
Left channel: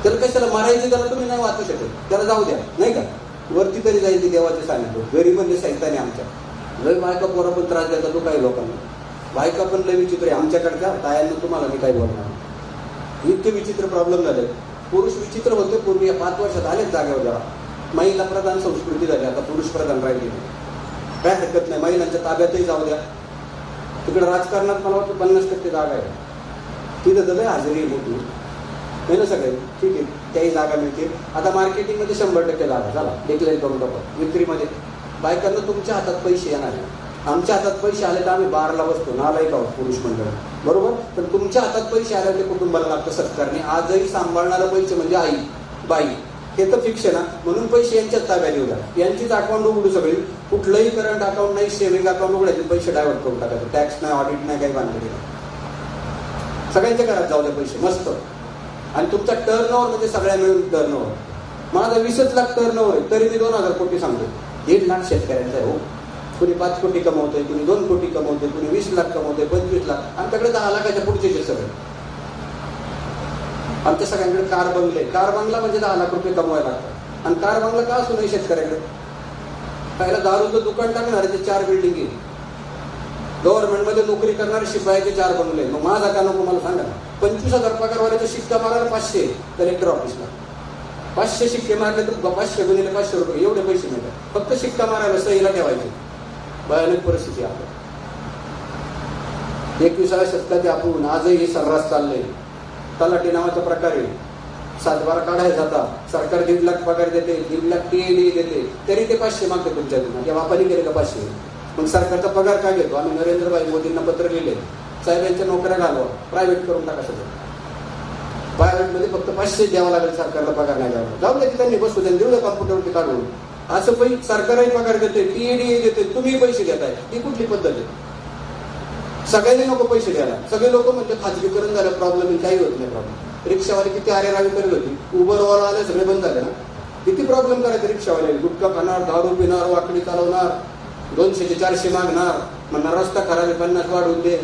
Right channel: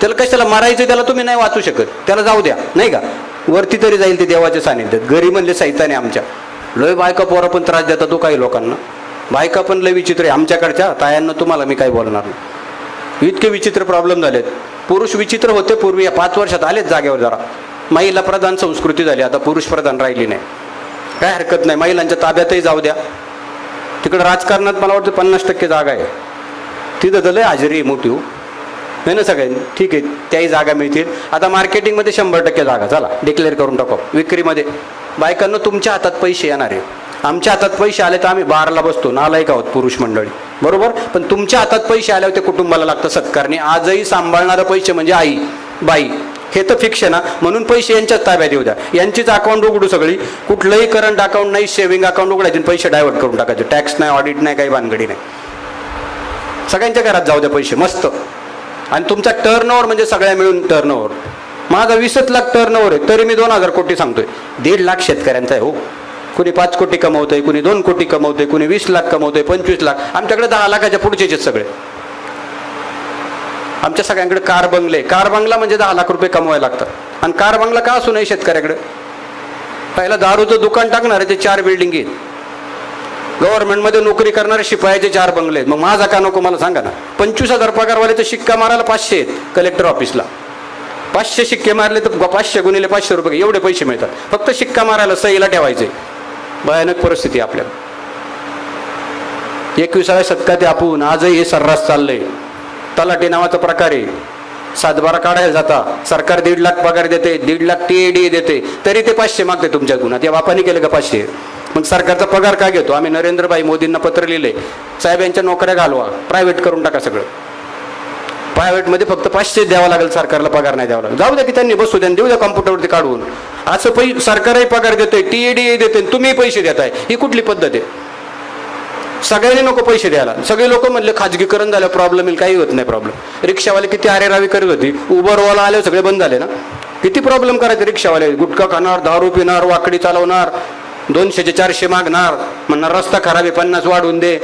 त्याला कशाला मारायचं? त्याला तुम्ही नाही वाचू शकत, त्याला जाऊ द्या, नाही का? वरती तरी जाईल ते देवाच्या सानिध्यात. घरी म्हणले सैताने आमच्या लय बायका पोरं पण त्रास देतात तो काही लोकांना. बायका पण लय विचित्र आहे आमच्याकडच्या. तायांना तुम्हाला मी काही बोलणार नाही, इतके विचित्र प्रॉब्लेम झालेत. पुरुष विचित्र होते पूर्वी, या 5 वर्षात आलेत जागेवर जरा. महिला प्रधान संस्कृती झाली, आता पुरुष प्रधान राहिली नाही. काय हरकत नाही, महिलांच्या ताब्यातही जाऊ द्या. तिकडं राजकारणात मला वाटतं 50% जागा आहे, तिथं तर लय हजेरी मोठी हो नाही ना सगळ्यांनी. ठीक आहे, त्याही जागा मिळतील. आता मार्केटिंगमध्ये 100% जागा चला डिक्लेअर करून टाकू. विक्रीमध्ये बायकांना तुमच्या हातात पैसे येणार आहे. आमच्या हातात पैसे आले तर आम्ही बारला बसतो, नालायक आहोत पुरुष मंडळी, बरोबर. पण तुमच्या हातात पैसे आल्यावर ते कुटुंबाला लागतं सत्कारणी. आजही सांभाळणारं पैसे म्हणजे आई बाई, हे तर फिक्स आहे ना. म्हणून पैसे यांच्याच ताब्यात येऊ द्या. यांचीच अकाउंट उघडू सगळी. कुठलंही करंट अकाउंट नाही, सेव्हिंग अकाउंट उघडायचे, पैसे डायव्हर्ट करून टाकायचे. टॅक्स नाही, ऑडिट नाही, काही भानगडी नाही. सगळ्यांच्या घरात जाऊ द्या पैसे मस्त. आणि तुमचा टर्नओव्हर म्हणजे सगळ्या मिळून टर्नओव्हर. माझा 20 लाख टर्नओव्हर आहे, तरी मी 2000 कोटी सांगतोय. 1.5 लाख शेतकऱ्यांचा आहे हो. कुणी 5 कोटी कमवतंय, कुणी 2 कोटी कमवतंय, कुणी 20 लाख कमवतंय, 25 लाख. आमच्याकडे 10 लाखाच्या पुढचेच आहेत सगळे. आमच्या सगळ्यांकडे कार बंगले. कार बंगला म्हणजे 10 लाख रुपये कमवायला लागतात. आणि कार बंगला का असू नये शेतकऱ्याकडे? पहिला दारूचं दुकान टाकणार आहे ते 4 बिल्डिंग आहेत. गव्हर्नमेंटमध्ये नोकरी करणारे शिपायाचे 4 बंगले आहेत. मग माझा का नको मला सांगा ना. 25,000 पगारवाले तर शिक्का मारायला 500 आहेत कलेक्टर ऑफिसला. 500 शिक्के मारले तर 500 गुणिले 500 रुपये एवढे पैसे मिळतात. फक्त शिक्का मारायला, सहीला ठेवायचे. भयानक परिस्थिती आपल्या. 21व्या शतकात आपण आजही हे सर्रास चाललंय. तलाठी नावाचा प्रकार आहे. 7-12 काढायला जाता, सरकार 1.5 लाख पगार देते, 1.5 लाख TAD देते, तरी ते 500 मागते तुमच्या गुन्हा. त्या बापाने केलं का 500? मग सरकारचा पगार का घेतो? आम्ही नरेंद्रभाई मोदींना पत्र लिहिले, साहेबांच्या नोकऱ्या घालवा, प्रायव्हेट करून टाका सगळं. प्रायव्हेटमध्ये फक्त 500 द्यावा लागेल सरकारला, पगार नाही द्यावा लागेल. जाऊ द्या की त्यांनी बसू द्या, देऊ द्या कॉम्प्युटरवरती काढून. असं सरकारही पगार देतोय, TAD देते, तुम्ही पैसे देताय. ही कुठली पद्धत आहे? सगळ्यांनी नको पैसे द्यायला. सगळे लोक म्हणले खाजगीकरण झालं प्रॉब्लेम येईल, काही होत नाही प्रॉब्लेम. रिक्षावाले किती आरेरावी करत होती, उबरवाला आले सगळे बंद झाले ना. किती प्रॉब्लेम करायचे रिक्षावाले? गुटखा खाणार, दारू पिणार, वाकडी चालवणार, 200चे 400 मागणार, म्हणणार रस्ता खराब आहे 50 वाढवून दे.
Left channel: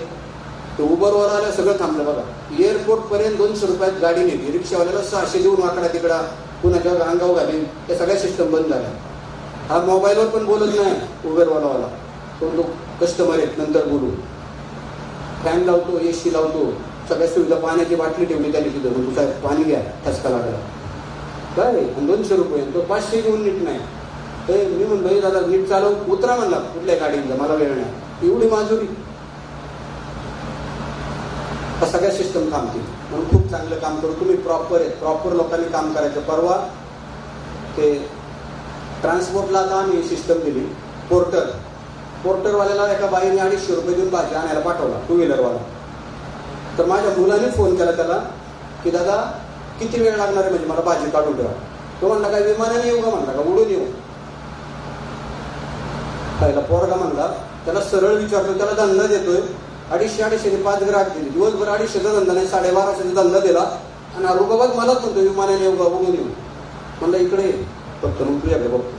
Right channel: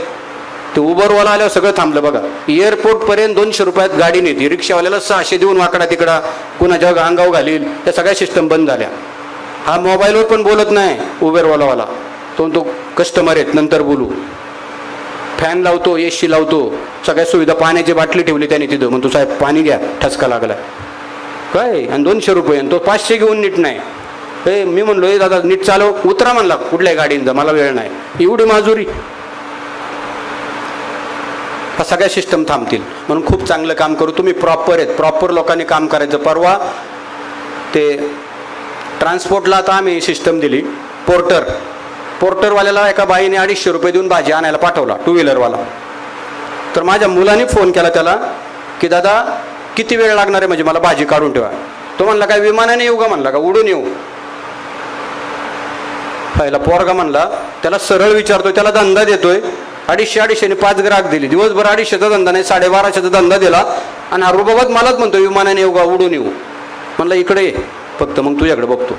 ते उबरवाला आल्यावर सगळं थांबलं बघा. एअरपोर्ट पर्यंत 200 रुपयात गाडी नेते, रिक्षावाल्याला 600 देऊन वाकडा तिकडा कुणाच्या अंगावर घालील, त्या सगळ्या सिस्टम बंद झाल्या. हा मोबाईलवर पण बोलत नाही उबेरवालावाला, तो कस्टमर आहेत नंतर बोलू. फॅन लावतो, एसी लावतो, सगळ्या सुविधा, पाण्याची बाटली ठेवली त्याने तिथं, म्हणतो साहेब पाणी घ्या, ठसका लागला काय. आणि 200 रुपये, आणि तो 500 घेऊन नीट नाही. मी म्हणलो दादा नीट चालव, उतरा म्हणला कुठल्याही गाडींचा, मला वेळ नाही. एवढी माजुरी, हा सगळ्या सिस्टम थांबतील. म्हणून खूप चांगलं काम करू. तुम्ही प्रॉपर आहेत, प्रॉपर लोकांनी काम करायचं. परवा ते ट्रान्सपोर्टला आता आम्ही सिस्टम दिली. पोर्टरवाल्याला एका बाईने 250 रुपये देऊन भाजी आणायला पाठवला, 2 व्हीलरवाला. तर माझ्या मुलाने फोन केला त्याला की दादा किती वेळ लागणार आहे, म्हणजे मला भाजी काढून ठेवा. तो म्हणला काय विमानाने येऊ का, म्हणला का उडून येऊ. पहिला पोरगा म्हणला, त्याला सरळ विचारतोय, त्याला धंदा देतोय, 250-250 5 ग्राहक दिली. दिवसभर 250चा धंदा नाही, 1250चा धंदा दिला. आणि हा रुबाबात मलाच म्हणतो विमानाने येऊ का, उडून येऊ. म्हणलं इकडे ये फक्त, मग तुझ्याकडे बघतो.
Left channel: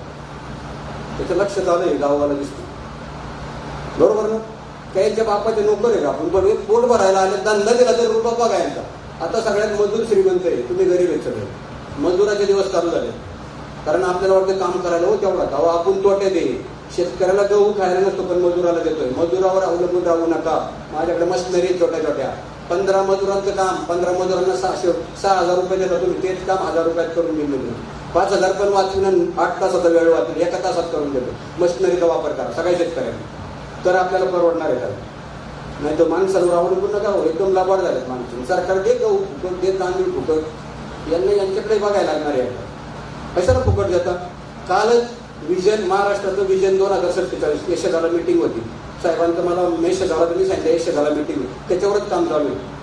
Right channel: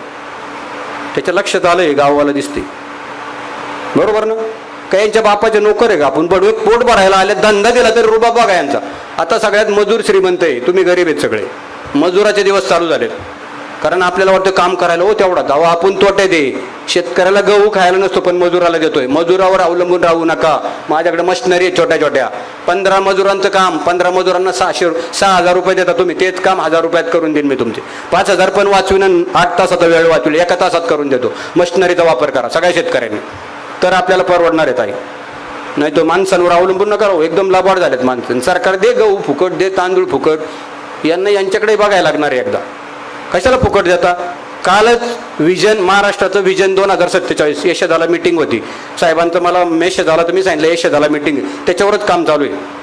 त्याच्या लक्षात आलंय गाववाला दिसते, बरोबर ना. काहीच्या बापाचे नोकर आहे का आपण, पोट भरायला आले, धंदा दिला तर रुबाब बघा यांचा. आता सगळ्यात मजूर श्रीमंत आहे, तुम्ही गरीब आहेत सगळे. मजुराचे दिवस चालू झाले, कारण आपल्याला वाटतं काम करायला हो तेवढा दावा आपण तोटे दे. शेतकऱ्याला गहू खायला नसतो पण मजुराला देतोय. मजुरावर अवलंबून राहू नका. माझ्याकडे मशिनरी आहे छोट्या छोट्या, 15 मजुरांचं काम, 15 मजुरांना 6,000 रुपये देता तुम्ही, तेच काम 1000 रुपयात करून देईन मी तुमचे. 5000 पण वाचवीन, 8 तासाचा वेळ वाचविल, 1 तासात करून देतो. मशिनरीचा वापर करा सगळ्या शेतकऱ्यांनी, तर आपल्याला परवडणार आहे ताई. नाही तो माणसांवर अवलंबून नका राहू. एकदम लाभाड झालेत माणसं. सरकार दे गहू फुकट, दे तांदूळ फुकट. यांच्याकडे बघायला लागणार आहे एकदा. कशाला फुकट देता. कालच विजन, महाराष्ट्राचं विजन 2047 यशदाला मीटिंग होती साहेबांचं. मला मेसेज आला तर मी सांगितलं यशदाला मीटिंग, त्याच्यावरच काम चालू आहे.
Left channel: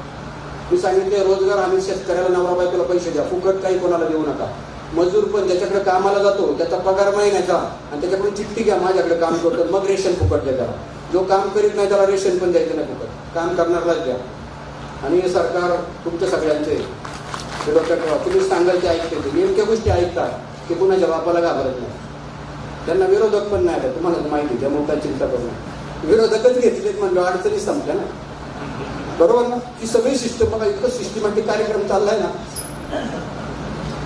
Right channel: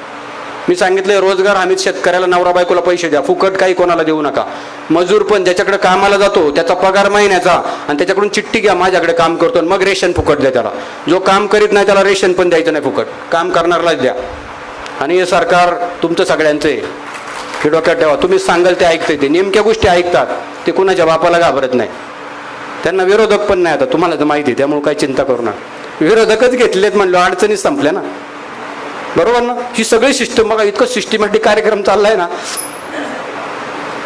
मी सांगितलं रोजगार हमीत शेतकऱ्याला, नवरा बायकोला पैसे द्या, फुकट काही कोणाला देऊ नका. मजूर पण ज्याच्याकडे कामाला जातो त्याचा पगार महिन्याचा, आणि त्याच्याकडून चिठ्ठी घ्या माझ्याकडे काम करतो, मग रेशन फुकट द्या त्याला. जो काम करीत नाही त्याला रेशन पण द्यायचं नाही फुकट, काम करणारलाच द्या. आणि हे सरकार तुमचं सगळ्यांचं आहे, हे डोक्यात ठेवा. तुम्ही सांगाल ते ऐकते, ते नेमक्या गोष्टी ऐकतात, ते कुणाच्या बापाला घाबरत नाही. त्यांना विरोधक पण नाही, आता तुम्हाला तर माहिती आहे, त्यामुळे काही चिंता करू नका. विरोधकच घेतलेत म्हणलं, अडचणीच संपल्या ना, बरोबर ना. ही सगळी सिस्टम बघा, इतकं सिस्टमॅटिक कार्यक्रम चाललाय ना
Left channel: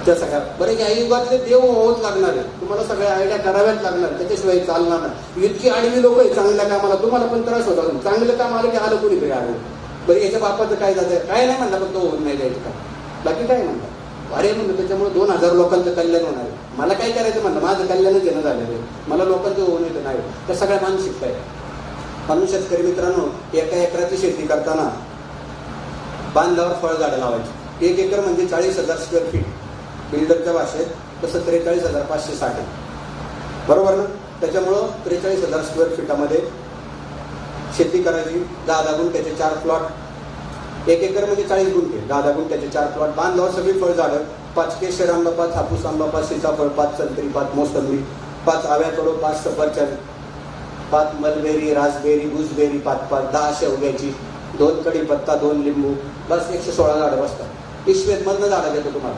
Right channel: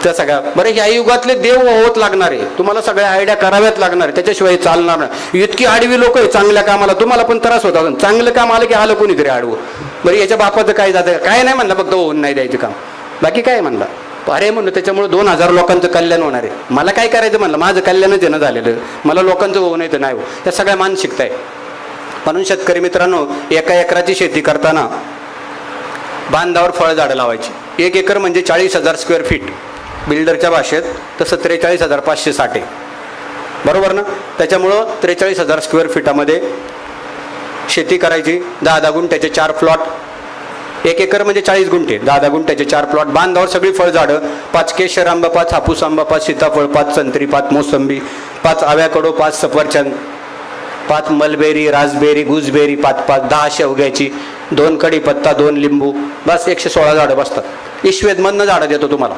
त्या सगळ्या. बरं या युगातले देव होत लागणार आहे, तुम्हाला सगळ्या आयडिया कराव्याच लागणार आहे, त्याच्याशिवाय चालणार नाही. इतकी आडवी लोक आहे चांगल्या कामाला, तुम्हाला पण त्रास होता. चांगलं काम आलं की आलं कोणीतरी आडवं. बरं याच्या बापाचं काय जातं, काय नाही म्हणलं, फक्त होऊन नाही द्यायचं काम, बाकी काय म्हणलं. अरे म्हणलं त्याच्यामुळे 2000 लोकांचं कल्याण होणार आहे. मला काय करायचं म्हणलं, माझं कल्याणच देणं झालेलं, मला लोकांचं होऊ नये तर नाही हो. या सगळ्या मानसिकता आहे. म्हणून शेतकरी मित्रांनो, 1 एकराची शेती करताना बांधावर फळझाडं लावायची. 1 एकर म्हणजे 40,000 स्क्वेअर फीट बिल्डरच्या भाषेत, तसं 43,560 आहे, बरोबर ना. त्याच्यामुळं 43,000 स्क्वेअर फीटामध्ये शेती करायची. 10 गुंठ्याचे 4 प्लॉट, 1 एकर म्हणजे 40 गुंठे, 10 गुंठ्याचे 4 प्लॉट. बांधावर सगळी फळझाडं, 5 केशर आंबा, 5 हापूस आंबा, 5 सीताफळ, 5 संत्री, 5 मोसंबी, 5 आव्याकडो, 5 सफरचंद, 5 मलबेरी, रासबेरी, गुजबेरी, 5 10 शेवग्याची, 2 कढीपत्ता, 2 लिंबू, बस 116 झाडं बसतात. ईश्वेदमधनं झाडं देतो तुम्हाला.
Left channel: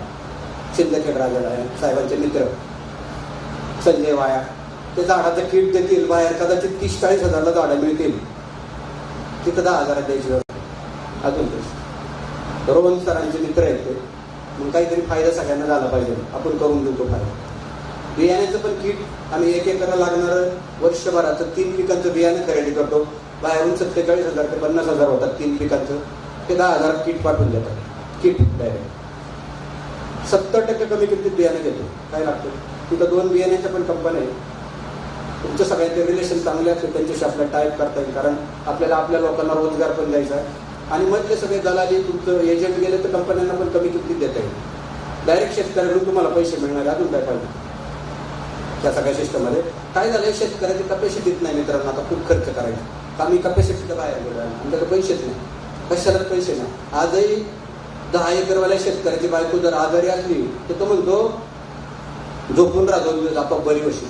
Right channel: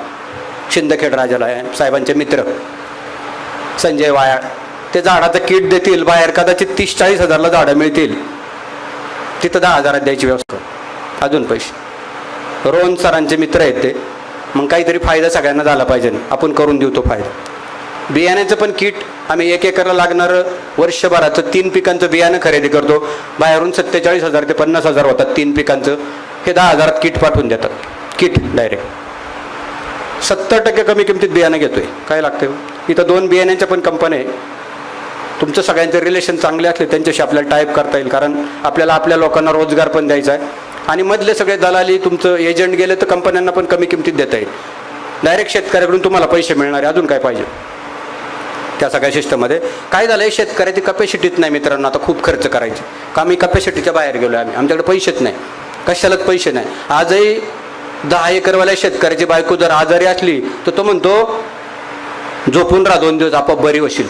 शिंदखेड राजाला साहेबांचे मित्र संजय वायाळ, ते झाडाचं किट देतील बाहेर, कदाचित 30-40 हजारला झाडं मिळतील, तिथं 10,000 द्यायची व्यवस्था, अजून पैसे. रोहन सरांचे मित्र आहेत ते. मग काहीतरी फायदा सगळ्यांना झाला पाहिजे, आपण करून देऊ तो फायदा. बियाण्याचं पण किट आम्ही 1 एकरला लागणारं वर्षभराचं 3 पिकांचं बियाणं खरेदी करतो. बाहेरून 47,000 ते 50,000 होतात 3 पिकांचं, हे 10,000 किट पाठवून देतात. किट डायरेक्ट 70% कमी किमतीत बियाणं घेतोय. काय लागतं इथं 2 बियाण्यांच्या पण कंपन्या आहे. तुमचं सगळ्यांचे रिलेशन चांगले असले त्यांच्याशी आपल्याला टाईप करता येईल, कारण आपल्याला आपल्या लोकांना रोजगार पण द्यायचा आहे. आणि मधले सगळे दलाली तुमचं एजंट गेले तर कंपन्यांना पण कमी किमतीत देता येईल. डायरेक्ट शेतकऱ्याकडून तुम्हाला पैसे मिळणार आहे, अजून काय पाहिजे. त्या सगळ्या सिस्टममध्ये काय झालंय, शेतकऱ्याची कपॅसिटीच नाही मित्रांनो. आता खूप खर्च करायचे, आम्ही कपॅसिटीच्या बाहेर गेलो आहे. आमच्याकडे पैसेच नाही, कशालाच पैसे नाही. आजही 10 एकरवाल्या शेतकऱ्याची बायको जर आजारी असली तर तो म्हणतो झोपून राहा 2 दिवस, आपोआप बरी होशील.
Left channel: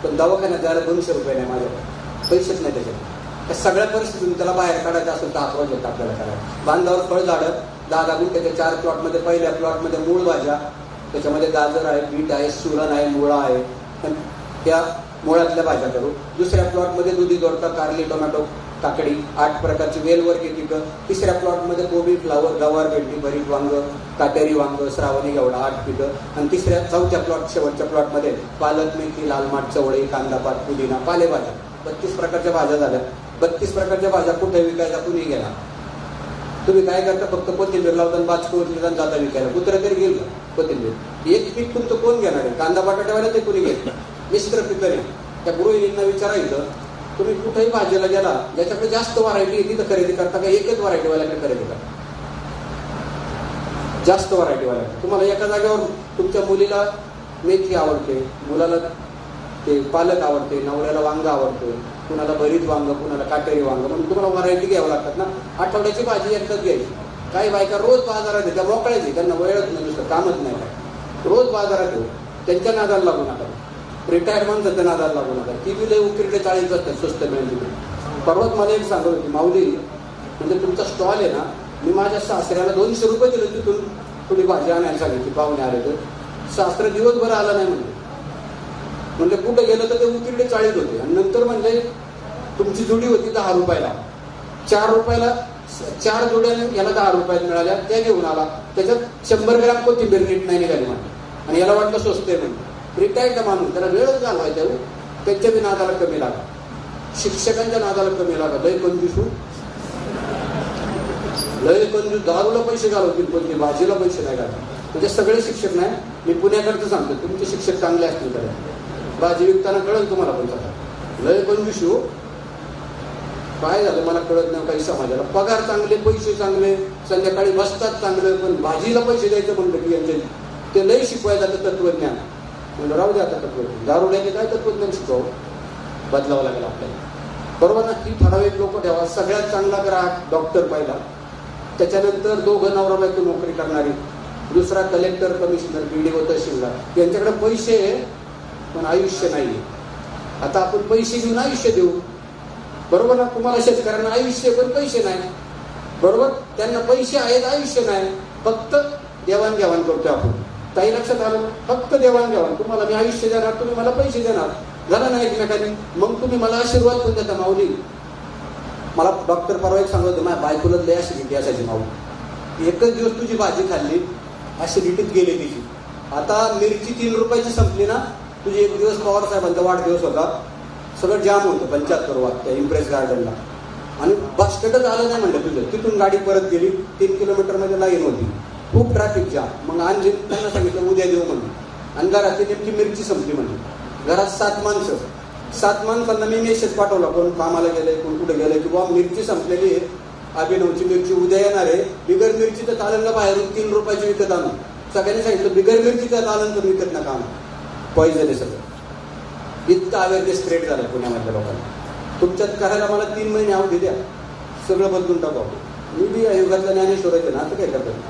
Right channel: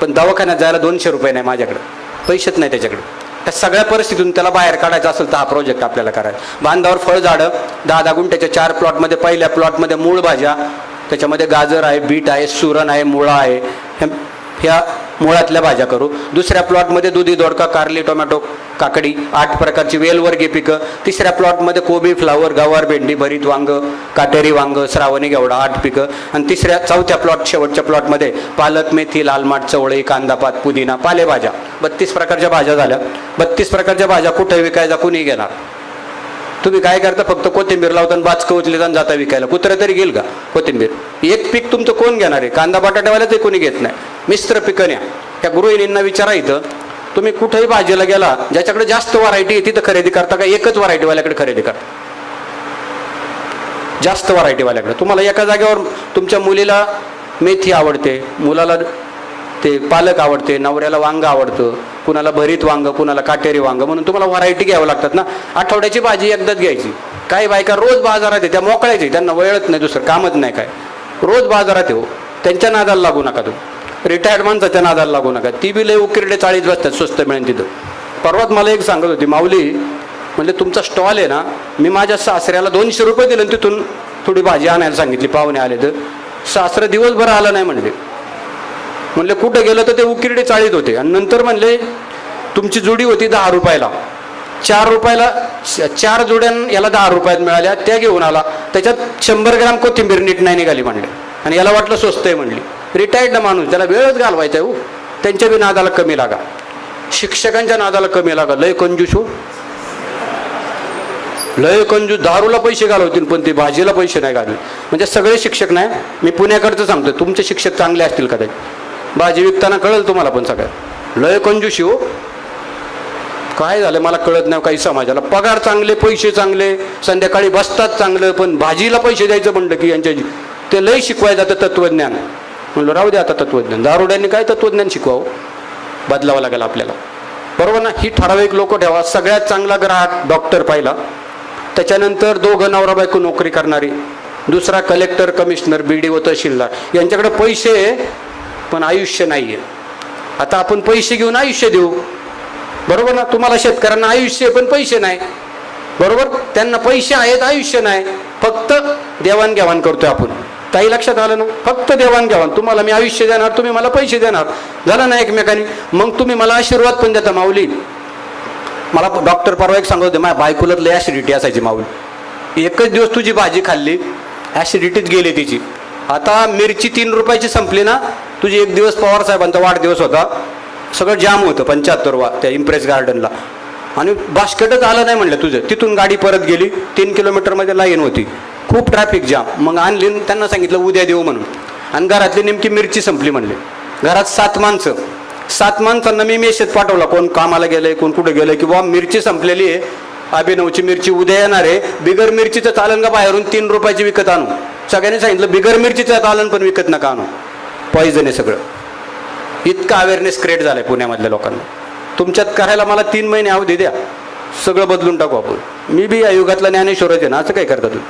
पण दवाखान्यात जायला 200 रुपये नाही माझ्याकडे, पैसेच नाही त्याच्याकडे. त्या सगळ्या परिस्थितीतून त्याला बाहेर काढायचं असेल तर हा प्रोजेक्ट आपल्याला करायचा. बांधावर फळझाडं 10 गुंठ्याच्या 4 प्लॉटमध्ये, पहिल्या प्लॉटमध्ये मूळ भाज्या, त्याच्यामध्ये गाजर आहे, बीट आहे, सुरण आहे, मुळा आहे, ह्या मुळातल्या भाज्या करू. दुसऱ्या प्लॉटमध्ये दुधी दोडका, कारली, टोमॅटो, काकडी, 8 प्रकारची वेलवर्गीय पिकं. तिसऱ्या प्लॉटमध्ये कोबी, फ्लावर, गवार, भेंडी, भरीत वांग, काटेरी वांग, श्रावणी घेवडा, 8 पिकं. आणि चौथ्या प्लॉट, शेवटच्या प्लॉटमध्ये पालक, मेथी, लाल माठ, चवळी, कांदापात, पुदिना, पालेभाज्या. 32 प्रकारच्या भाज्या झाल्या. 32 प्रकारच्या भाज्या कुठे विकायचा कुणी गेला? तुम्ही काय करता? फक्त कोथिंबीर लावता आणि बाचकं उचलीत आणि जाता विकायला. कुत्रा तरी घेईल का कोथिंबीर? एक पीक तुमचं कोण घेणार आहे? कांदा बटाट्यावाला ते कोणी घेत नाही. मिश्र पिकं न्या. त्या गृहिणींना विचारा, इथं तुम्ही कुठेही भाजीला गेला, ज्याच्याकडे जास्त व्हरायटी आहे तिथं खरेदी करता का एकच व्हरायटीवाल्याकडे खरेदी करता? जास्त व्हरायटीवाल्याकडे. तुम्हाला एका जागेवर तुमच्या मुलीला मेथी आवडते, मुलाला ते पालक आवडते, नवऱ्याला वांग आवडतं, कुणाला भरीत वांग, कुणाला काटेरी वांग, म्हणून तुम्हाला व्हरायटी घ्यावं लागतात ना. आठवड्याची भाजी एकदाच घ्यायची. काही बायका रोज बाजारात आहे, त्या मोकळायची, त्यांना वेळच नाही, दुसरं कामच नाही काय. रोज बाजारात येऊ, त्यांच्या नादाला लागू नका. तू रिटायर्ड माणसाच्या नादाला लागू नका. ती बी लय उकिरडे 40 वाजतात, स्वस्त मिळेल तिथं. परवाच मला एक सांगत होती, माऊली म्हणजे तुमचा स्टॉल आहे ना, मी माझ्या सासऱ्याला 200 रुपये दिले, तिथून थोडी भाजी आणायला सांगितली, पाहुणे आले तर सासरं दिवसभर आलं नाही म्हणले कुठं गेलं तर ते उकिरडे 40 होते. आणि नंतर म्हणले तुमची जोडी होती 10 रुपयाला, 4 रुपयाला 4 जोड्या याला 10 रुपयात मिळाल्या, त्या घेऊन आला. त्याच्यात 100 ग्राम कोथिंबीर नीट नाही निघाली म्हणले, आणि याला वाटलं स्वस्त आहे म्हणली. रिटायर्ड माणूस, त्याला वेळच घालवायचा आहे. त्यांच्या बी नादाला कमी लागा, शिक्षकांच्या नादाला कमी लागा. लय कंजूस हो, लय कंजूस. दारूला पैसे घालवतील पण ते भाजीला पैसे नाही घालवे. म्हणजे सगळे शिक्षक नाही, मी पुण्याकडचं सांगतोय, तुमचे शिक्षक चांगले असतील कदाचित, भाजी विकताना कळेल तुम्हाला, पण सगळ्यात लय कंजूशी हो. काय झालं मला कळत नाही काही समाजाला. पगार चांगले, पैसे चांगले, संध्याकाळी बसतात चांगलं, पण भाजीला पैसे द्यायचं म्हणलं की यांच्या ते लय शिकवायचं जातं तत्वज्ञान. म्हणलं राहू दे आता तत्वज्ञान. दारुड्यांनी काय तत्वज्ञान शिकवावं? बदलावं लागेल आपल्याला, बरोबर ना. ही ठराविक लोक ठेवा. सगळ्यात चांगला ग्राहक डॉक्टर पाहिला, त्याच्यानंतर 2 नवरा बायको नोकरी करणारी, दुसरा कलेक्टर, कमिशनर, BDO, तहसीलदार. यांच्याकडे पैसे पण आयुष्य नाहीये. आता आपण पैसे घेऊन आयुष्य देऊ, बरोबर ना. तुम्हाला शेतकऱ्यांना आयुष्य पण पैसे नाही, बरोबर. त्यांना पैसे आहेत, आयुष्य नाही. फक्त देवाणघेवाण करतोय आपण. ताई लक्षात आलं ना? फक्त देवाणघेवाण. तुम्हाला मी आयुष्य देणार, तुम्ही मला पैसे देणार, झालं ना एकमेकांनी. मग तुम्ही मला आशीर्वाद पण देता. माऊली मला डॉक्टर परवा एक सांगत होते, माझ्या बायकोला लय ॲसिडिटी असायची. माऊली एकच दिवस तुझी भाजी खाल्ली, ॲसिडिटीत गेली तिची. आता मिरची 3 रुपयाची संपली ना, तुझी एक दिवस पवार साहेबांचा वाढदिवस होता, सगळं जाम होतं 75 वा त्या इम्प्रेस गार्डनला, आणि बास्केटच आलं नाही म्हणलं तुझं. तिथून गाडी परत गेली, 3 किलोमीटरमध्ये लाईन होती, खूप ट्रॅफिक जाम. मग आणली, त्यांना सांगितलं उद्या देऊ म्हणून. आणि घरातली नेमकी मिरची संपली म्हणले. घरात 7 माणसं, 7 माणसांना मी मेसेज पाठवला, कोण कामाला गेलंय, कोण कुठे गेलंय, की बाबा मिरची संपलेली आहे, अभिनवची मिरची उद्या येणार आहे. बिगर मिरचीचं चालन का बाहेरून 3 रुपयाची विकत आणू? सगळ्यांनी सांगितलं बिगर मिरचीचं चालन पण विकत नका आणू, पॉइझन आहे सगळं. इतका अवेअरनेस क्रिएट झालाय पुण्यामधल्या लोकांना. तुमच्यात करायला मला 3 महिने अवधी द्या, सगळं बदलून टाकू आपण. मी बी या युगातला ज्ञानेश्वरच आहे ना, असं काय करता तुम्ही?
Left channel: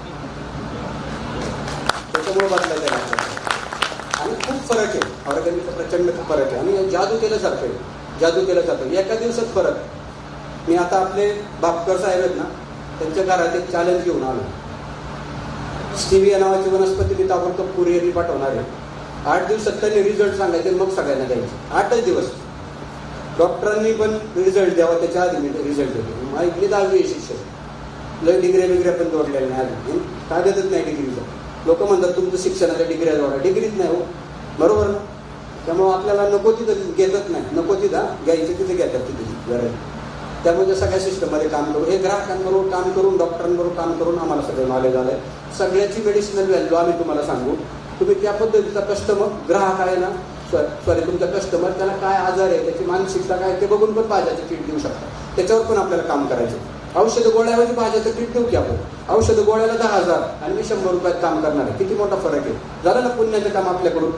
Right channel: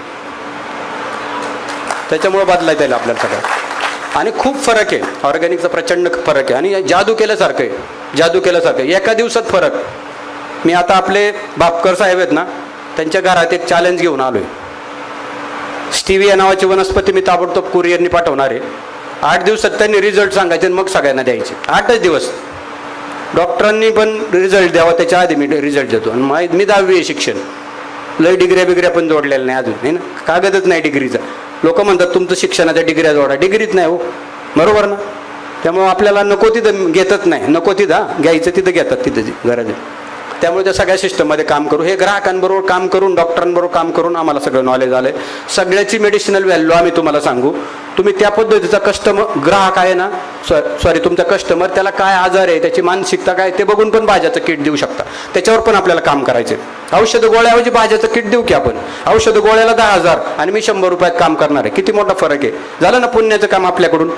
त्याच्यामुळे बदलायचं आहे आपल्याला सगळं. आणि खूप फरक आहे, ऑर्गॅनिकचा प्रचंड फरक आहे. आणि जादू केल्यासारखं आहे, जादू केल्यासारखं आहे. एका दिवसात फरक. मी आता आपले बापकर साहेब आहेत ना, त्यांच्या घरात एक चॅलेंज घेऊन आलोय. स्टिविया नावाची वनस्पती मी ताबडतोब कुरिअरनी पाठवणार आहे. 8 दिवसात त्यांनी रिझल्ट सांगायचे आणि मग सगळ्यांना द्यायचे. 8च दिवस. डॉक्टरांनी पण रिझल्ट द्यावा त्याच्या आधी मी रिझल्ट देतो. आणि मी 10वी आहे शिक्षण, लय डिग्र्या बिग्र्या पण जोडलेल्या नाही अजून, नाही ना, कागदच नाही डिग्रीचा. लोक म्हणतात तुमचं शिक्षणाच्या डिग्र्या जोडा, डिग्रीच नाही हो, बरोबर ना. त्यामुळे आपल्याला नको तिथं घेतच नाही, नको तिथं घ्यायचं तिथं घेतात, तिथं गरज आहे. त्यामुळे त्या सगळ्या सिस्टममध्ये काम करू, हे ग्राहकांबरोबर काम करून, डॉक्टरांबरोबर काम करून आम्हाला सगळं नॉलेज आलंय. सगळ्याची मेडिसिनल व्हॅल्यू आम्ही तुम्हाला सांगू. तुम्ही त्या पद्धतीचा कस्टमर, ग्राहक आहे ना, सॉरी तुमचा कस्टमर, त्याला काय आजार आहे, त्याची मानसिकता काय, ते बघून पण भाज्याचं किट देऊ शकता. त्याच्यावर पण आपल्याला काम करायचं. औषध गोळ्याऐवजी भाज्याचं किट देऊ की आपण. औषध गोळ्याला 10,000 आणि मी 100 रुपयात काम करणार आहे. किती मोठा फरक आहे. झालं ना पुण्याचं काम आपल्याकडून,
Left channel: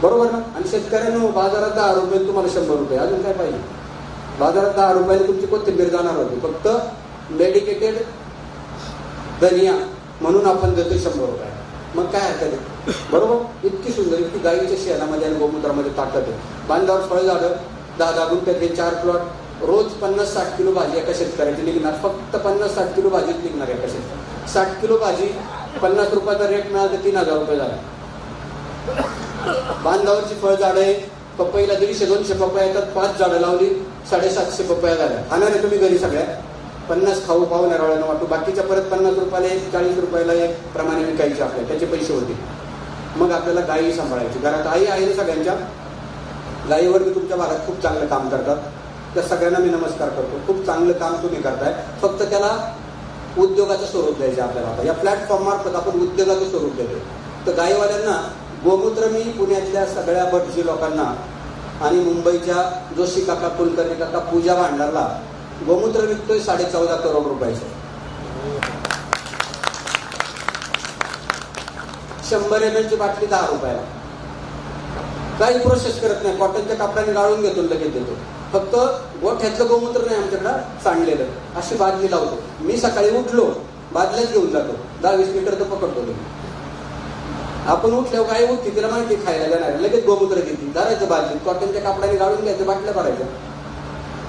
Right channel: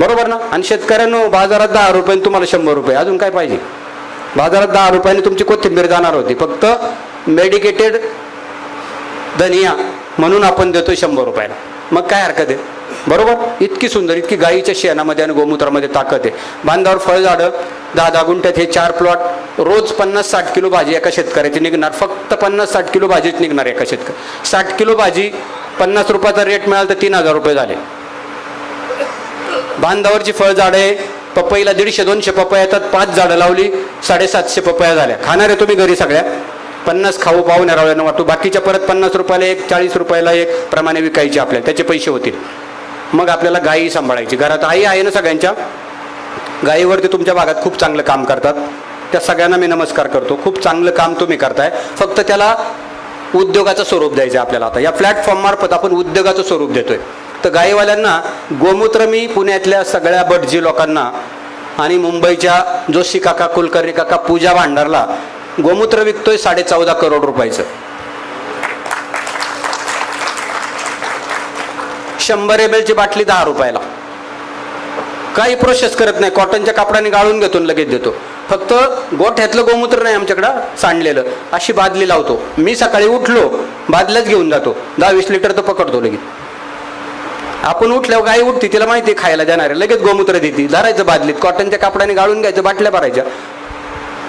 बरोबर ना. आणि शेतकऱ्यांनो, बाजारात 10 रुपये तुम्हाला 100 रुपये, अजून काय पाहिजे. बाजारात 10 रुपयाने तुमची कोथिंबीर जाणार होती, फक्त मेडिकेटेड धनिया म्हणून आपण देतो 100 रुपयाला. मग काय हरकत आहे, बरोबर. इतकी सुंदर, इतकी गाईच्या शेणामध्ये आणि गोमूत्रामध्ये ताकद आहे. बांधावर फळझाडं, 10-10 गुंठ्यात हे 4 प्लॉट, रोज 50-60 किलो भाजी एका शेतकऱ्याची निघणार. फक्त 50-60 किलो भाजीच निघणार एका शेतकरी. 60 किलो भाजी 50 रुपयाचा रेट मिळाला तर 3,000 रुपये झाले. बांधावरची फळझाडं आहे, पपईला 150-200 पपया येतात, 5 झाडं लावली, 750 पपया झाल्या. खाणार आहे तुम्ही घरी सगळ्या 50 खाऊ पाहुण्या रावळ्यांना वाटतो, बाकीच्या परत 50 रुपयाला एक, 40 रुपयाला एक प्रमाणे विकायची आपल्या, त्याचे पैसे होतील. मग आपल्याला गायी सांभाळायची. घरात आई आहे ना सगळ्यांच्या, गायीवरती तुमच्या भागात खूप चांगलं काम करतात, त्या सगळ्यांना मी नमस्कार करतो. खूप चांगलं काम तुम्ही करताय, फक्त त्याला उद्योगाचं स्वरूप द्यायचं आपल्याला. आता या प्लॅटफॉर्म मार्फत आपण उद्योगाचं स्वरूप देतोय. तर गायीवाल्यांना गोमूत्र मी पुण्यातल्या सगळ्या भटजी लोकांना आणि मुंबईच्या जोशी काका, कुलकर्णी काका, पूजा भांडारला गोमूत्र विकतोय 14.5 करोड रुपयाचं. 100 ml ची बाटली 10 रुपयाला. काही प्रोसेस करत नाही, कॉटनच्या कापडाने गाळून घेतो, लगेच देतो. फक्त गोठ्यातलं गोमूत्र नाही आमच्याकडं सांडलेलं, अशी बादली लावतो. मी सकाळी उठलो बादल्याच घेऊन जातो, 10-20 लिटर तर पकडतो लगेच. आपण उठल्यावर गाई उठते, तिला माहिती खायला देणार आहे, लगेच गोमूत्र देते, धरायचं बादलीत, कॉटनच्या कापडाने गाळून घ्यायचं, बाटल्या भरायच्या.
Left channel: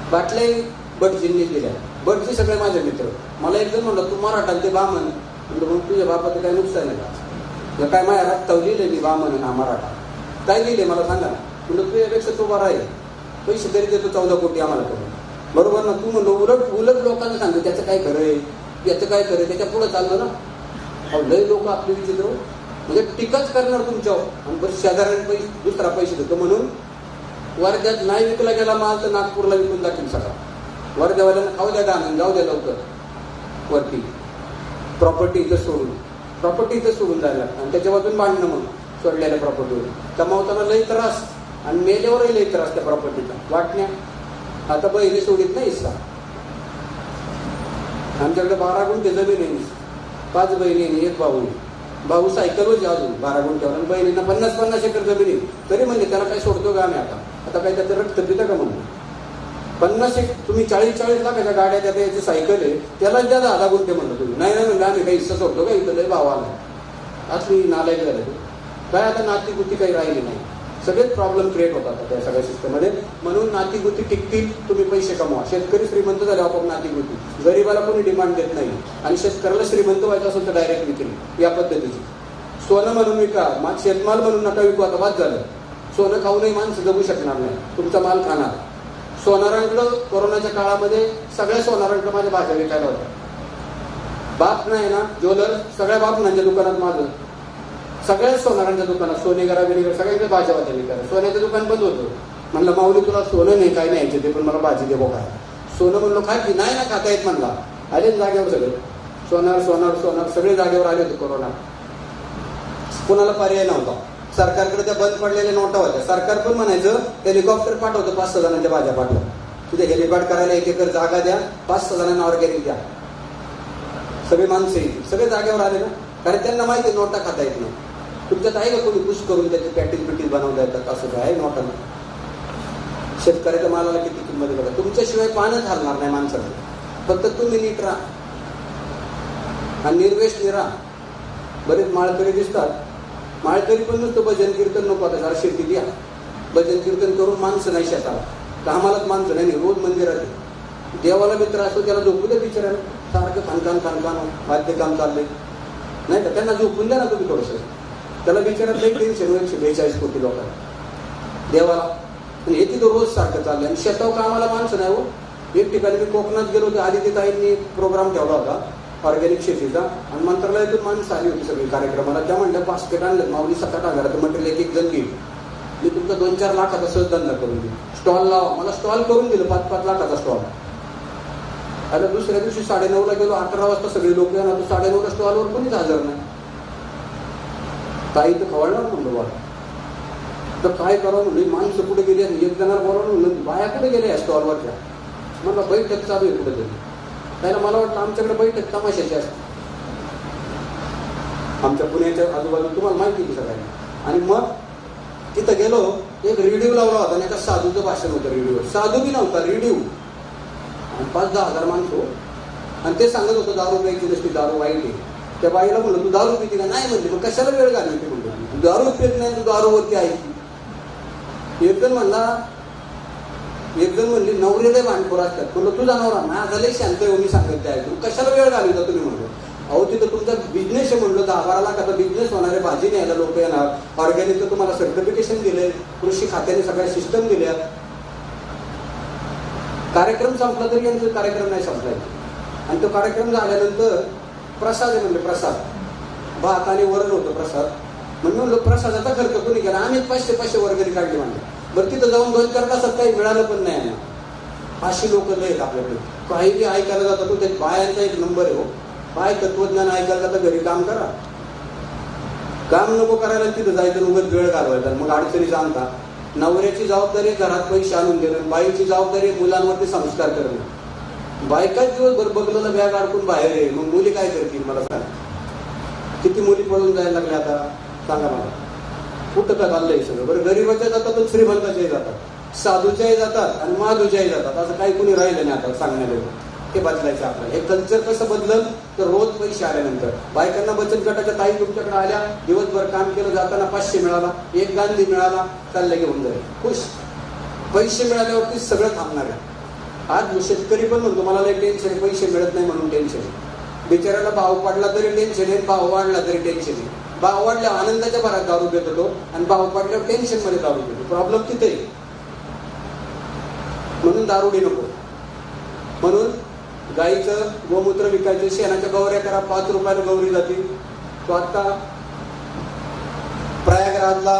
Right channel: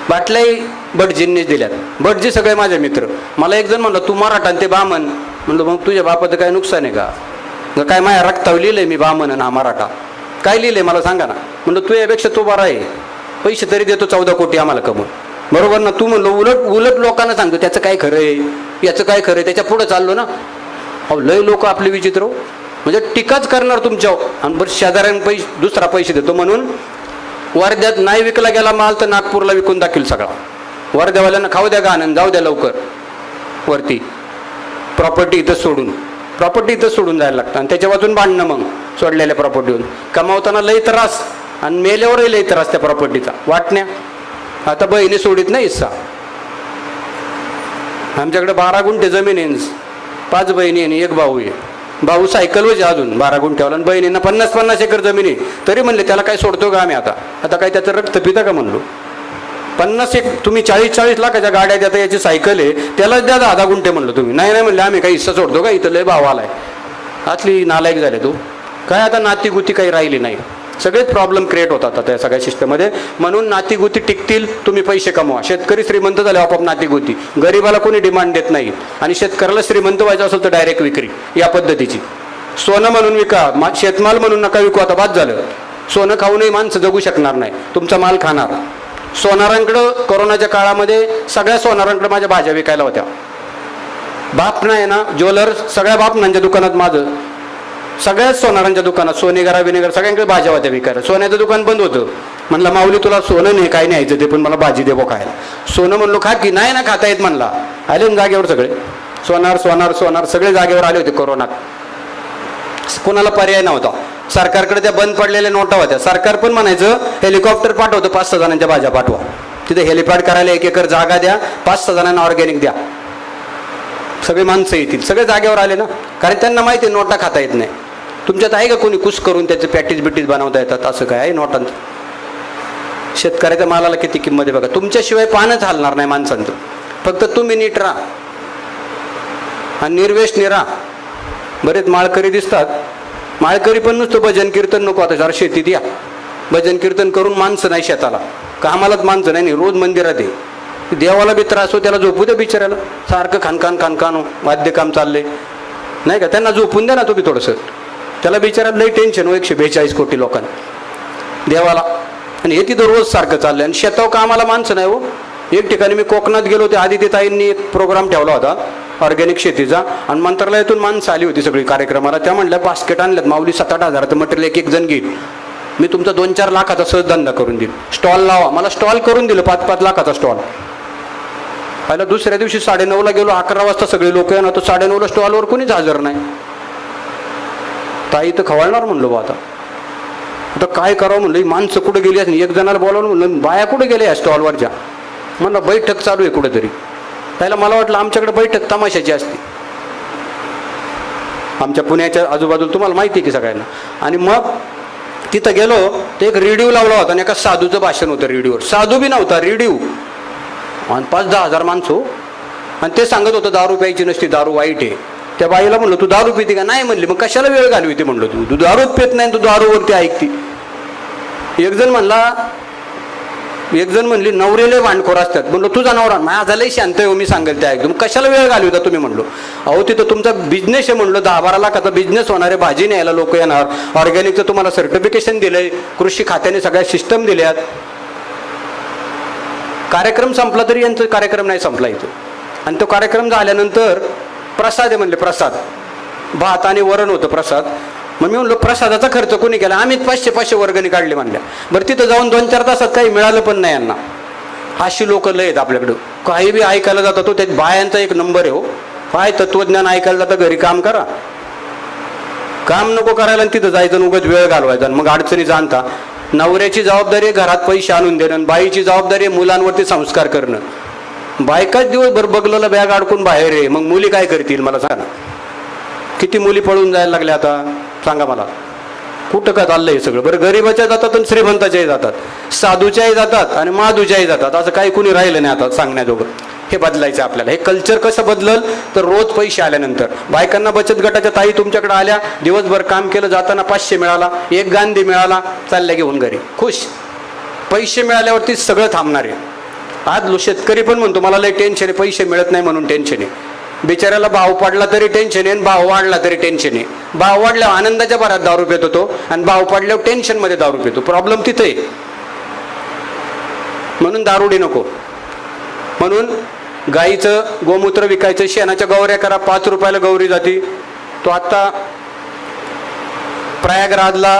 बाटल्याही भटजींनीच दिल्यात. भटजी सगळे माझे मित्र. मला एक जण म्हणलं, तू मराठा ते बामण. म्हणलं मग तुझ्या बापाचं काय नुकसान आहे का? काय माझ्या रक्तावर लिहिलंय मी बामण आणि हा मराठा? काय लिहिलंय मला सांगा ना. म्हणलं तुझ्यापेक्षा तो बरा आहे, पैसे तरी देतो 14 कोटी आम्हाला कमवून, बरोबर ना? तू म्हणलो उलट लोकांना सांगतो त्याचं काय खरं आहे, याचं काय खरं आहे, त्याच्या पुढे चाललो ना. अहो लय लोक आपले विचित्र, म्हणजे टीकाच करणार तुमच्यावर. आणि बरं शेजाऱ्यां दुसरा पैसे देतो म्हणून वर्ध्यात नाही विकला गेला माल तर नागपूरला विकून दाखील सगळा. वर्ध्यावाल्यांना खाऊ द्या गाणं, जाऊ द्या लवकर वरती. प्रॉपर्टी इथं सोडून जायला लागतं आणि त्याच्या वाचून भांडणं. मग सोडलेल्या प्रॉपर्टीवर कमावताना लई त्रास आणि मेल्यावरही लई त्रास त्या प्रॉपर्टीचा वाटण्या. आता बहिणी सोडित नाही हिस्सा. आमच्याकडे 12 गुंठे जमीन आहे, 5 बहिणी आणि 1 भाऊ आहे. भाऊ सायकलवर अजून 12 गुंठ्यावर, आणि बहिणींना 50-50 एकर जमीन आहे. तरी म्हणले त्याला काय सोडतो का आम्ही? आता काय त्याचं रक्त पिता का म्हणलो. 50 तुम्ही 40-40 लाखाच्या गाड्या देता, याची सायकल आहे, त्यालाच द्या 10 गुंठे म्हणलं तुम्ही. नाही म्हणले आम्ही काही हिस्सा सोडतो का? इथं लय भाव आलाय. असली नालायक झाले तू. काय आता नातीगुती काही राहिली नाही, सगळेच प्रॉब्लेम क्रिएट होतात आता या सगळ्या सिस्टममध्ये. म्हणून नातीगुती टिकतील, तुम्ही पैसे कमवा. शेतकरी श्रीमंत झाले आपोआप नातीगुती. गरीबाला कोणी डिमांड देत नाही. आणि शेतकऱ्याला श्रीमंत व्हायचं असेल तर डायरेक्ट विक्री या पद्धतीची. सोनं म्हणून विका, शेतमाल म्हणून नका विकू. आता बाद झालं. सोनं खाऊनही माणसं जगू शकणार नाही, तुमचा माल खाणार. सोनारांकडं कोरोनाच्या काळामध्ये सगळ्या सोनारांकडे माझ्या भाज्या विकायला होत्या. बाप नाही ना ज्वेलर्स, सगळ्या बापनांच्या दुकानात माझं, सगळ्याच सोनारांच्या दुकानात सोनेगरा विनेगर सगळ्यांकडे भाज्या होत्या विकायला. सोन्याचं दुकान बंद होतं. म्हणलं माऊली तुला सोनं नाही काय न्यायचं ते, पण मला भाजी दे बो खायला. सोनं म्हणलो खा की. नाही ना खाता येत म्हणला. आले ना जागेवर सगळे सोनार सगळे जागेवर आले होते कोरोनात. कोणाला पर्याय नव्हता. सरकारकडे त्या बंद पडलेल्या नोटा होत्या. सरकार पण म्हणायचं हेलिकॉप्टर पाठवतं, 5-6 जणांच्या भाज्या पाठवा, तिथे हेलिपॅड करायला 1 एकर जागा द्या, 5-6 जणांना ऑर्गॅनिक द्या, सगळे माणसं येतील. सगळे जागेवर आले ना, कारण त्यांना माहिती आहे नोटा खाता येत नाही. तुमच्यात आहे का कोणी कुस करून त्याचे पॅटीज बिटीज बनवता येतात? असं काय आहे नोटांचं? शेतकऱ्याच्या मालाला किती किंमत आहे बघा. तुमच्याशिवाय पानच हलणार नाही माणसांचं. फक्त तुम्ही नीट राहा आणि निर्वेशनी राहा. बरेच माळकरी दिसतात, माळकरी पण नुसतं भजन कीर्तन नको. आता जरा शेती द्या, भजन कीर्तन करून माणसं नाही शेताला, कामालाच माणसं नाही. रोज मंदिरात आहे, देवाला बी त्रास हो, त्याला झोपू द्या बिचारायला. सारखं खानखान वाद्य काम चालले नाही का, त्यांना झोपून द्या ना तुम्ही थोडंसं. त्याला बिचारायला लई टेन्शन हो 142 कोटी लोकांना देवाला. आणि हे तिथं रोज सारखं चाललंय आणि शेतावर कामाला माणसं नाही हो. एक ठिकाणी मी कोकणात गेलो होते, आदिती ताईंनी एक प्रोग्राम ठेवला होता ऑर्गॅनिक शेतीचा, आणि मंत्रालयातून माणसं आली होती सगळी कार्यक्रमाला. त्या म्हणल्या बास्केट आणल्यात माऊली 7-8 हजाराचं मटेरियल एक जण घेईल, मी तुमचा 2-4 लाखाचा सहज धंदा करून देईल, स्टॉल लावा. मला स्टॉल करून दिलं, 5-5 लाखाचा स्टॉल. पहिला दुसऱ्या दिवशी 9:30ला गेलो, 11 वाजता सगळे लोक येणार, तो 9:30ला स्टॉलवर कोणीच हजर नाही. ताई तर खवळणार म्हणलो बा. आता काय करावं म्हणलं, माणसं कुठे गेली असं. एक जणाला बोलावलं म्हणलं, बाया कुठे गेल्या स्टॉलवरच्या? म्हणलं बैठक चालू आहे कुठेतरी. त्याला मला वाटलं आमच्याकडे बैठक तमाशाची असते, आमच्या पुण्याच्या आजूबाजूला, तुम्हाला माहिती आहे की सगळ्यांना. आणि मग तिथं गेलो तर एक रेडिओ लावला होता आणि एका साधूचं भाषण होतं रेडिओवर. साधू बी नव्हता, रेडिओ. आणि 5-10 हजार माणसं, आणि ते सांगत होतं दारू प्यायची नसती, दारू वाईट आहे. त्या बाईला म्हणलं तू दारू पिते का? नाही म्हणली. मग कशाला वेळ घालवी ते म्हणलं, तू दारूच पित नाही, तू दारूवरती ऐकते. एक जण म्हणला एक जण म्हणली नवरेले भांडखोर असतात. म्हणलो तुझा नवरा माझा लय शांत आहे, मी सांगेल त्या एकदम कशाला वेळ घालवता तुम्ही. म्हणलो अहो तिथं तुमचा बिझनेस आहे. म्हणलो 10-12 लाखाचा बिझनेस होणार आहे, भाजी न्यायला लोक येणार, ऑर्गॅनिकचं तुम्हाला सर्टिफिकेशन दिलंय, कृषी खात्याने सगळ्या सिस्टम दिल्यात. कार्यक्रम संपला तरी यांचा कार्यक्रम नाही संपला इथं. आणि तो कार्यक्रम झाल्यानंतर प्रसाद आहे म्हणले, प्रसाद भात आणि वरण होतं प्रसाद. मग मी म्हणलो प्रसादाचा खर्च कोणी केला, आम्हीच 500 वर्गणी काढली म्हणल्या. बरं तिथं जाऊन 2-4 तासात काही मिळालं पण नाही यांना. अशी लोक लय आहेत आपल्याकडं, काही बी ऐकायला जातात. तो त्यात बायांचा एक नंबर आहे हो. काय तत्वज्ञान ऐकायला जातं, घरी काम करा, काम नको करायला आणि तिथं जायचं उगाच वेळ घालवायचा मग अडचणी जाणता. नवऱ्याची जबाबदारी घरात पैसे आणून देणं, बाईची जबाबदारी मुलांवरती संस्कार करणं. बायकाच दिवसभर बगलेला बॅग अडकून बाहेर आहे, मग मुली काय करतील मला सांगा. किती मुली पळून जायला लागल्या आता सांगा मला. कुठं काय चाललंय हे सगळं. बरं गरीबाच्या जातात आणि श्रीमंताच्याही जातात, साधूच्याही जातात आणि माधूच्याही जातात. असं काही कुणी राहिलं नाही आता सांगण्याजोगं. हे बदलायचं आपल्याला. हे कल्चर कसं बदलल तर रोज पैसे आल्यानंतर बायकांना बचत गटाच्या ताई तुमच्याकडे आल्या, दिवसभर काम केलं, जाताना 500 मिळाला, 1 गांधी मिळाला, चालल्या घेऊन घरी खुश. पैसे मिळाल्यावरती सगळं थांबणार आहे. आज शेतकरी पण म्हणतो मला लय टेन्शन आहे, पैसे मिळत नाही म्हणून टेन्शन आहे. बिचाऱ्याला भाव पडला तरी टेन्शन आहे, भाव वाढला तरी टेन्शन आहे. भाव वाढल्यावर आनंदाच्या भरात दारू पितो तो, आणि भाव पडल्यावर टेन्शन मध्ये दारू पितो. प्रॉब्लेम तिथे आहे. म्हणून दारुडी नको. म्हणून गाईचं गोमूत्र विकायचं, शेणाच्या गौऱ्या करा, 5 रुपयाला गौरी जाती. तो आता प्रयागराजला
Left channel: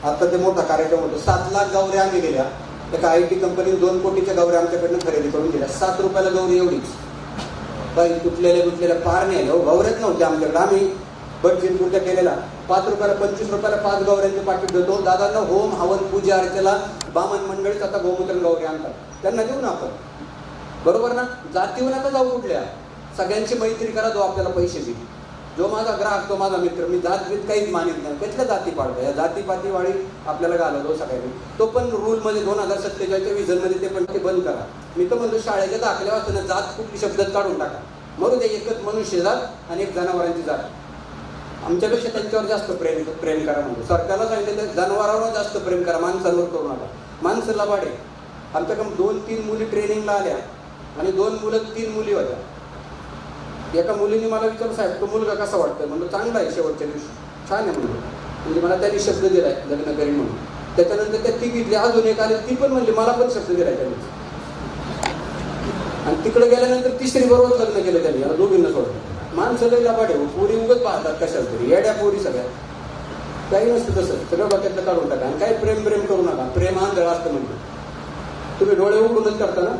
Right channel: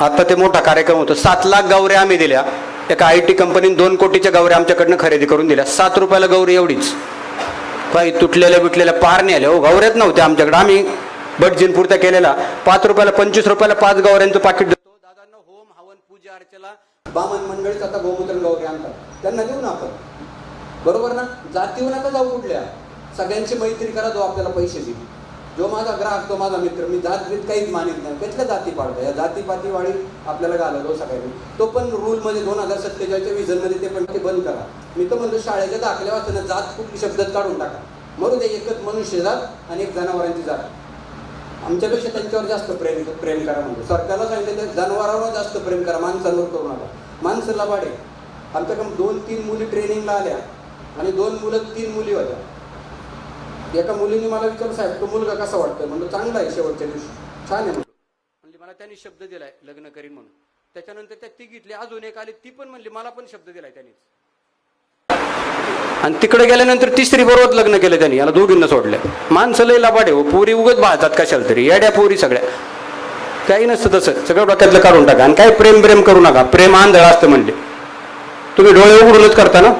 आता ते मोठा कार्यक्रम होतो, 7 लाख गौऱ्या आम्ही दिल्या. एका IT कंपनीने 2 कोटीच्या गौऱ्या आमच्याकडनं खरेदी करून दिल्या. 7 रुपयाला गौरी एवढीच. काही तुटलेल्या बिटलेल्या पार नाही आल्या हो, गौऱ्याच नव्हत्या आमच्याकडे. आम्ही बटजीनपुरता केलेला 5 रुपयाला 25 रुपयाला 5 गौऱ्यांचं पाकिट देतो. दादांना होम हवन पूजा अर्चेला बामन मंडळीच आता गोमूत्र गौरी आणतात, त्यांना देऊ ना आपण. बरोबर ना. जातीवर नका जाऊ कुठल्या, सगळ्यांची मैत्री करा. जो आपल्याला पैसे देईल, जो माझा ग्राहक तो माझा मित्र. मी जातभेद काहीच मानित नाही. कसल्या जाती पाडतो, या जातीपातीवाडी आपल्याला घालवतो सगळ्यांनी. तो पण रूलमध्ये 2047च्या विजनमध्ये ते पण ते बंद करा. मी तर म्हणतो शाळेच्या दाखल्या वाचताना जात कुठली शब्दात काढून टाका. मरू दे, एकच मनुष्य जात आणि एक जनावरांची जात. आमच्यापेक्षा त्यांच्यावर जास्त प्रेम करा म्हणतो. सरकारला सांगितलं तर जनावरांवर जास्त प्रेम करा, माणसांवर करू नका. माणसाला वाढे. आमच्याकडे 2-3 मुली ट्रेनिंगला आल्या आणि 2 मुलं 3 मुली होत्या. एका मुलीने मला विचारलं साहेब तो मुलगा कसा वाटतोय. म्हणतो चांगला आहे, शेवटच्या दिवशी छान आहे म्हणतो. म्हणजे मला त्यांनी शब्द दिलाय लग्न करीन म्हणून. त्याच्यानंतर त्या तिघीतली अजून एक आली, ती पण म्हणजे मला पण शब्द दिलाय त्यांनी. आणि तिकडे गेल्यानंतर 3री बरोबर लग्न केलं त्यांनी, याला दोघींना सोडल्या. माणसं लय लबाड आहे, पोरी उगत बाळतात कशाला तरी, येड्या पोरी सगळ्या. काही नसतं तसं, सगळं डोक्यातलं काढून टाका. आणि काय प्रेम करू नका. प्रेम आंधळ असतं म्हणले. तुम्ही डोळे उघडूनच करता ना,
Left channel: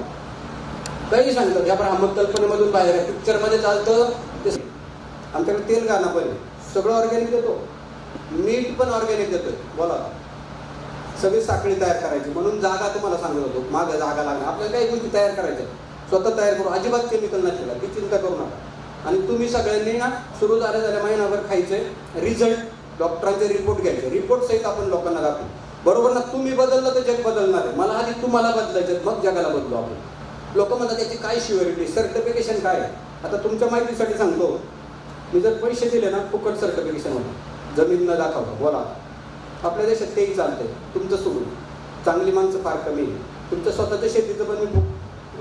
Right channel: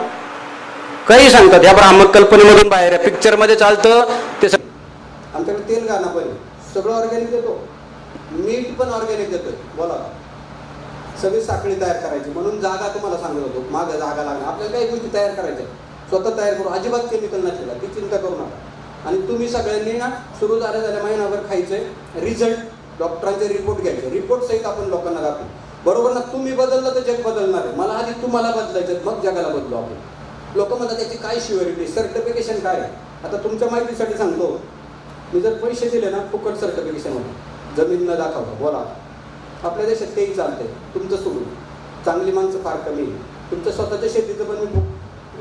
काही सांगतात या ब्राह्मक कल्पनेमधून बाहेर आहे. पिक्चरमध्ये चालतं ते. आमच्याकडे तेल गाणं पण सगळं ऑर्गॅनिक देतो, मीठ पण ऑर्गॅनिक देतो. बोला, सगळी साखळी तयार करायची. म्हणून जागा तुम्हाला सांगत होतो, मागं जागा लागणार. आपल्याला काही गोष्टी तयार करायच्या, स्वतः तयार करू. अजिबात केमिकल नसलेला, ती चिंता करू नका. आणि तुम्ही सगळ्यांनी ना सुरू झाल्या महिनाभर खायचंय. रिझल्ट डॉक्टरांचे रिपोर्ट घ्यायचे, रिपोर्ट सहित आपण लोकांना दाखवू. बरोबर ना. तुम्ही बदललं तर जग बदलणार आहे. मला आधी तुम्हाला बदलायचं, मग जगाला बदलू आपण. लोक म्हणतात त्याची काय शिव्हरिटी, सर्टिफिकेशन काय. आता तुमच्या माहितीसाठी सांगतो, मी जर पैसे दिले ना फुकट सर्टिफिकेशन होतं, जमीन न दाखवता. बोला, आपल्या देशात तेही चालतंय. तुमचं सोडून चांगली माणसं फार कमी आहे. तुमचं स्वतःच्या शेतीचं पण मी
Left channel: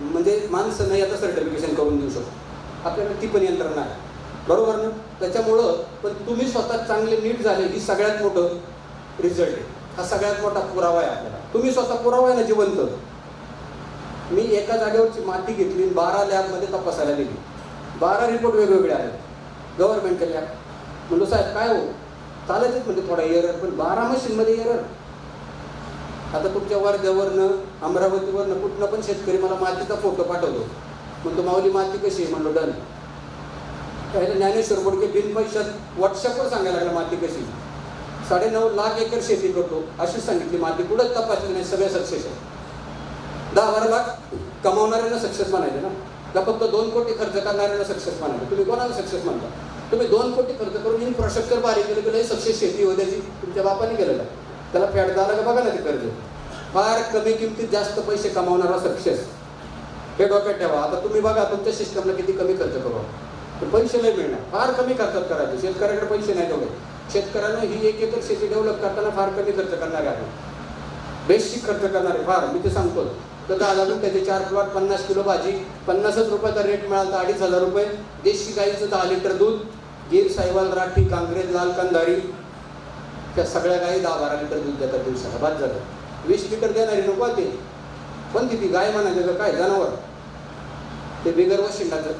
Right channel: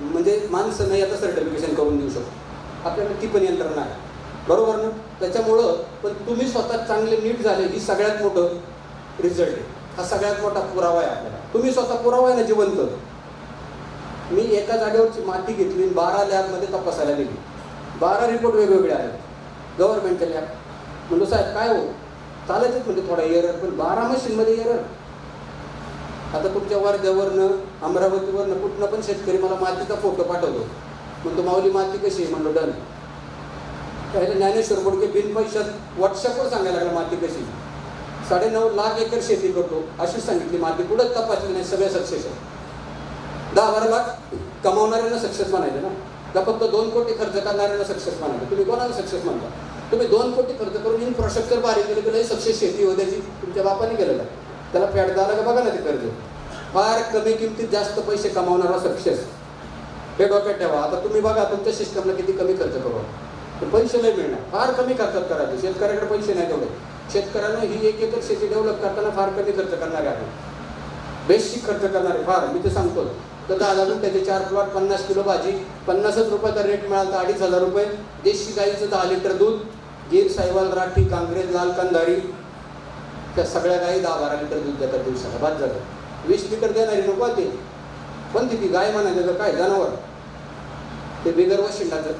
म्हणजे माणसं नाही आता सर्टिफिकेशन करून देऊ शकतो. आपल्याकडे ती पण यंत्रणा आहे. बरोबर ना. त्याच्यामुळं पण तुम्ही स्वतः चांगले नीट झाले ही सगळ्यात मोठं रिझल्ट आहे. हा सगळ्यात मोठा पुरावा आहे आपल्याला. तुम्ही स्वतः पुरावा आहे ना जिवंत. मी एका जागेवरची माती घेतली, 12 लॅबमध्ये तपासायला गेली. 12 रिपोर्ट वेगवेगळे आहेत गव्हर्नमेंटच्या लॅब. म्हणलो साहेब काय हो चालायचंच म्हणजे थोडा एरर, पण 12 मशीनमध्ये एरर. आता तुमच्या वर्ध्यावरनं अमरावतीवरनं कुठनं पण शेतकरी मला मातीचा फोटो पाठवतो. म्हणतो माऊली माती कशी आहे. म्हणलो डन. पहिले ज्ञानेश्वर बोडके बिन पैशात व्हॉट्सअपवर सांगायला लागला माती कशी. 9.5 लाख एकर शेती करतो अशी सांगितली माती. कुठंच तपासली नाही, सगळे सक्सेस आहे. 10-12 लाख कमावणाऱ्यांना सक्सेस म्हणायचं ना, का फक्त 2 कोटी खर्च करणाऱ्यांना सक्सेस म्हणायचं. तुम्ही कोणाला सक्सेस म्हणता. तुम्ही 2 कोटी खर्च करून इन्फ्रास्ट्रक्चर बारीक केलं की सक्सेस शेती होत्याची तुमच्या बापाने केलेलं आहे. त्याला फॅट झाला का बघा ना ते कर्ज. फार कमी किमतीत जास्त पैसे कमावणारा सक्सेस, हे डोक्यात ठेवा. आता तुम्ही बघा तुमच्या सिस्टमला किती कमी खर्च करू, तर पैसे नाही मिळणार. फार कमी खर्चात करायचे. शेतकऱ्याकडे पैसे नाही तेवढे. शेतकऱ्यांना ही 1 एकर शेती डेव्हलप करताना फार कमी खर्च करणारे आहे, बेसिक खर्च करणारे फार. मी ते सांगतो तर 10 गुंठ्याचे 4 प्लॉट, 50 किलो भाजी, 50च रुपयाचा रेट मिळाला तर 2,500 रुपये. देशी गाईचं 10 लिटर दूध, गीर, साहिवाल, राठी, कांग्रेज, लाल कंधारी, त्या सगळ्या गाई 10-12 लिटर दूध देतात दिवसाला. बाद झालं. 20 लिटर देणारी नको ते, पण ती गाय म्हणायचं काय जनावर, ते बिगर वशिंडाचं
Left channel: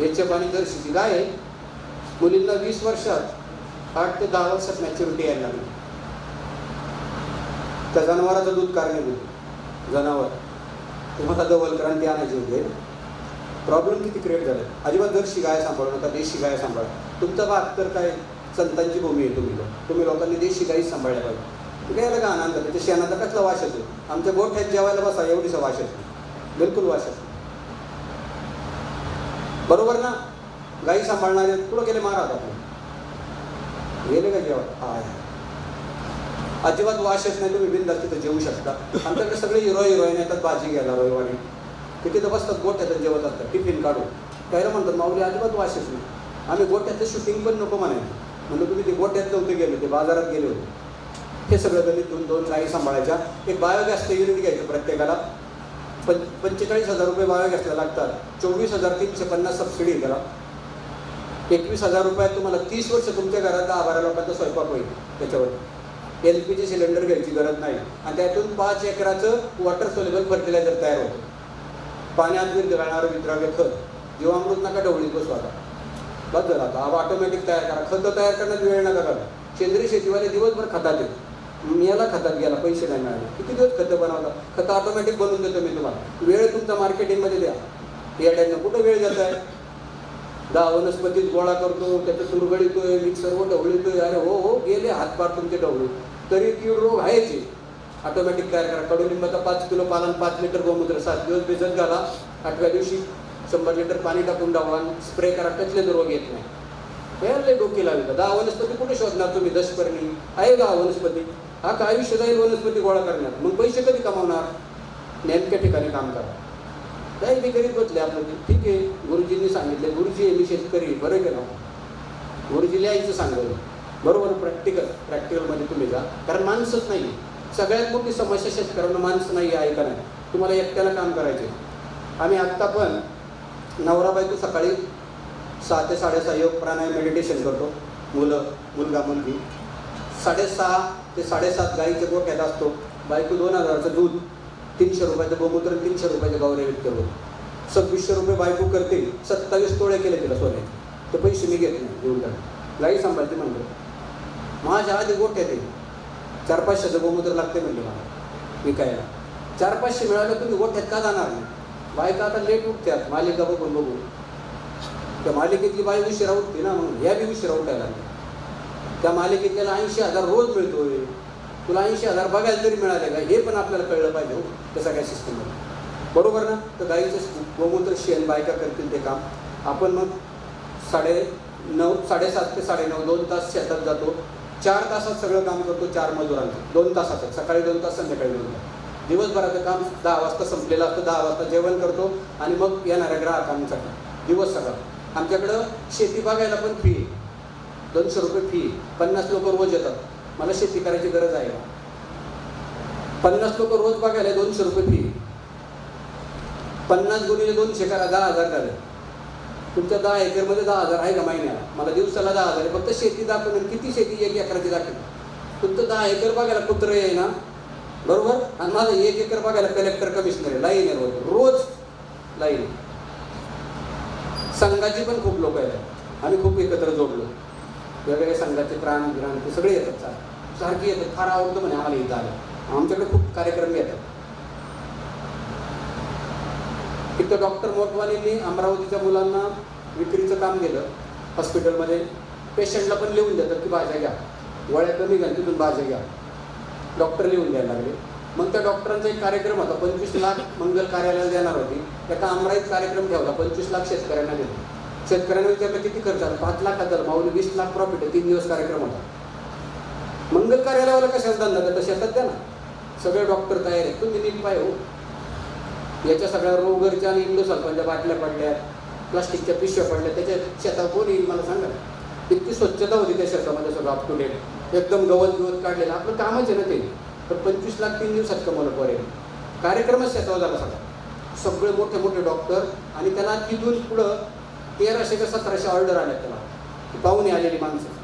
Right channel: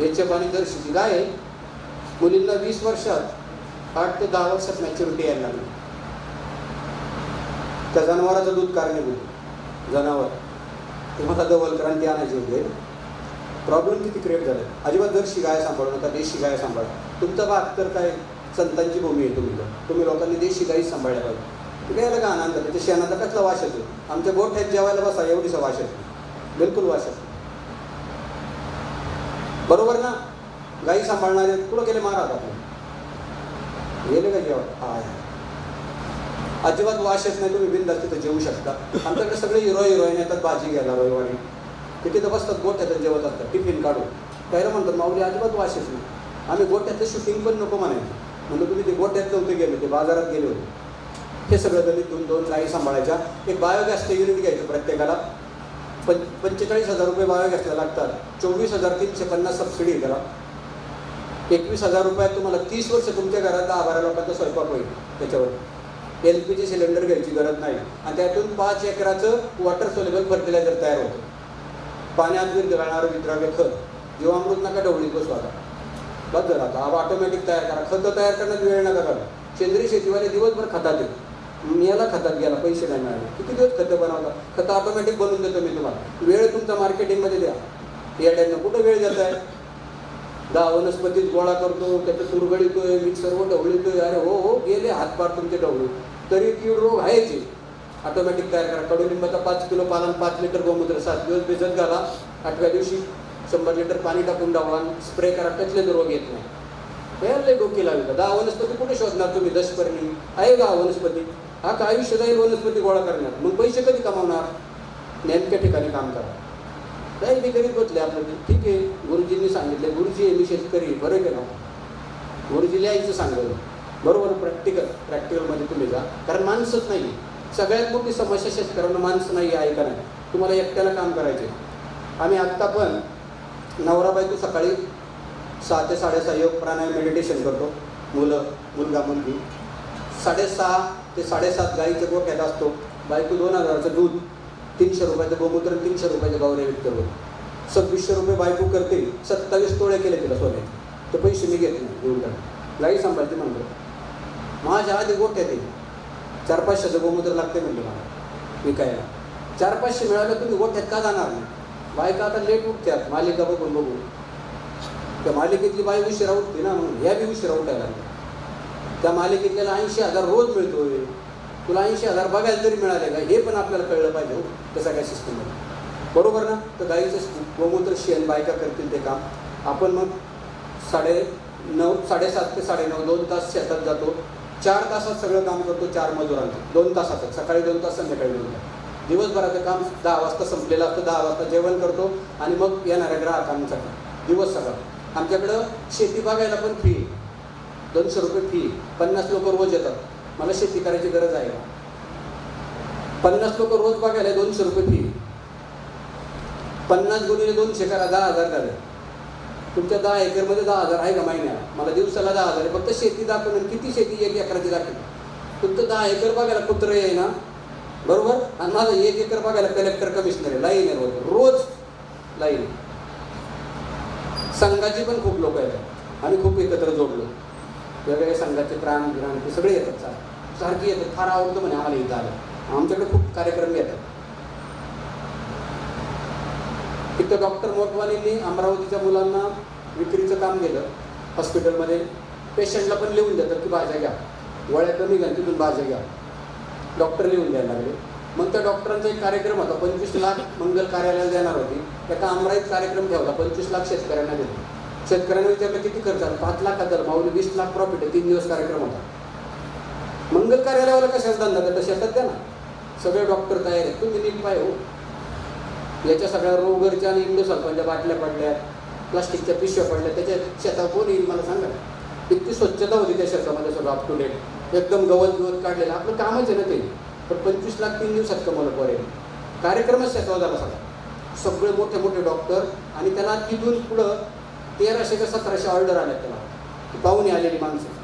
एचएफ आणि जर्सीची गाय आहे. मुलींना 20 वर्षात 8 ते 10 वर्षात मॅच्युरिटी यायला लागली. त्या जनावराचं दूध कारणीभूत जनावर. तुम्हाला डबल क्रांती आणायची होते. प्रॉब्लेम किती क्रिएट झाले. अजिबात जर्सी गाय सांभाळू नका, देशी गाय सांभाळा. तुमचा भाग तर काय संतांची भूमी आहे. तुम्ही लोकांनी देशी गाई सांभाळल्या पाहिजे. गायला का आनंद, त्याच्या शेणाचा कसला वास येतो. आमच्या गोठ्यात जेवायला बसा एवढीसा वास येतो, बिलकुल वास येतो. बरोबर ना. गाई सांभाळणारे कुठं गेले महाराज आपले, गेले का जेवण. हा, अजिबात वास येत नाही. तुम्ही बिनधास्त तिथं जेवू शकता. आमच्याकडे सगळे हिरोईन येतात भाजी घ्यायला रविवारी. ते तिथं बसतात गोठ्यात जेवत असतात टिफिन काढून. त्याला म्हणतात माऊली अजिबात वास येत नाही. आम्ही गोठ्यातलं शूटिंग पण नको म्हणायचं. म्हणजे तुम्ही ते गोठ्यात नव्हते गेले, ते बाजारात गेले होते. हे सगळं गणित 2 गाई सांभाळायच्या. एक बायोगॅसचं युनिट घ्यायचं प्रत्येकाला. 45,000 रुपये बायोगॅसला लागतात. 24,350 सबसिडी आहे त्याला. 21,000 रुपयात तुम्हाला 30 वर्ष तुमच्या घरात 10-12 लोकांचा स्वयंपाक होईल. त्याच्यावर LPG सिलेंडर घ्यायची गरज नाही. आणि त्यातून 5 एकराचं वॉटर सोल्युबल फर्टिलायझर तयार होतं. पाण्यात विरघळणारं विद्राव्य खत. जीवामृत नका ढवळीत बसू आता. बस झालं आता. ऑटोमॅटिक तयार करा. खतं तयार करण्यात वेळ नका करा. सेंद्रिय शेतीवाले दिवसभर खतात येत. याला खतात गेला, पैसे नाही मिळाले. किती दिवस खतं बनवता. खतं ऑटोमॅटिक बनवून देतो मी तुम्हाला. वेळ तुमचा मार्केटिंगमध्ये द्या. याड्यांना कुठं वेळ जात आहे. 10 वनस्पतीत गोळा करतो, त्याचं तुरगळीतोय, मिक्सरवर ढवळीतोय. अरे हो गेले हातपार तुमचे ढवळू. तरी कीड रोग आहेच. ऑटोमॅटिक तयार करा. कडुलिंबाचा 5 किलो पालन, 5 लिटर गोमूत्र 7 दिवस भिजत घाला. 8व्या दिवशी 100 लिटर पाणी टाकून डावा स्प्रे करा. कसलेच रोग येत नाही. यायला डोके लावली का. 10 वनस्पती कुठे शोधणार तुम्ही. दशपर्णी आहे 10 वनस्पती. हा का आयुष्य जाईल वनस्पती गोळा करण्यात. मग पैसे कधी कमावणार. नेमक्या ठिकाणी काम करा. नाही मी करीत बसले आपलं. ठीक आहे, गुरुजींनी सांगितले. गुरुजी आहे, मी शेतकरी. बरं केलं. गुरुजी लिहायचं सांगलं. बरोबर. प्रॅक्टिकलमध्ये तुम्ही जा. कारण माणसंच नाही. सगळ्यात मोठी समस्या शेतकऱ्यांना माणसं नाही आहे का नाही. तुम्हाला एकट्याला काम करायचे. आम्ही आत्ता पण नवरा बायको सकाळी 6 ते 6:30 योग प्राणायाम मेडिटेशन करतो. मुलगा मुलगी 6:30 ते 7:30 गाईच्या गोठ्यात असतो. बायको 2,000चं दूध, 300 रुपयाचं गोमूत्र, 300 रुपयाचं गौरव विकतो. 2600 रुपये बायको करते. 27 तोळे केले तिला सोने. ते पैसे मी घेत नाही देऊन टाक. गाई सांभाळते म्हणतो. माझ्या आधी गोठ्यात आहे. 400-500चं गोमूत्र लागते म्हणजे मला विकायला. 400-500 मिळालं तुम्ही गोठ्यात का जाणार नाही. बायका आता लेट उठतात मालिका बघून. त्या मालिकेतली बाई उशिरा उठते ना, म्हणून ह्या बी उशिरा उठायला. त्या मालिकेत त्याला 80,000 रोज मिळतोय. तुला 80,000 बघायला तरी मिळाले का, हे पण आपल्याला कळलं पाहिजे. हो त्या सगळ्या सिस्टममध्ये. बरोबर ना. तर गाईचं गोमूत्र शेण बायका करतील ते काम. आपण मग 7:30 ते 9:30 2 तास शेतात जातो. 4 तासात सगळं काम करतो. 4 मजुरांचं 2 तासाचं. सकाळी 2 तास, संध्याकाळी 2 तास. दिवसभराचं काम 10 वाजता संपलेलं असतं. 10 वाजता जेवण करतो आणि मग येणाऱ्या ग्राहकांसाठी दिवस सगळा. आमच्याकडं शेती बघायला पण फी आहे. 200 रुपये फी. 50 लोक रोज येतात. मला शेती करायची गरज आहे का. 50 लोक रोज बघायला 200 रुपये फी. 50 गुणिले 200 करा, 10,000 झाले. तुमच्या 10 एकरमध्ये 10,000 आहे का महिन्याला. मला दिवसाला 10,000 आहे. फक्त शेती दाखवून. किती शेती 1 एकराची दाखवली. तुमचं 10 एकर बघायला कुत्र आहे ना. बरोबर. आणि माझं 1 एकर बघायला कलेक्टर कमिशनर आहे. लाईन आहे रोज लाईन. संघाची पण खूप लोक येतात. आम्ही खूप एकत्र जोडलो. वेगवेगळ्या संघाचे प्राण गिराण ते सगळे येतात. सारखी येतात. फार आवडतं म्हणे आम्हाला इथं आलं. आमच्याकडे खूप कार्यक्रम येतात. तिथं डॉक्टर मोटवानींनी अमरावतीच्या मुलांना विक्रीचं काम केलं हॉस्पिटलमध्ये. पेशंटला पण लिहून देतात की भाज्या घ्या, वळ्या कमी घ्या, तिथून भाज्या घ्या. डॉक्टर लिहून द्यायला लागले. मग त्या डॉक्टरांचा एक कार्यक्रम होता. 25 लाख मंगल कार्यालयाला देणार होती. एका अमराईत कार्यक्रम ठेवला. 25 लाख शेतकऱ्यांना दिले. शेतकऱ्यांना विचारलं किती खर्च आला. 5 लाखात झालं. माऊली 20 लाख प्रॉफिट आहे. 3 दिवस कार्यक्रम होता. मंगल कार्यालयाला कशाला धंदा करता. शेतात द्या ना. सगळे डॉक्टर तयार आहेत. तुम्ही नीट पाय हो. याच्या सगळ्या रोगरच्या आणि इंडो सल्फांच्या बाटल्या पडल्या, प्लास्टिकच्या पिशव्या पडल्या. त्याच्या शेतात कोण येईल मला सांगा. इतकी स्वच्छता होती त्या शेतामध्ये. सगळं अप टू डेट. एकदम गवत काढलेलं. आपलं कामच आहे ना ते. पण 25 लाख 3 दिवसात कमवलं पोरे. कार्यक्रमच त्याचा झाला सगळे मोठे मोठे डॉक्टर, आणि त्याला तिथून पुढं 1300 का 1700 ऑर्डर आल्या त्याला, ती पाहुणे आलेली माणसं,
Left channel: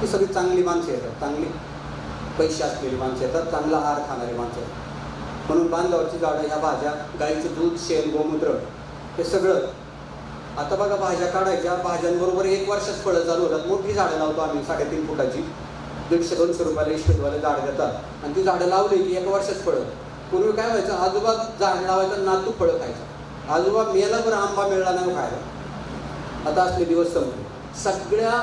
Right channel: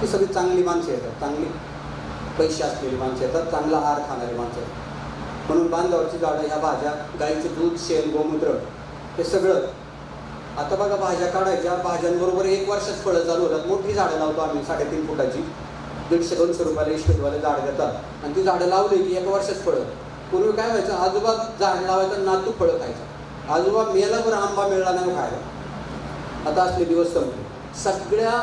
ती सगळी चांगली माणसं येतात, चांगली पैसे असलेली माणसं येतात, चांगला आहार खाणारी माणसं येतात. म्हणून बांधावरची झाडं, ह्या भाज्या, गाईचं दूध, शेण, गोमूत्र, हे सगळं. आता बघा भाज्या काढायच्या, भाज्यांबरोबर 1 वर्षात फळं चालू होतात. मोठी झाडं लावतो आम्ही 3.5 फुटाची, 150-200 रुपयाला इस्टेटवाले झाड देतात, आणि ती झाडं लावली की 1 वर्षात फळं. पूर्वी काय व्हायचं, आजोबा झाड लावायचं, नातू फळं खायचं. आजोबा मेला बरं आंबा मिळाला नाही खायला. आता असले दिवस संपले. सगळ्या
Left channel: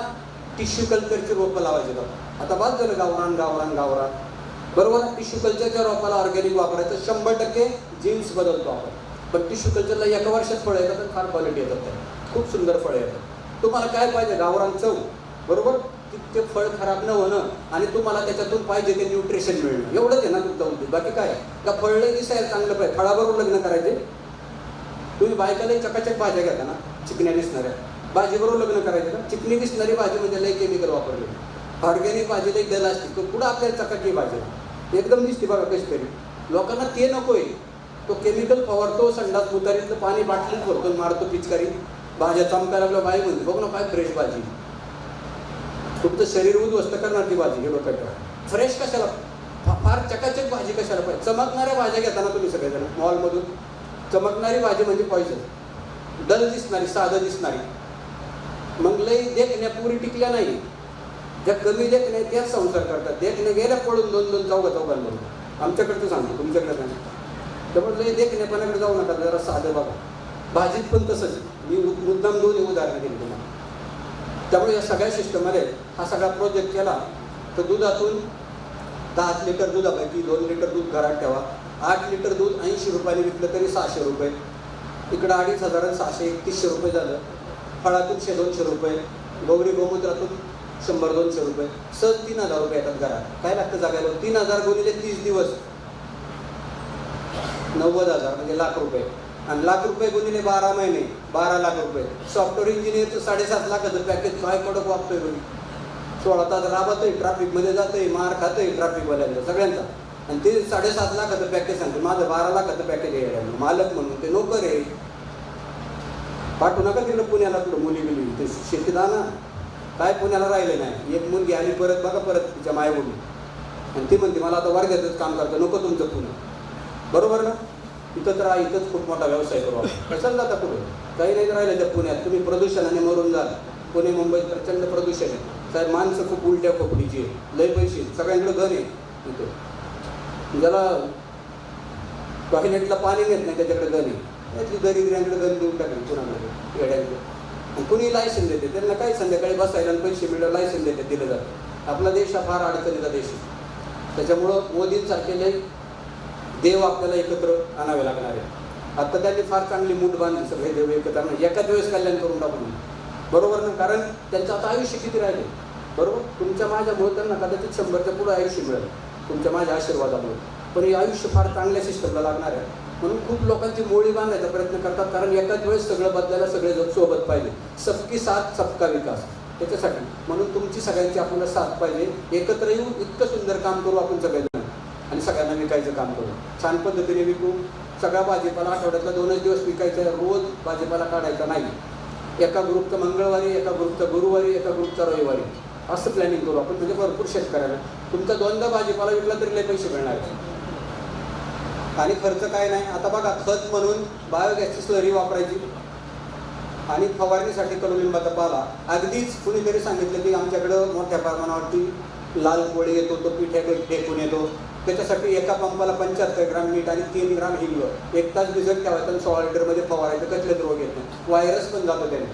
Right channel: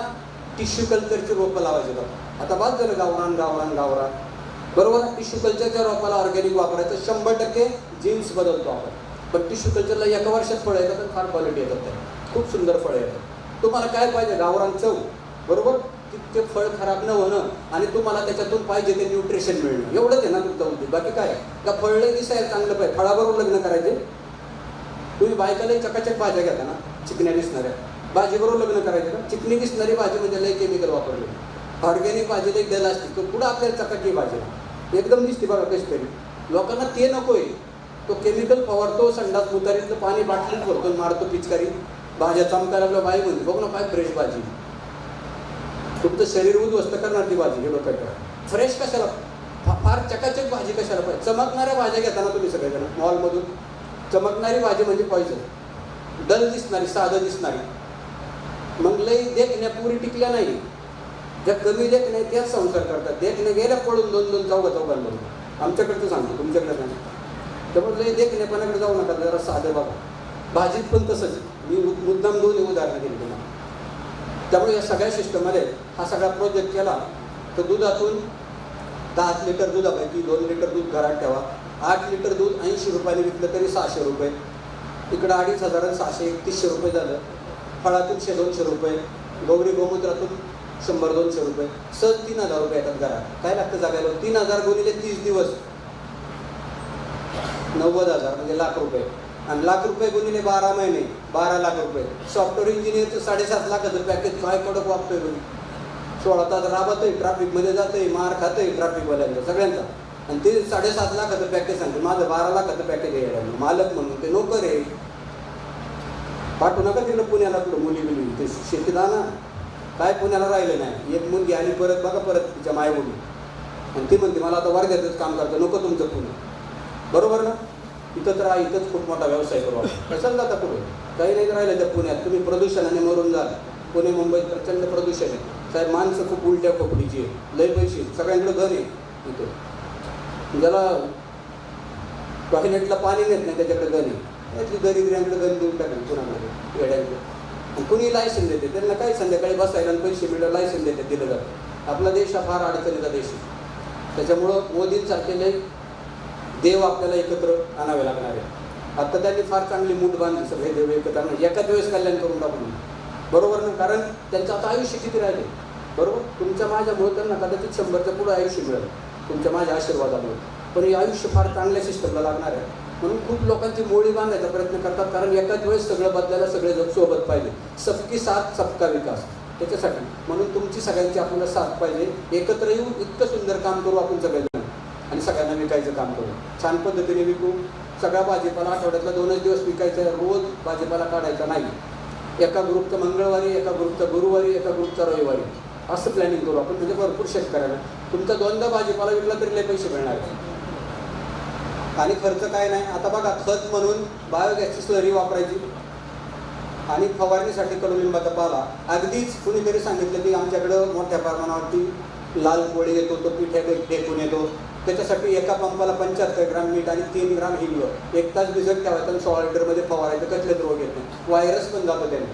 टिश्यू कल्चरची रोपं लावायची बघा. आता बाद झालं गावरान गावरान गावरान, बरोबर. टिश्यू कल्चरच्या रोपाला ऑर्गॅनिक वापरायचं, 100% जीन्स बदलतो आपण. पण टिश्यू कल्चरला 1 वर्षात फळं येतात, फार क्वालिटी येतात, त्या खूप सुंदर फळं येतात. तुम्हाला काय पाहिजे, गावरान चव, बरोबर, ते फळ खराब न होणं, आणि तुम्हाला त्याच्यातून पाहिजे ते न्यूट्रिशन मिळणं, एवढंच आहे ना तुमचा उद्देश. बाकी काय का फळलं दिसायला चांगलं पाहिजे, फळाबरोबर लग्न करायचे. तुम्ही बायकालाही चकाचक भाज्या घेता ना, चिकण्या दिसणाऱ्या, भाजीबरोबर लग्न करायचं का? चिकनी दिसणारी भाजी म्हणजे लई केमिकल वापरले. ऑर्गॅनिक भाजी लई दल असते, तो पुढं आपल्याला चकाकी भाजी एकदम दिसते बघा कशी तरी. लोकांना ते नकोय, तो केमिकल फवारतो, संडास मुतारीतलं पाणी बाटलीत भरतो, मारतो पिचकारी, भाज्या चमकायला लागल्या, बाई म्हणते बघ ना काय फ्रेश भाजी. तुमचं शरीर उद्ध्वस्त करणार ती भाजी, हे डोक्यात ठेवा. फ्रेश कशाला, फार चकाचक भाजी कशाला पाहिजे. चमकणाऱ्या भाज्या घेताना तुम्ही सगळेजण मॉलमधून, चमकणारी भाजी म्हणजे पॉइझन, डल दिसणारी, साधं दिसणारी. मग लई देखण्या पुरी टिकल्या नाही, ज्या कमी देखण्या त्याच संसार करतात. देखण्या गेल्या पडून 2-2 चौघांमधून. आमच्याकडचं सांगतो, तुमच्याकडे नाही. त्यामुळे लई देखण्यापणाकडे जाऊ नका, जरा साधं बघा. भाजीत पण तसंच, मी मुद्दाम 2 उदाहरणं दिली तुम्हाला. त्यामुळे या सगळ्या सिस्टममध्ये हा सगळा प्रोजेक्ट केला तर दुधातून 10 लिटर दुधापैकी 2 लिटर दूध घरात ठेवा. 8 लिटर दूध 80 रुपयाने विकलं तरी 600 रुपये. इकडं 2500 आणि 600 3100 रुपये झालं. फळातून 100-200 रुपये, गौरी गोमूत्रातून 100-200 रुपये, सहज 3000 रुपये येतात घरात. काय लागतं जगायला? 3000 गुणिले 30 दिवस 90,000 म्हणजे ₹1,00,000, आणि ₹1,00,000 गुणिले 12 महिने 12 लाख रुपये. सॉफ्टवेअर इंजिनियरचं 7.5 लाखाचं पॅकेज काय कडक वापतोय बघी. 16 तास राबतोय, ट्रॅफिकमध्ये जातोय, मार खातोय ट्रॅफिकवाल्यांचा सगळ्यांचा, आणि ते 7.5 लाखाचं पॅकेज सांगतो. माझं 12 लाखाचं पॅकेज आहे, मालक म्हणून ते नोकर आहे. पाठवू नका तिकडं पुण्याला, कुठं मुली बिली ते शेतीत आणा. काय पुण्याला राहिलं नाही. एक मुलगी आली परत बघा, परत तिच्या मायमुली, आणि ती म्हणते मला आता वर्ध्यातच काम करतं, नको तुमचं पुणे, बरोबर ना. इथंच राहा, इथंच खूप मोठा व्यवसाय करू आपण. कशाला जाता पुढे? काही नाही राहिलं त्या पुण्यात. तुम्ही प्रदूषणाने मरून जाल. पुणे मुंबईत प्रचंड प्रदूषण आहे साहेब. माणसं खूप उलट्या खोपडीची आहे, लय पैसे, सगळ्यांकडे घर आहे. इथे ज्याला टॉयलेटला पाणी नेत नाही त्याच्याकडे घर आहे. त्यातली दरिद्र्यांकडे घर देऊन टाकली पुण्यामध्ये येड्यांकडे. कुणी लायसन देते त्यांना, काय संध्याकाळी बसायला आणि पैसे मिळायला लायसन देते, दिलं जातं. आपला देश हा फार अडचणीचा देश आहे. त्याच्यामुळं मोदींसारखे लय देव आपल्याला एकत्र आणावे लागणार आहे. आता त्यांनी फार चांगली मूठ बांधली, सगळे देव एकत्र आणले, एकाच वेळेस कल्याण करून टाकून, बरोबर ना. कारण त्यांचं आता आयुष्य किती राहिले, बरोबर. तुमच्या माझ्यामुळे त्यांना कदाचित 100च्या पुढं आयुष्य मिळेल, तुमच्या माझ्या आशीर्वादामुळे. पण हे आयुष्य फार चांगल्या सिस्टमला लागणार आहे. म्हणून खूप लोकांची मोळी बांधायचा प्रयत्न करतात, कारण एकाच वेळेस सगळं बदलायला सगळे जण सोबत पाहिजे. सबकी साथ सबका विकास, त्याच्यासाठी. म्हणून तुमची सगळ्यांची आपल्याला साथ पाहिजे. एकत्र येऊन इतकं सुंदर काम करू आपण सगळेजण, आणि सगळ्यांना विकायचं काम करू, छान पद्धतीने विकू. सगळा भाजीपाला आठवड्यातला 2च दिवस विकायचा, रोज भाजीपाला काढायचा नाही. एका ग्रुपचं मंगळवारी, एका ग्रुपचं गुरुवारी, एका ग्रुपचा रविवारी, असं प्लॅनिंग करू आपण. म्हणजे भरपूर शेतकऱ्याला तुमचा 2दा भाजीपाला विकला तरी लय पैसे मिळणार, आणि खर्च काय नाही. आता बघा, खत म्हणून बायोगॅसची स्लरी वापरायची, आणि फवारणीसाठी कडुलिंबाचा पाला. अगदीच कुणीतरी सांगितलं की आमच्याकडं मोठ्या प्रमाणावरती लाल कोळी येतो, तो पिठ्या टेकून येतो. त्याच्यासाठी एका पंपाला 75 ग्राम मीठ आणि 3 ग्राम हिंग 1 तास भिजत ठेवायचं आणि 16 लिटरमध्ये फवारायचं. कसलेच रोग येत नाही, व्हायरस पण जातो त्याने.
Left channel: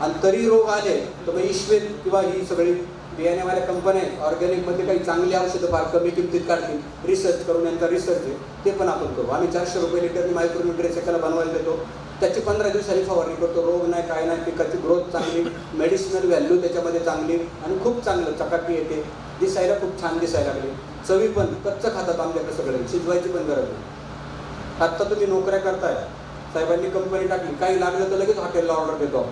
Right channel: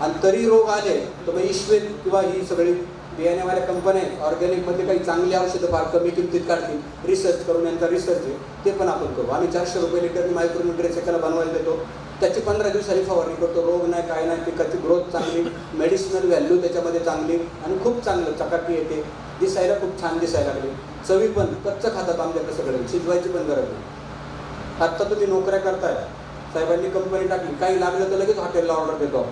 आणि तरी रोग आले तर मग ईश्वेत किंवा ही सगळी बियाण्यावाल्या कंपन्या आहेत, ऑर्गॅनिकमध्ये काही चांगली औषधं फार कमी किमतीत काढतील, रिसर्च करून, यांचा रिसर्च आहे ते पण आपण करू. आम्ही 400 रुपये लिटरनी मायक्रोन्यूट्रिएंट्स एकाला बनवायला देतो. त्याची 15 दिवसांनी फवारणी करतो. रोग नाही, काय नाही, पिकाची ग्रोथ चांगली, मेडिसिनल व्हॅल्यू त्याच्यामध्ये चांगली, आणि खूप चांगलं चकाकी येते. दिसायला खूप छान दिसायला लागले. चवी पण कच्चं खातात आमच्याकडे सगळे, शिजवायची पण गरज नाही. आत्ता तुम्ही नोकऱ्या करताय, साहेबांनी कंपनी टाकली, काही लागलं तर लगेच हॉटेलला ऑर्डर देतो.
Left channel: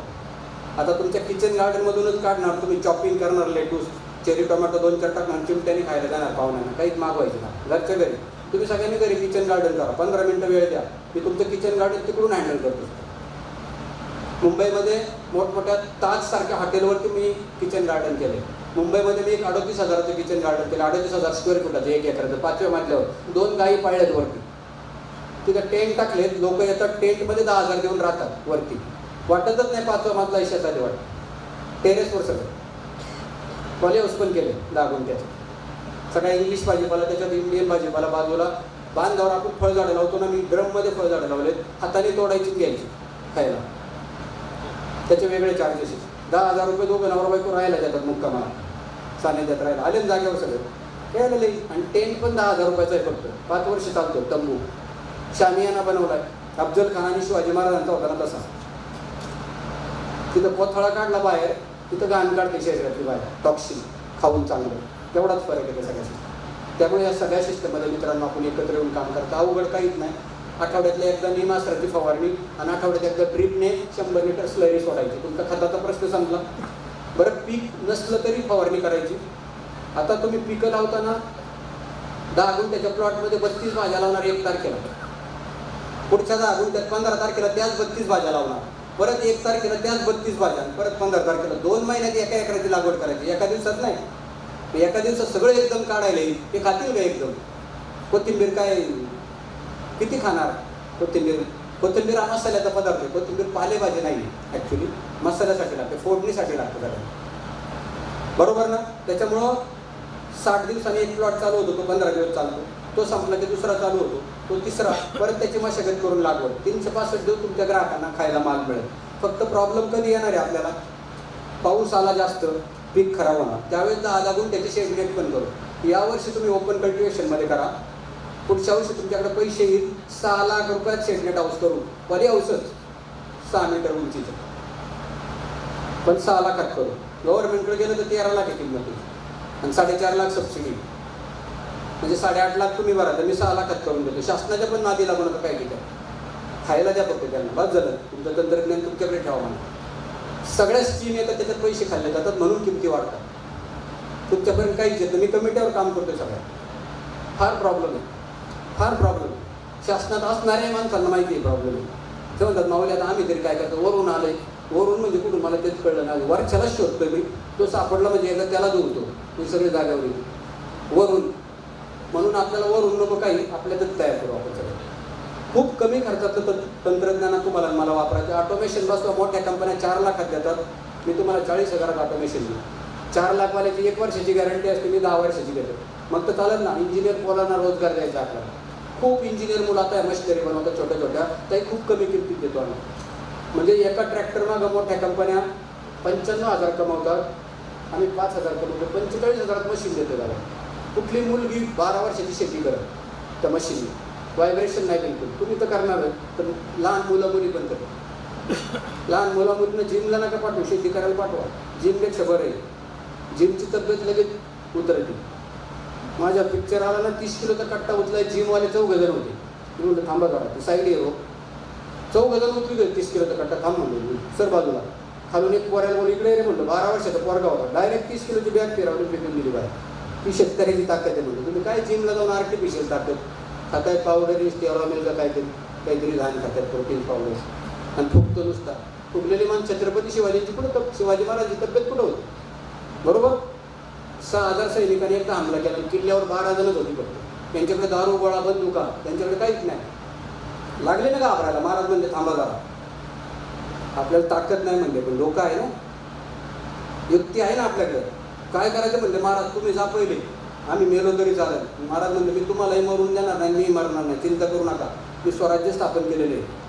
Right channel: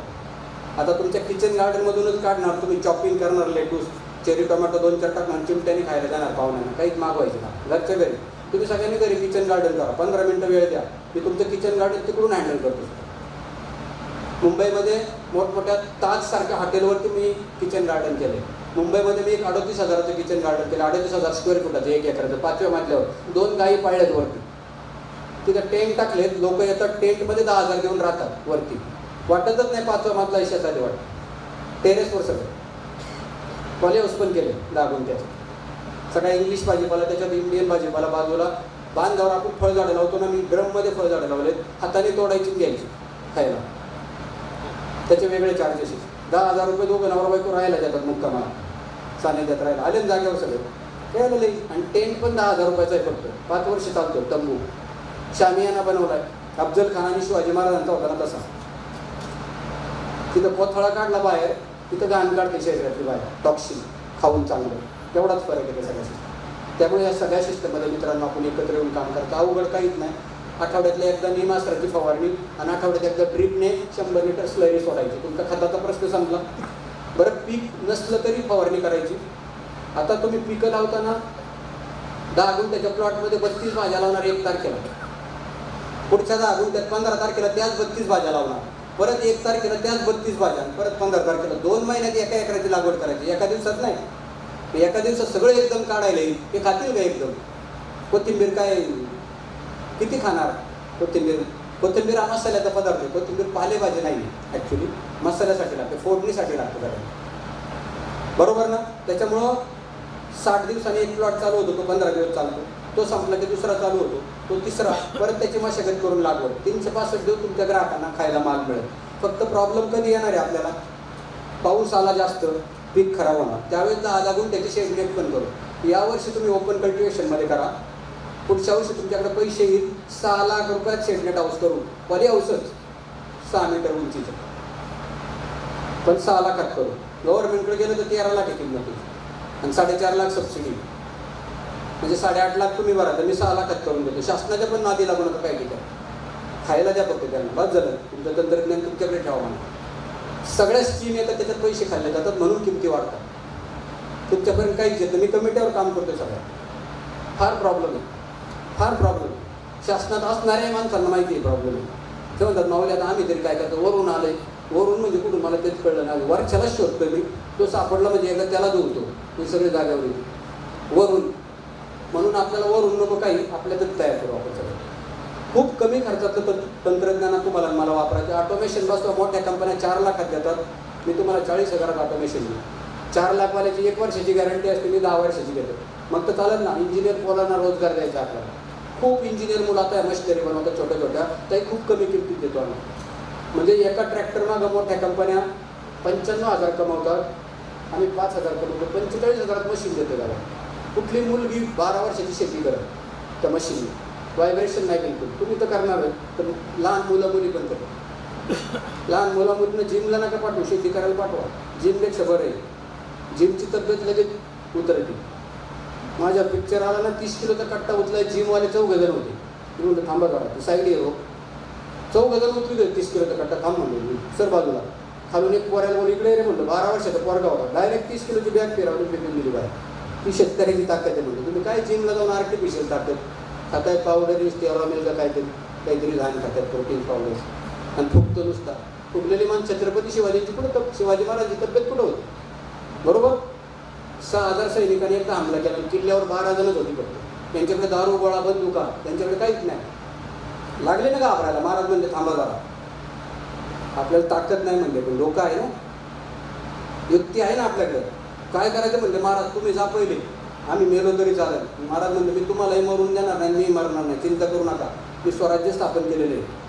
आता तुमच्या किचन गार्डनमधूनच काढणार, तुम्ही चॉपिंग करणार, लेटूस चेरी टोमॅटो 2-4 टाकणार, चिमट्याने खायला जाणार पाहुण्यांना, काहीच मागवायचं ना, घरच्या घरी. तुम्ही सगळ्यांनी घरी किचन गार्डन करा, 15 मिनिटं वेळ द्या, मी तुमचं किचन गार्डन तिकडून हँडल करतो. मुंबईमध्ये मोठमोठ्या ताजसारख्या हॉटेलवरती मी किचन गार्डन केले. मुंबईमध्ये मी एक 38,000चं किचन गार्डन केलं, 38,000 स्क्वेअर फुटाचं, 1 एकराचं, 5व्या मजल्यावर 2 गायी पाळल्यात वरती. तिथं टेंट टाकलेत, लोक येतात टेंटमध्ये 10,000 देऊन राहतात वरती. वाटतच नाही 5वा मजला ऐशात आले वाटत. टेरेसवर सगळं पॉली हाऊस पण केले लागून त्याचं. सगळा इंग्लिश भाजीपाला, त्याच्यात इंडियन भाजीपाला, बाजूला बांधावर आपण फळझाडं लावतो ना, मी ड्रममध्ये फळझाडं लावलेत, हाताने तोडायची घ्यायची खायला. त्याचे वेगळे चार्जेस. 10,000 रुपये दोघं नवरा बायको राहायला जातात मुक्कामाला, सानिध्यात राहायला आले जागेवर सगळं खेळायला लई. आणि टेंट पण 10,000 रुपयाचा आहे फक्त, 5 वर्ष चालतो. तंबू शामियाना बनवलाय, अफजल खान आणि शिवाजी महाराजांचा होता ना तसा. तिथं कोथळा काढला बाहेर, तिथं घाण काढते शरीरातली बाहेर, टॉक्सिन खाऊन चांगलं. तेवढाच फरक आहे त्या सगळ्या सिस्टम. त्यामुळे या सगळ्या सिस्टममध्ये मित्रांनो आपण एकत्र येऊन काम करतो. अवघड काहीच नाही. आठवड्यातल्या एकदा निमास्त्राची फवारणी आणि आठवड्यात एकदा ड्रीपने 100 लिटर स्लरी सोडायची, तुमचा खताचा प्रश्न संपला. बरं, पीक नसलं तरी फवारणी करायची. आता तुम्ही पिकं लावताना 10 गुंठ्याच्या प्लॉटमध्ये 32 भाज्या लावणार 1 तारखेला, पुढच्या 10 गुंठ्यात 15 तारखेला त्याच 32 भाज्या लावणार, परत 1 तारखेला त्याच 32 भाज्या, परत 15 तारखेला 2 महिन्यात एका एकराची लागवड करायची. एका दिवसात नाही, एका दिवसात सगळं एकदम काढायला येईल. ते खातील का एकदम? कोथिंबीर काय किती खाणार? कोथिंबीर हा मसाल्याचा पदार्थ आहे. कोथिंबीर पालेभाजी नाही, ॲक्च्युली मसाल्यासाठी लागते, फोडणीसाठी लागतं त्याला, बरोबर ना? त्याच्यामुळं 60 दिवसांनी एक प्लॉट चालू होतो, तो 15 दिवस चालतो, तो संपला की दुसरा चालू होतो, तो तिसरा, परत त्याची मशागत करून लागवड. 365 दिवस तुमच्या ग्राहकांना खायला माल मिळेल. फक्त प्रॉब्लेम कधी येणार आहे आपल्याला? पाऊस आला जास्त, पीक खराब होणार, त्यावेळेस 10 गुंठ्याची शेडनेट पण करू. यावर्षी तुम्ही ओपन कल्टिवेशनमध्ये करा, पुढच्या वर्षी तुमच्याकडे पैसे येईल 6 लाख रुपयात शेडनेट हाऊस करून. पॉली हाऊसच 6 मीटर उंचीचं, पण 6 लाखात करू. गव्हर्नमेंटकडे गेलं तर 13 लाख आहे किंमत आणि 4.5 लाख सबसिडी, म्हणजे 8.5 लाख तुम्ही भरा, तर मी 6 लाखात करून देतो. शासनाच्या पण नादी लागू नका काय ठिकाणी, खायला द्या फक्त त्यांना, बस झालं. तुमचं तंत्रज्ञान तुमच्याकडे ठेवा म्हणा. सगळ्या स्कीम येतात, त्याच्यात पैसे खाल्ले जातात, म्हणून किमती वाढतात. तुमच्यापर्यंत काहीच येतं. मी कमिटीवर काम करतोय सगळ्या. फार प्रॉब्लेम आहे, फार प्रॉब्लेम. शासनात असणाऱ्या माणसांना माहिती आहे प्रॉब्लेम आहे. ते म्हणतात माऊली आता आम्ही तरी काय करतो, वरून आलंय. वरून म्हणजे कुठून मला तेच कळलं नाही. वरच्यालाच शोधतोय मी, तो सापडला म्हणजे एकदा त्याला जोडतो. मी सगळे जाग्यावर येतो वरून. म्हणून आपल्याला वरून नको, काही आपल्यातच तयार करू आपण सगळं. खूप कमी खर्चाचं तंत्रज्ञान तुम्हाला मला वापरायचं. ऑटोमेशन बसवा, मोठ्या कंपन्या 4 लाखात देतात, मी तुम्हाला 40,000 ऑटोमेशन देईल. 4 लाखवाल्याची 1 वर्षाची गॅरंटी असते, मी 10 वर्षाची देतो. मग तर चालेल ना. इंजिनियर पोलांना रोजगार द्यायचा आपल्याला. खूप इंजिनियर मुलं आता मशिनरी बनवतात छोट्या छोट्या, त्याही खूप कमी किमतीत देतो आम्ही. म्हणजे एका ट्रॅक्टर मागं मोठ्या कंपन्या 95,000 कमवतात, आम्ही 5,000 कमवतो. 45,000 मशीन देतो त्याला. कुठली मुलगी 12 वर्षाची शेती करत त्या मशीनने, व्हायब्रेशन नाही बिलकुल. तुम्ही तर करणार तर लहान मुलं मुली पण करतात. लहान मुला मुलींना जिमला नका पाठवू, शेती करायला पाठवा. जिमपेक्षा बरं आहे, जिमची तब्येत लगेच उतरते. माझ्या पिक्चर आला ना, 30 किलोचा कट्टा उचलाय, जिमवाले 4 जण होते. मी म्हणलं थांबा काढा, साईड येऊ. 4 जण उचलू 30 किलोचा कट्टा, थांब म्हणलो सर बाजूला. खालून एक पोरायला बोल, इकडे रे म्हणलं. 12 वर्षाचा पोरगा होता, डायरेक्ट 30 किलोची बॅग फिरवली, फेकून दिली बाहेर. ती शेतकऱ्याची ताकद आहे म्हणतो. तुम्ही काय जिमला जाऊन आर्टिफिशियल ताकद खाताय, पावडर स्टेरॉमिल का काहीतरी घाण खातात, प्रोटीन पावडर, आणि फुगतो नुसता. फुगलेली मान छत्रपती शिवाजींची कुठं, शिवाजी महाराजांची तब्येत कुठं होती? बरोबर. 6,000 सैनिकांनी एकदा हमला केला, किल्ल्यावर 12 जणच होती फक्त. त्यांच्याकडे दारू गोळा बंदुका, त्यांच्याकडे काहीच नाही. लागले ना घाबरायला. महाराज म्हणले थांबा जरा, आपल्याला ताकद नाही म्हणले, पण लोक आहे ना, युक्ती आहे ना आपल्याकडे. काय करायचं म्हणले, महाराज तुम्ही जा पहिले, आम्ही मेलो तरी चालेल. महाराज म्हणले मी तुम्हालाही मरून देणार नाही, मी मरणार नाही, चिंता करू नका, मी स्वराज्य स्थापन केलेले आहे.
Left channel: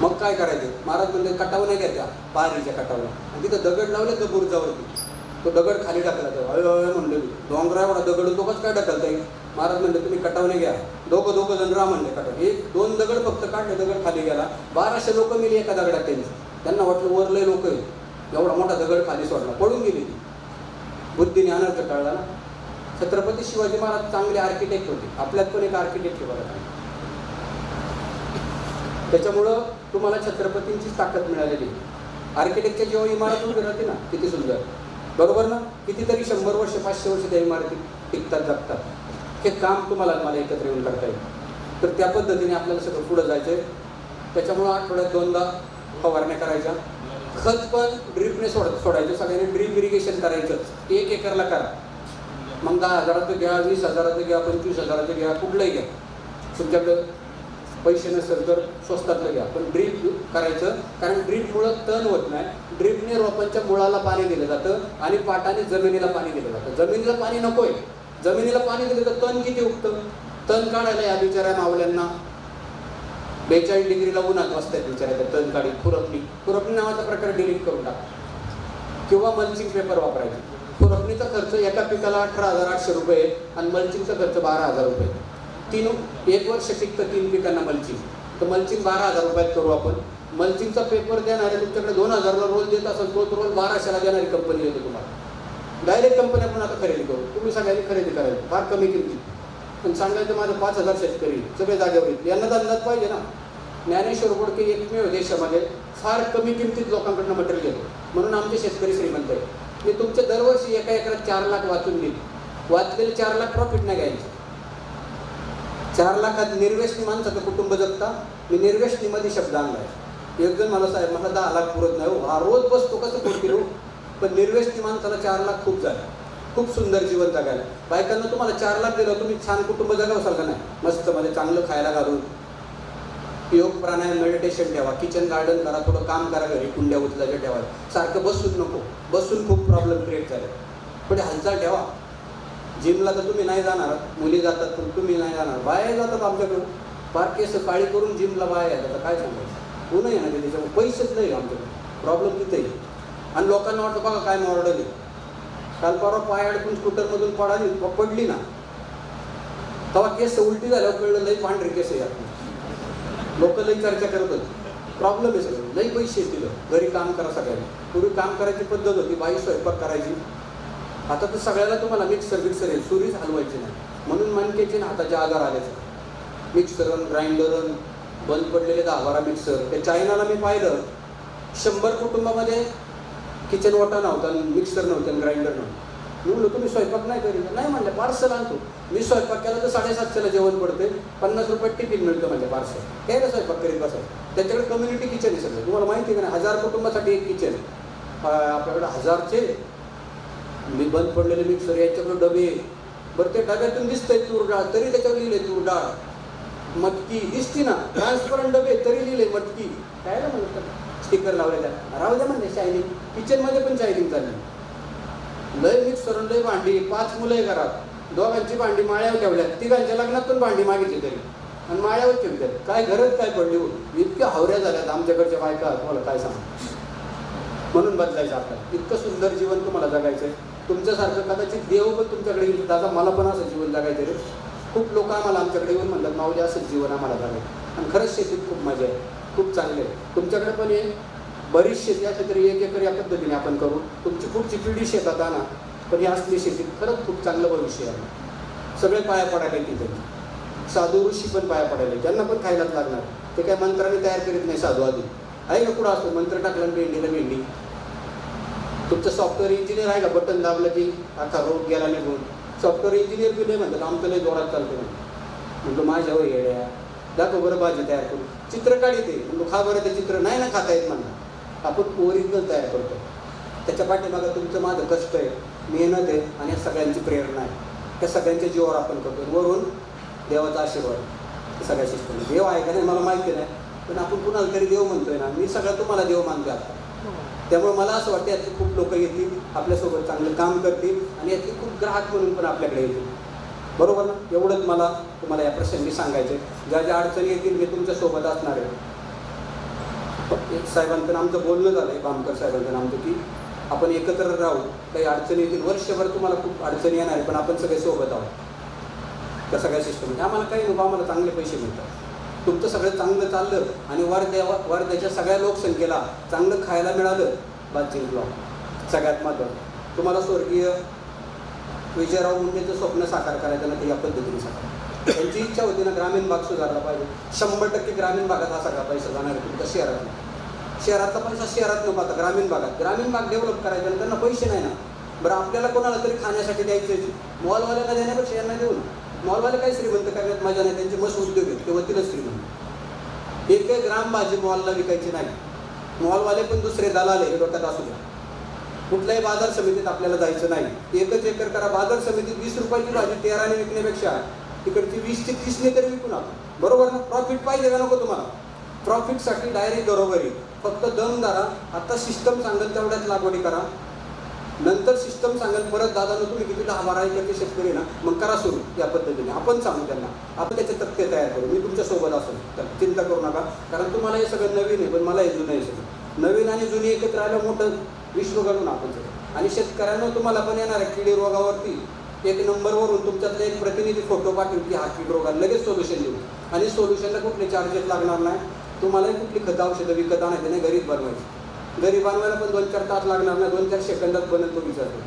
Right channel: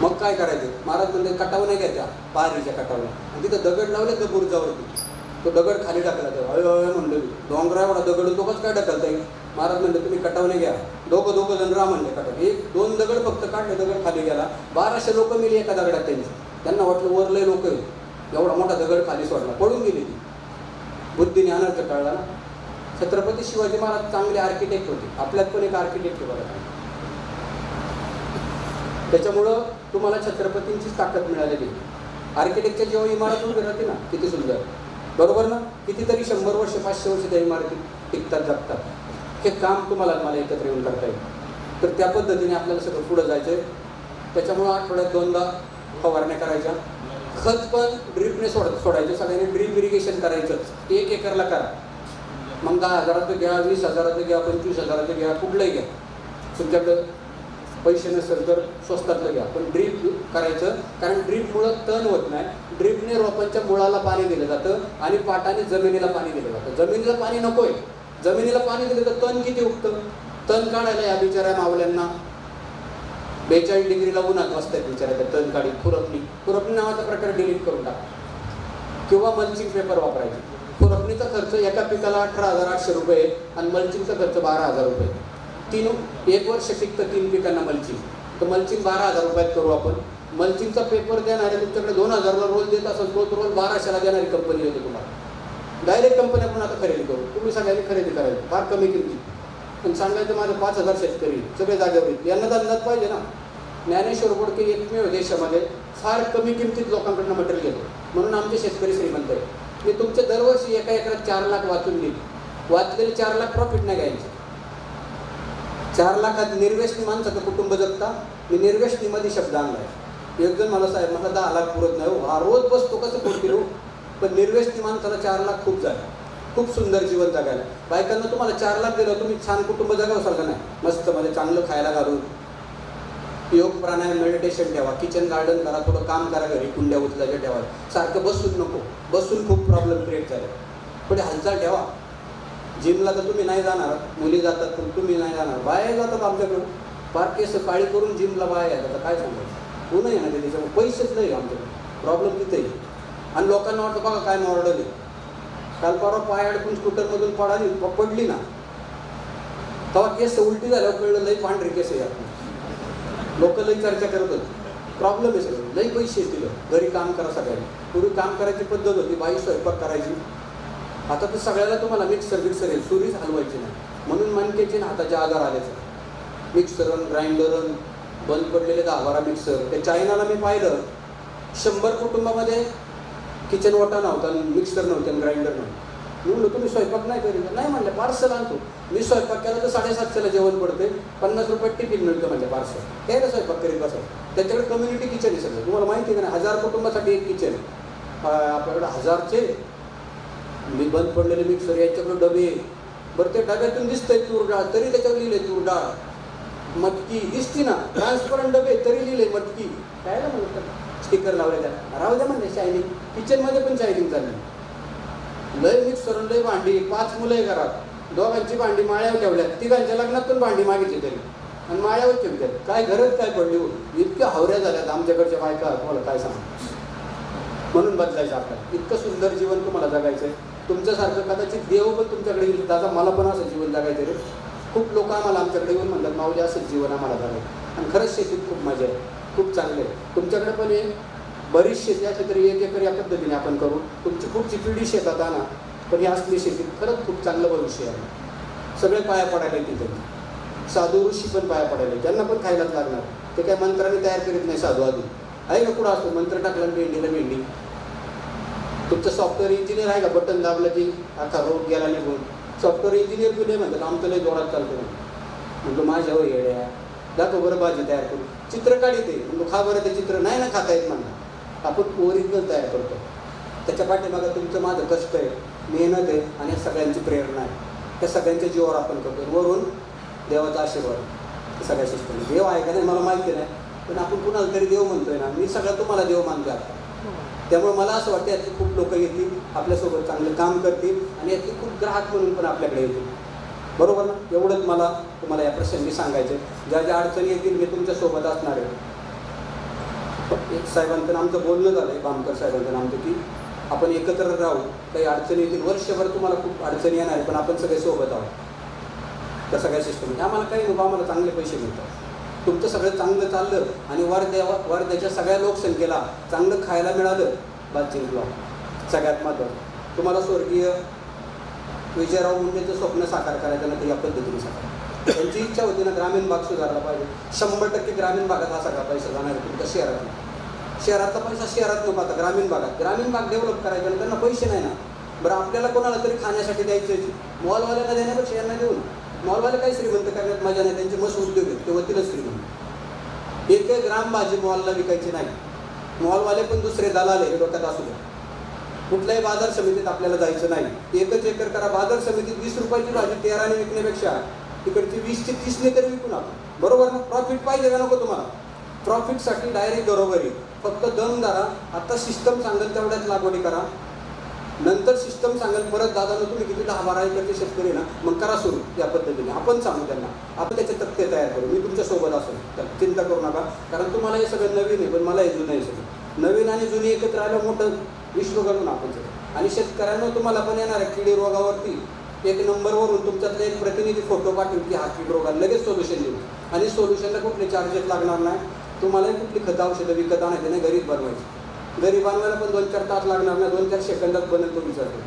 मग काय करायचं? महाराज म्हणले कटाव नाही घ्यायच्या, पारीच्या कटावला, आणि तिथं दगड लावले तर बुरजावरती. तो दगड खाली टाकला, तर अय म्हणलं डोंगरा एवढा दगड तोच काय टाकलता येईल? महाराज म्हणले तुम्ही कटावने घ्या. दोघं जण राहा म्हणले कटाव. 1-2 दगड फक्त काढले, दगड खाली गेला. 1200 लोक मिली एका दगडात त्यांची. त्यांना वाटलं वरले लोक आहे, एवढा मोठा दगड खाली सोडला, पडून गेली ती. बुद्धीने अनर्थ कळला ना. छत्रपती शिवाजी महाराज चांगले आर्किटेक्ट होते, आपल्यात पण एक आर्किटेक्ट आहे बघा. त्याच्यामुळं तुम्हाला छत्रपतींची ताकद मिळालेली. आर्किटेक्टच्या जेव्हा इमारत उभी राहते ना, किती सुंदर, बरोबर ना. कितीतरी 100 वर्ष 500 वर्ष त्या इमारती टिकतात, जगतात. हे काम तुम्हाला मला एकत्र येऊन करता येईल. तर त्या पद्धतीने आपल्याला सगळं पुढं जायचं आहे. त्याच्यामुळं आठवड्यात 2दा फवारण्या करायच्या. खत पण ड्रीपने सोडायचं. सगळ्यांनी ड्रीप इरिगेशन करायचं. 1 एकरला करा. मग 10,000चं घ्या, 20,000चं घ्या, 25,000चं घ्या, कुठलंही घ्या. तुमच्याकडं पैसे नसेल तर स्वस्तातलं घ्या, पण ड्रीप करायचं. कारण ड्रीपमुळं तण होत नाही. ड्रीपने रोपांच्या मुळाला पाणी दिलं जातं आणि पाटाने जमिनीला पाणी दिलं जातं. जमिनीला पाणी नकोय. जमिनीला पाणी दिलं तर तण किती उगतं. तण काढायला या बिचाऱ्या मावल्यांना 42 डिग्रीला उन्हात बसतात बिचाऱ्या. तण काढी खुरपणी नावाचा प्रकार डिलीट करून टाका किंवा मल्चिंग पेपर वापरायचे. खुरपणीचा खर्च एका पिकाला 18,800 रुपये आणि मल्चिंगचा खर्च 12,000 रुपये. 1 वर्ष टिकतं 3 पिकांना मल्चिंग. तर मल्चिंग 12,000 रुपयात करू आपण. मल्चिंगचा पेपर देणारे तुमच्याकडे 2,000ला रोल देत असेल, तो रोल 1200ला देणारी कंपनी देते तुम्हाला. डायरेक्ट कंपनी आपण आता खरेदी करू. तुम्ही सगळ्यांनी खरेदी करायची फार कमी किमती. पण सांगायचं माझं 5,000 शेतकरी सगळे जागेवर येतील. यांना तर अंदाज पाहिजे ना. ज्ञानेश्वर बोडके एकमेव देशामध्ये फार कमी किमतीत लोकांकडनं मटेरियल घेतो. म्हणून आमचे शेतकरी श्रीमंत आहे. मी तुमच्या दरवर्षी एका एकरात 4 लाख वाचून देईल. वाचलेले 4 लाख प्रॉफिट नाही घ्यायचे. 4 लाखात निर्व्यसनी माणसाचं कुटुंब जगता. मी निर्व्यसनीमध्ये शब्द आणलाय. एक जण मला साहेब मला 10 लाख पुरत नाही हो, हा रोज बसतो कसं पोट किलो. पण निर्व्यसनी माणसाला 4 लाख खूप झाले. खूप सुंदर जीवन जगायला. बायकांना तुम्हाला 4 लाख दिलं, तुम्ही छान कुटुंब जगावसाल का नाही. मस्त मध्ये चांगलं खायला घालून योग प्राणायाम मेडिटेशन ठेवा. किचन गार्डन करा. थोडं काम करा. घरी कुंड्या उचलायच्या ठेवा. सारखं बसून नको. बसून खूप प्रॉब्लेम क्रिएट झाले. थोडी हालचाल ठेवा. जिमला तर तुम्ही नाही जाणार. मुली जातात पण तुम्ही नाही जाणार. बाया जातात आमच्याकडून फार केस काळी करून जिमला बाया येतात. आता काय सांगायचं. ऊन आहे ना ते त्याच्यामुळे पैसेच नाही आमच्याकडे. प्रॉब्लेम तिथेही. आणि लोकांना वाटतं बघा काय मॉडल आहे. काल परवा पाय अडकून स्कूटरमधून पडली ना, तेव्हा केस उलटी झाल्यावर कळलं लई पांढरी केस आहे. आपण लोक लई चर्चा करत होते. प्रॉब्लेम आहे सगळं. लई पैसे दिलं. घरी काम करा सगळ्यांनी. पूर्वी काम करायची पद्धत होती. बाई स्वयंपाक करायची. आता तर सगळ्याला तुम्हाला मिक्सर येईल. सुरीच हलवायची नाही. म्हणून मणक्याचे हाताचे आजार आले. मिक्सरन ग्राइंडरन बंद पडलेले 10-12 मिक्सर. त्या चायनाला मी पाहिलं 100 कुटुंबामध्ये किचन ओटा नव्हता, मिक्सर नव्हते आणि ग्राइंडर नव्हतं. मी म्हणलो तुम्ही स्वयंपाक नाही करीत. नाही म्हणले पार्सल आणतो. मी स्वयंपाक केला तर 750ला जेवण पडते. 50 रुपये टिफिन मिळतं म्हणजे पार्सल. काय ना स्वयंपाक करीत बसायचं. त्याच्याकडे कम्युनिटी किचन आहे सगळं. तुम्हाला माहिती आहे का नाही. 1000 कुटुंबासाठी एक किचन. आपल्याकडे 1000चे मी बंद पडलेले मिक्सर. याच्याकडे डबे. बरं ते डब्यातून दिसतंय तूर डाळ तरी त्याच्यावर लिहिले तूर डाळ. मटकी दिसती ना. ट्रान्सपरंट डबे तरी लिहिले मटकी. काय ना म्हणतात स्टिकर लावले त्या राहू द्या म्हणले. शायनिंग किचनमध्ये पण शायनिंग चालली. लय मिक्सर लय भांडी. 5 मुलं आहे घरात. दोघांची भांडी माळ्यावर ठेवल्या. तिघांच्या लग्नात पण भांडी मागितली तरी आणि माळ्यावर ठेवतात. काय गरज काय पडली हो. इतक्या हावऱ्या झाल्यात आमच्याकडच्या बायका. तुम्हाला काय सांगा. म्हणून बदलायचं आपल्याला. इतकं सुंदर जीवन तुम्हाला जगायचं आहे. तुमच्यासारखं कदाचित देव पण तुमच्याकडे येईल. दादा मला पण असं जीवन जगायचं रे. खूप लोक आम्हाला आमच्याकडे येऊन म्हणतात माऊली असंच जीवन आम्हाला जगायचं. आणि खरंच शेतीत खूप मजा आहे. खूप चांगले आहे. तुमच्याकडे पण आहे बरीच शेती असली तरी 1 एकर या पद्धतीने आपण करू. तुमची पुढची पिढी शेतात आणा. पण ही असली शेतीत खरंच खूप चांगलं भविष्य आहे. सगळे पाया पडायला तिथे. साधू ऋषी पण पाया पडायला. त्यांना पण खायलाच लागणार. ते काय मंत्राने तयार करीत नाही साधू आधी. आहे का कुठं असतो मंत्र टाकला भेंडीला भेंडी. तुमचं सॉफ्टवेअर इंजिनियर आहे का. बटन दाबलं की अख्खा रोग गेला निघून. सॉफ्टवेअर इंजिनियर बी नाही म्हणतात आमचं लय जोरात चालतो. म्हणतो माझ्यावर येड्या दाखव बरं भाजी तयार करू. चित्र काढते. म्हणतो खा बरं ते चित्र. नाही ना खाता येत म्हणा. आपण ओरिजिनल तयार करतो. त्याच्या पाठीमागं तुमचं माझं कष्ट आहे, मेहनत आहे आणि सगळ्यांची प्रेरणा आहे. त्या सगळ्यांच्या जीवावर आपण करतो. वरून देवाचा आशीर्वाद सगळ्या सिस्टम. देव आहे का नाही मला माहिती नाही. पण आपण कुणाला तरी देव म्हणतोय ना. मी सगळं तुम्हाला देव मानतो आता. त्यामुळे मला असं वाटतं यातली खूप लोक येतील आपल्यासोबत चांगलं काम करतील आणि यातली खूप ग्राहक म्हणून पण आपल्याकडे येतील. बरोबर ना. एवढंच मला तुम्हाला या प्रसंगी सांगायचं. ज्या ज्या अडचणी येतील मी तुमच्यासोबत असणार आहे. साहेबांचं आमचं बोलणं झालं आहे. बामकर साहेबांचं आमचं की आपण एकत्र राहू. काही अडचणी येतील. वर्षभर तुम्हाला खूप अडचणी येणार आहे पण आपण सगळे सोबत आहोत. त्या सगळ्या सिस्टम आम्हाला काही नको. आम्हाला चांगले पैसे मिळतात. तुमचं सगळं चांगलं चाललं आणि वर्ध्याच्या सगळ्या लोकसंख्येला चांगलं खायला मिळालं. बातचीत सगळ्यात महत्त्वाचं. तुम्हाला स्वर्गीय विजयराव मुंडेचं स्वप्न साकार करायचं ना ते या पद्धतीने साकार. त्यांची इच्छा होती ना ग्रामीण भाग सुधारला पाहिजे. 100% ग्रामीण भागात हा सगळा पैसा जाणार आहे तुमच्या शहरात. शहरातला पैसा शहरात नको. आता ग्रामीण भाग डेव्हलप करायचा आणि त्यांना पैसे नाही ना. बरं आपल्याला कोणाला तरी खाण्यासाठी द्यायचं. मॉलवाल्यांना देण्यापेक्षा यांना देऊन मॉलवाले काही श्रीमंत करण्यात मजा नाही, त्यांचे मस्त उद्योग आहेत, ते वतीलच श्रीमंत. एक ग्राम भाजी मॉलला विकायची नाही. मॉलवाले पण दुसरे दलाल आहे, हे डोक्यात असू द्या. कुठल्याही बाजार समितीत आपल्याला जायचं नाही. एकच एकर करा. बाजार समितीत 20 रुपयाची भाजी 13ने विकण्यापेक्षा तिकडची 20ची 30ने तरी विकून आपण. बरोबर ना? प्रॉफिट पाहिजे का नको तुम्हाला? प्रॉफिटसाठी डायरेक्ट घरोघरी. फक्त दम धरा. आता सिस्टम सांगेल तेवढ्याच लागवडी करा. नंतर सिस्टम सांगेल परत दादा तुम्ही किती 10-12 एकरचे शेतकरी ना, मग करा सुरू या पद्धतीने. आपण सांगू त्यांना, आपण त्याचे तक्ते तयार करू. मी तुमच्या सोबत असेल, तर चिंता करू नका. कारण तुम्हाला हे सगळं नवीन आहे, पण मला हे जुनं आहे सगळं. नवीन आणि जुनी एकत्र आलं मोठं विश्व घडून आपण सगळं. आणि शेतकऱ्यांना तुम्हाला पण येणार आहे किडी रोगावरती एक नंबरवरून तुमच्यातले एक प्रतिनिधी फोटो पाठवून की हा कीड रोगाला लगेच सोल्युशन देऊ. आणि सोल्युशनला कुठले चार्जेस लागणार नाही. तुम्हालाही कुठली खतं औषधं विकत आणायची नाही, घरीच बनवायची. घरी बनवायला पण 2-4 तास लागणार नाही, 2-4 सेकंदात बनेल तो विचारतो.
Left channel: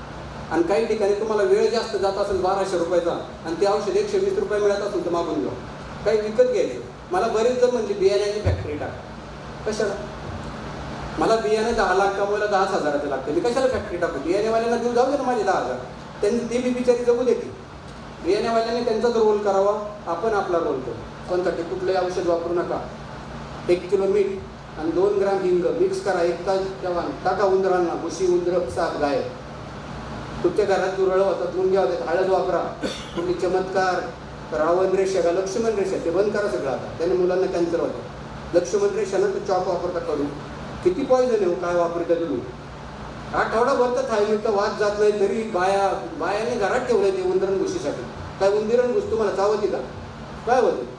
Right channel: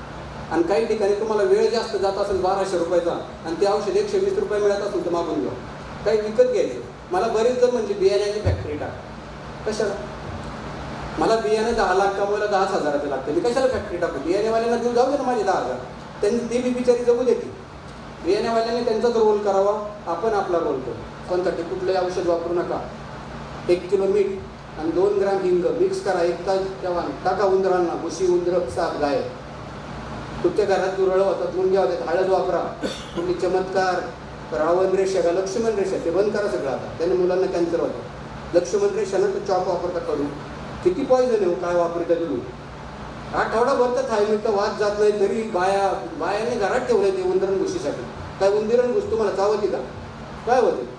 आणि काही ठिकाणी तुम्हाला वेळ जास्त जात असेल 1200 रुपयाचा आणि ते औषध 120 रुपये मिळत असेल तर मागून घ्या. काही विकत घ्यायचं. मला बरेच जण म्हणजे बियाण्याची फॅक्टरी टाक. कशाला? मला बियाणे 10 लाख कमवायला 10 हजाराचं लागतं. मी कशाला फॅक्टरी टाकू? बियाणेवाल्यांना देऊ जाऊ दे ना माझे 10,000. त्यांनी ती बी बिचारी जगू देते. बियाणेवाल्यांनी त्यांचाच रोल करावा, आपण आपला रोल करू. कोणसाठी? कुठलंही औषध वापरू नका. 1 किलो मीठ आणि 2 ग्राम हिंग मिक्स करा. 1 तास ठेवा. टाका उंदरांना. मुशी, उंदरं, साप, गाय. तुमच्या घरात दुरळं होतात, मुंग्या होतात, हळद वापरा. कुठली चमत्कार, रावण रेषा का लक्ष्मण रेषा, ते बंद करा सगळं आता. त्याने मुलांना कॅन्सर होतं. लक्ष्मण रेषानं तो चॉप वापरता करू. किती पॉइझन आहे काय वापरता तुम्ही? आठवडाभर तर थायमिटचा वाद जात नाही तरी बायाने घरात ठेवलंय ते उंदरण घुशीसाठी. काय उंदरण घुस तुम्हाला चावती का? काय होते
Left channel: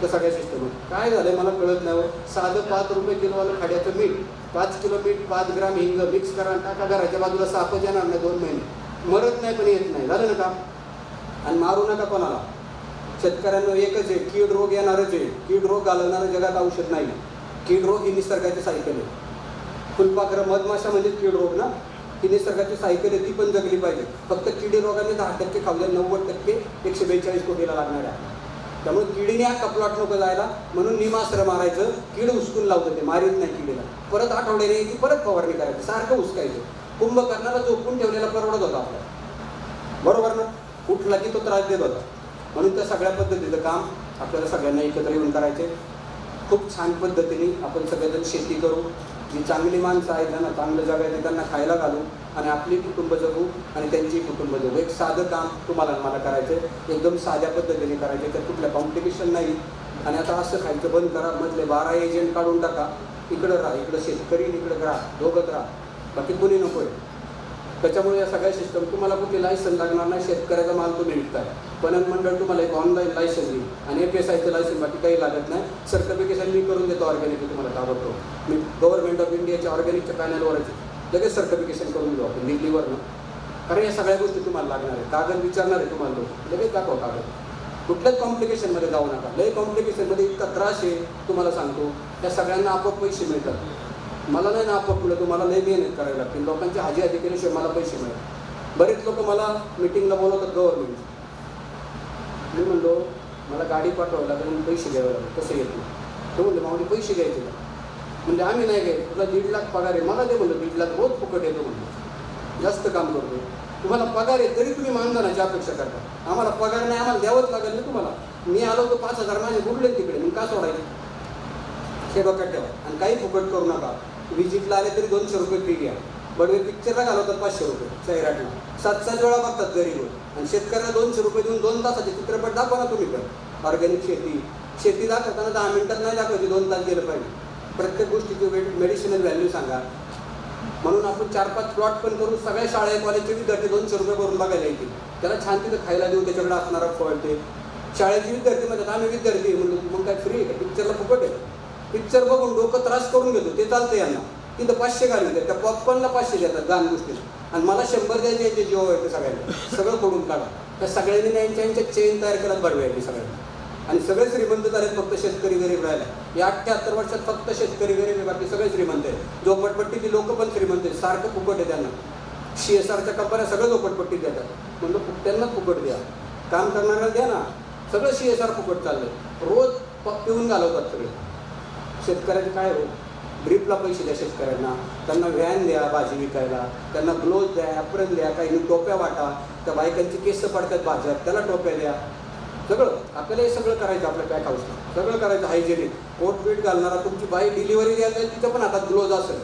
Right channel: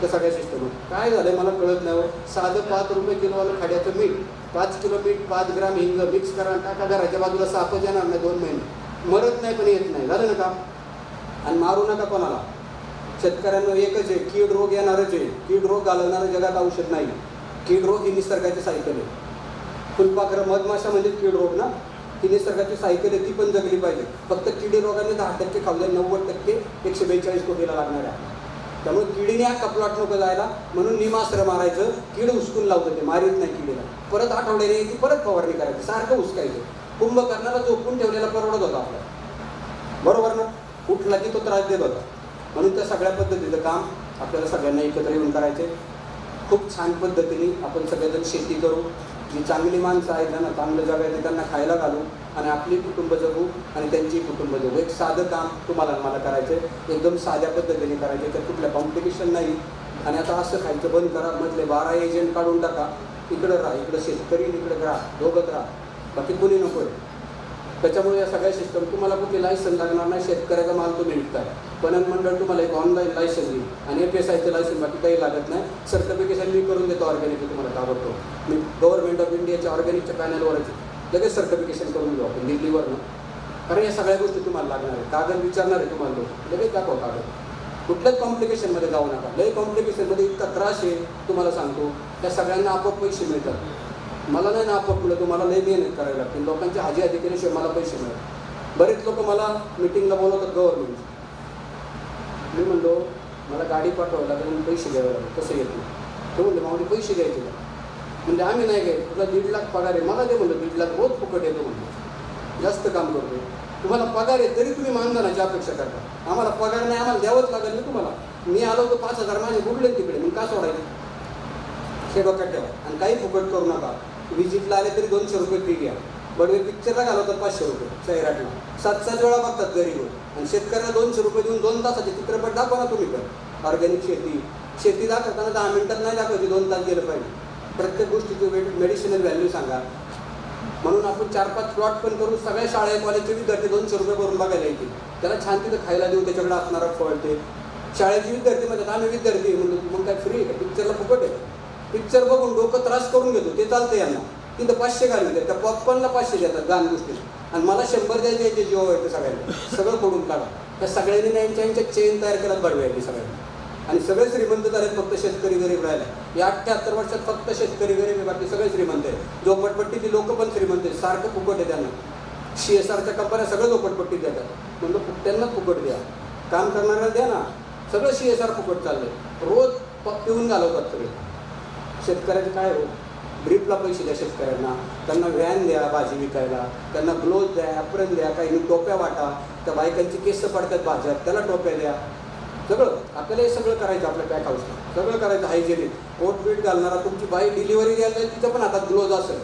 त्या सगळ्या सिस्टम? काय झालंय मला कळत नाही. साधं 5 रुपये किलोवालं खाड्याचं मीठ, 5 किलो मीठ, 5 ग्राम हिंग मिक्स करा, टाका. घराच्या बाजूला सापच येणार नाही 2 महिने. मरत नाही पण येत नाही. झालं ना का? आणि मारू नका कोणाला. शेतकऱ्यांना एकच आहे, कीड रोग येणारच आहे. कीड रोग घालवणारं जगात औषध नाही. कीड रोग ही निसर्गाची सायकल आहे. फुलपाखरं, मधमाशा म्हणजे कीड रोग ना, ही निसर्गाची सायकल आहे, ती पण जगली पाहिजे. फक्त किडी रोगाने 10% खाल्ले, 90% 142 कोटीला लागणार आहे. त्यामुळे किडीने हा कपलाट नको जायला म्हणून निमास्त्र मारायचं. कीड उचकून लावतं, ते मारीत नाही किडीला. परत आठवड्याने यायची, परत फवारणी करायची, सारखं उचकायचं. कुंभकर्णाला झोपून ठेवलेला परवडत होता आपल्याला. बरोबर ना? कुठला की तो त्रास देत होता. म्हणून त्या सगळ्या पद्धतीचं काम आपल्याला सगळ्यांना एकत्र येऊन करायचे. खूप छान पद्धतीने आपण सगळेजण शेती करू. जी चांगली माणसं आहेत त्यांना चांगलं जगायचं, त्यांना खायला घालू आणि आपली कुटुंब जगू आणि त्यांची कुटुंब जगू. एक साधं काम तुम्हाला मला करायचं आहे, एकदम साध्या पद्धतीने करायचे. तर कुठल्या कॉम्प्लिकेशन नाही. आणि आता असं खायचं बंद करा. मधले 12 एजंट काढून टाका. इकडं राहा, इकडं शेतकरी, इकडं राहा, दोघंच राहा, बाकी कोणी नको आहे. त्याच्यामुळे या सगळ्या सिस्टम तुम्हाला कुठे लायसन लागणार नाही. शेतकऱ्याचा माल तुम्ही विकताय. पणन मंडळ तुम्हाला एक ऑनलाईन लायसन देईल आणि FSIचं लायसन, बाकी काही लागत नाही. सर्टिफिकेशन मी करून देतो ऑर्गॅनिक. तुम्हाला ताबडतोब मी गव्हर्नमेंट ऑफ इंडियाच्या ऑर्गॅनिकच्या पॅनलवरच लगेच सर्टिफिकेशन करून देऊ आपण दिल्लीवरनं. कारण या सगळ्या गोष्टी तुम्हाला लागणार आहे. कागद विचारणार आहे तुम्हाला, लोक लगेच दाखवा कागद. कुठल्याच कॉम्प्लिकेशनमध्ये जाऊ नका. लई कॉम्प्लिकेशनमध्ये इतका त्रास आहे तुम्हाला सांगतो. त्या सगळ्यांना आपोआप पैसे मिळतात. मला नाही ना आपोआप मिळत, तुम्हाला लई मेहनत करावी लागते. लोकांची हाजी केल्याशिवाय मला पैसे मिळतात. बरेच लोक मला मिटिंगला बोलवतात गव्हर्नमेंट. मी म्हणलो मला गाडी पाठवायला लागेल म्हणून पैसे घ्यावे लागेल. कसं येत नाही. ते म्हणलं मावडी पैसे घ्यायचे का? म्हणजे आम्ही नाही घ्यायचे. तुला 1.5 लाख पगार आहे. मला ते म्हणलं 1.5 लाख रोज फुकट येतो म्हणलं. जास्त काम करतो. तुम्हाला पगार आहे तरी तुम्ही मानधनाची अपेक्षा करता. आम्हाला पगार नाही, आम्हाला द्यावंच लागेल ना तुम्हाला. मी आलो तर 5,000 माझे बुडले तिकडे, मग का सोडायचे? हे डोक्यात ठेवा. आणि काही फुकट करू नका. विजिटला आले तरी 200 रुपये फी घ्या. बडवे पिक्चरला घालवतात 500 रुपये सैराटला. 7-7 वेळा बघतात गरीब. आणि शेतकऱ्यांना 200 रुपये देऊन 2 तासाचे चित्रपट दाखवा ना तुम्ही. तर ऑर्गॅनिक शेती दाखवताना 10 मिनिटात नाही दाखवायची, 2 तास गेलं पाहिजे. प्रत्येक गोष्टीची मेडिसिनल व्हॅल्यू सांगा. म्हणून आपण 4-5 प्लॉट पण करू. सगळ्या शाळा कॉलेजचे विद्यार्थी 200 रुपये भरून बघायला येतील. त्याला छान तिथं खायला देऊ, त्याच्याकडे असणारा फळ. ते शाळेचे विद्यार्थी म्हणतात आम्ही विद्यार्थी म्हणतो मग काय फ्री आहे का? पिक्चरला फुकट आहे. पिक्चर बघून डोकं त्रास करून घेतो ते चालतं यांना. तिथं 500 घालून द्या. त्या पॉपकॉर्नला 500 देतात गाण गोष्टी. आणि मला 100 द्यायचे याचे जीव येते सगळ्यांना. सगळं फोडून काढा. त्या सगळ्यांनी यांच्या चेन तयार करत बडवायची सगळ्यांनी. आणि सगळे श्रीमंत झाले, फक्त शेतकरी गरीब राहिला. या 78 वर्षात फक्त शेतकरी गरीब आहे, बाकी सगळे श्रीमंत आहे. झोपडपट्टीची लोक पण श्रीमंत आहेत. सारखं फुकट आहे त्यांना. CSRच्या कंपन्या सगळं झोपडपट्टीत देतात. म्हणजे त्यांनाच फुकट द्या. काम करणाऱ्याला द्या ना. सगळं CSR फुकट चाललंय. रोज पिऊन घालवतात सगळे. शेतकऱ्याचे काय हो? ड्रीपला पैसे द्या शेतकऱ्यांना, त्यांना व्हॅन द्या भाजी विकायला, त्यांना ग्लोव्ज द्या, ॲप्रन द्या, काही टोप्या वाटा, त्या बायकांची केस पडतात भाज्यात त्याला टोप्या द्या. सगळं आपल्याला हे सगळं करायचं. आपल्या पॅक हाऊसला सगळं करायचं हायजेनिक. कोट बीट घालणारा तुमची बाई डिलिव्हरी द्यायला जाईल तिथं पण हातात ग्लोव्ज असेल,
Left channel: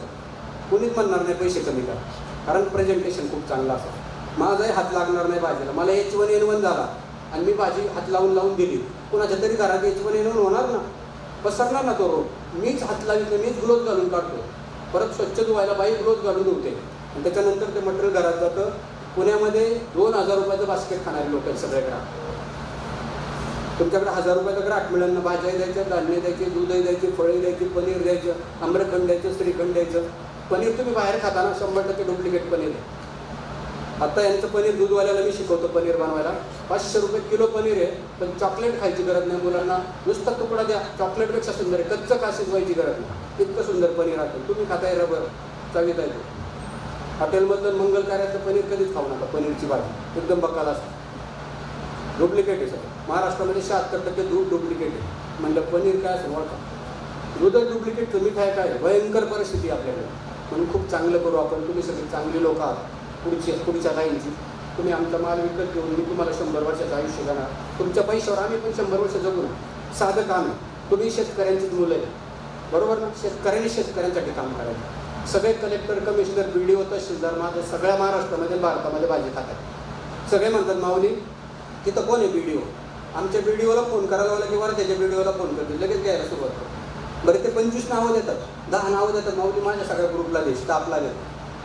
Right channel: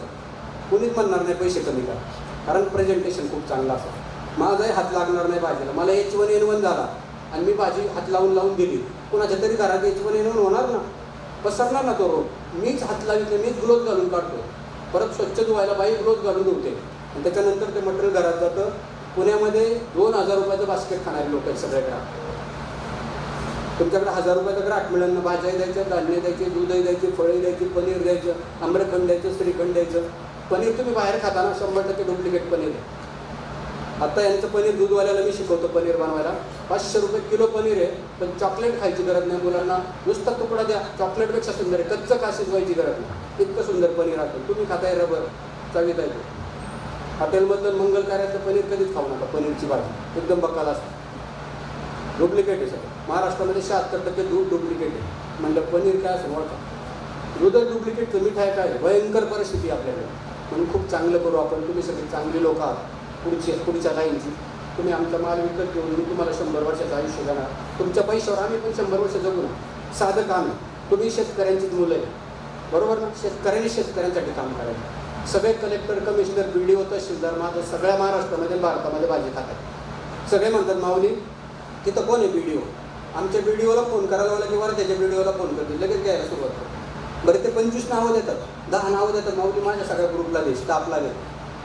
कोणीच म्हणणार नाही पैसे कमी करा, कारण प्रेझेंटेशन खूप चांगलं असेल. माझाही हात लागणार नाही भाजीला. मला H1N1 झाला आणि मी भाजी हात लावून दिली, कुणाच्या तरी घरात H1N1 होणार ना, पसरणार ना तो रोग. मीच हात लावित, मीच ग्लोव्ज घालून काढतो. परत स्वच्छ धुवायला बाई ग्लोव्ज घालून धुवते आणि त्याच्यानंतर ते मटेरियल घरात जातं. पुण्यामध्ये 2000 रुपयाचं बास्केट खाणारे लोक आहेत सगळे ग्राहक. तुमच्याकडे 1000 रुपयाचं ग्राहक मिळेल ना. भाज्या द्यायच्या, धान्य द्यायचे, दूधही द्यायचे, फळे द्यायची, पनीर द्यायचं, आम्रखंड द्यायचं, श्रीखंड द्यायचं. पनीर तुम्ही बाहेर खाताना 100% डुप्लिकेट पनीर आहे. आता यांचं पनीर दूधवाल्याला मी शिकवतो पनीर बनवायला. 500 रुपये किलो पनीर आहे, पण चॉकलेट खायची गरज नाही मुलांना. नुसता तुकडा द्या, चॉकलेटपेक्षा सुंदर आहे. कच्चं का शिजवायची गरज नाही, इतकं सुंदर पनीर असेल. तुम्ही खाताय रबर, चवीत आहे. हॉटेलमधलं मंगल कार्याचं पनीर कधीच खाऊ नका. पनीरची भाजी एकदम बकाल असते, डुप्लिकेट आहे सगळं. महाराष्ट्रामध्ये 76% दूध डुप्लिकेट आहे. म्हणलं पनीर काय असं ओळखा, दूधच डुप्लिकेटचं. मिठाई काय, भयंकर परिस्थिती आपल्याकडे. म्हणून खूप चांगलं करू आपण. तुम्ही सगळी चांगली लोक आहात, पुढच्या लाईनची. तुम्ही आमचा माल विकत घेऊन मी तुम्हाला 100 वर्षाचं आयुष्य देणार. तुमच्या पैशावर आम्ही पण 100 वर्ष जगू ना. साधं काम आहे. तुम्ही शेतकऱ्यांचीच मुलं आहे, बरोबर ना. शेतकऱ्यांनी शेतकऱ्यांसाठी काम करायचं. सगळे कलेक्टर, कमिशनर, BDO, तहसीलदार माझं सगळ्या महाराष्ट्रामध्ये भारतामध्ये भाजी खातात. सगळे म्हणतात माऊली तिथं कोण आहे BDO. आमच्या BDOला फोन करायला लावलं की त्याच्या BDOला फोन करतील, लगेच घ्यायला सुरुवात करतो. बरं ते 25 नावं देतात, 10 नावं देतात. माऊली माझ्या सगळ्या ग्रुपला दे, स्टाफला दे.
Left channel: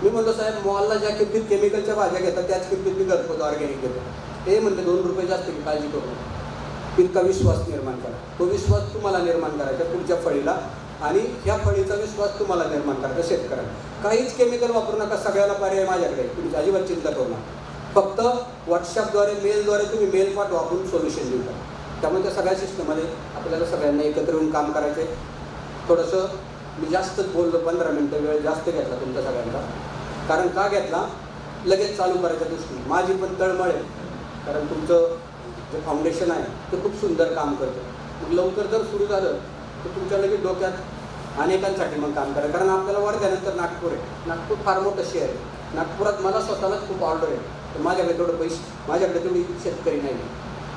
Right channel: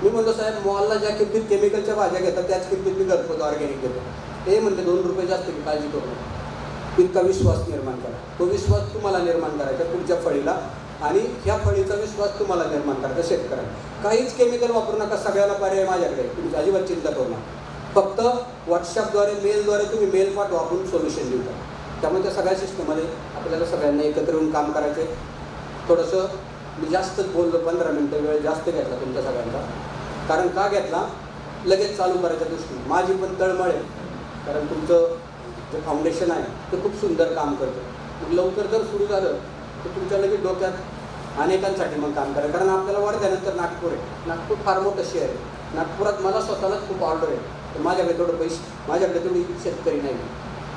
मी म्हणतो साहेब मॉलला ज्या किमतीत केमिकलच्या भाज्या घेतात त्याच किमतीत मी घरपोच ऑर्गॅनिक घेतो. ते म्हणते 2 रुपये जास्त की काळजी करू नका. इतका विश्वास निर्माण करा. तो विश्वास तुम्हाला निर्माण करायचा पुढच्या फळीला, आणि ह्या फळीचा विश्वास तुम्हाला निर्माण करायचा शेतकऱ्यांना. काहीच केमिकल वापरू नका. सगळ्याला पर्याय माझ्याकडे, तुम्ही अजिबात चिंता करू नका. फक्त व्हॉट्सअपद्वारे, मेलद्वारे तुम्ही मेल पाठवा, आपण सोल्युशन देऊ. त्यामुळे त्या सगळ्या सिस्टममध्ये आपल्याला सगळ्यांना एकत्र येऊन काम करायचे. थोडंसं मी जास्तच बोललो, 15 मिनटं वेळ जास्त घेतला तुमच्या सगळ्यांचा. कारण का घेतला, लगेच चालू करायच्या दृष्टीने माझी पण तळमळ आहे. कारण तुमचं जे फाउंडेशन आहे ते खूप सुंदर काम करतं. मग लवकर जर सुरू झालं तर तुमच्या लगेच डोक्यात अनेकांसाठी मग काम करा. कारण आपल्याला वर्ध्यानंतर नागपूर आहे. नागपूर फार मोठं शहर आहे. नागपुरात मला स्वतःलाच खूप ऑर्डर आहे, तर माझ्याकडे तेवढं पैसे, माझ्याकडे तेवढी शेतकरी नाही.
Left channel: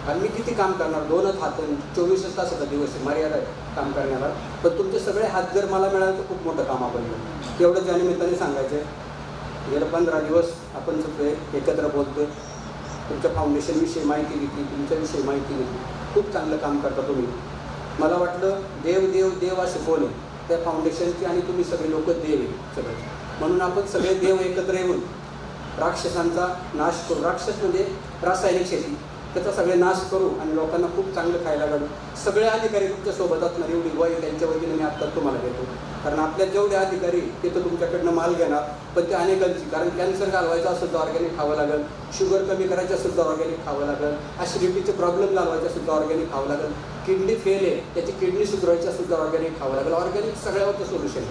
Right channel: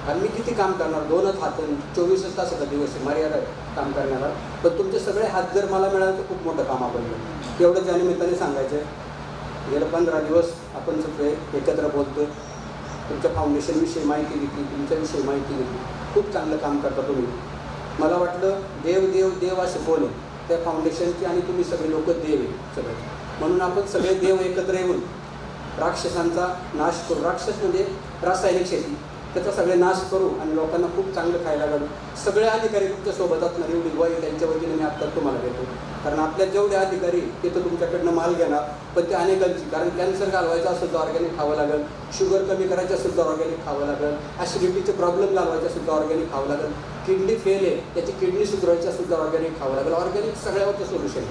आणि मी किती काम करणार, 2च हात, 24 तासाचा दिवस आहे, मर्यादा आहे काम करण्याला. पण तुमचे सगळे हात जर मला मिळाले तर खूप मोठं काम आपण करू. एवढं त्या निमित्ताने सांगायचं आहे. गेलं 15 दिवस आपण सगळे एकत्र बोलतोय. तुमच्या फाउंडेशनविषयी माहिती घेतली, तुमच्याविषयी माहिती घेतली. खूप चांगलं काम करता तुम्ही. मला वाटलं देव देव देव असे कोण आहे त्या फाउंडेशनची, आणि तुम्ही सगळे लोक देव आहे सगळे. म्हणून आपण सगळे देव एकत्र येऊन राक्षसांचा नाश करू. राक्षस म्हणजे रासायनिक शेती, त्याचा सगळे नाश करू आणि लोकांना खूप चांगलं खायला घालू. सगळे अधिकारी तुमच्या सोबत असणार, एवढी ग्वाही त्यांच्या वतीने मी आत्ताच तुम्हाला देतो. कारण आपल्या जेवढे अधिकारी ते तर तुमच्याकडनं माल घेणार, पण ते अनेकांची. कारण कॅन्सर घालवायचा असेल तर ऑर्गॅनिक खावं लागेल, शुगर कमी करायचं असेल तर ऑर्गॅनिक खावं लागेल, ॲसिडिटीचे प्रॉब्लेम घालवायचे असेल तर ऑर्गॅनिक खावं लागेल, किडनी फेल आहे त्याची किडनी सुधारायची असेल तर ऑर्गॅनिक खावं लागेल. ऑर्गॅनिक सगळ्यावरचं सोल्युशन.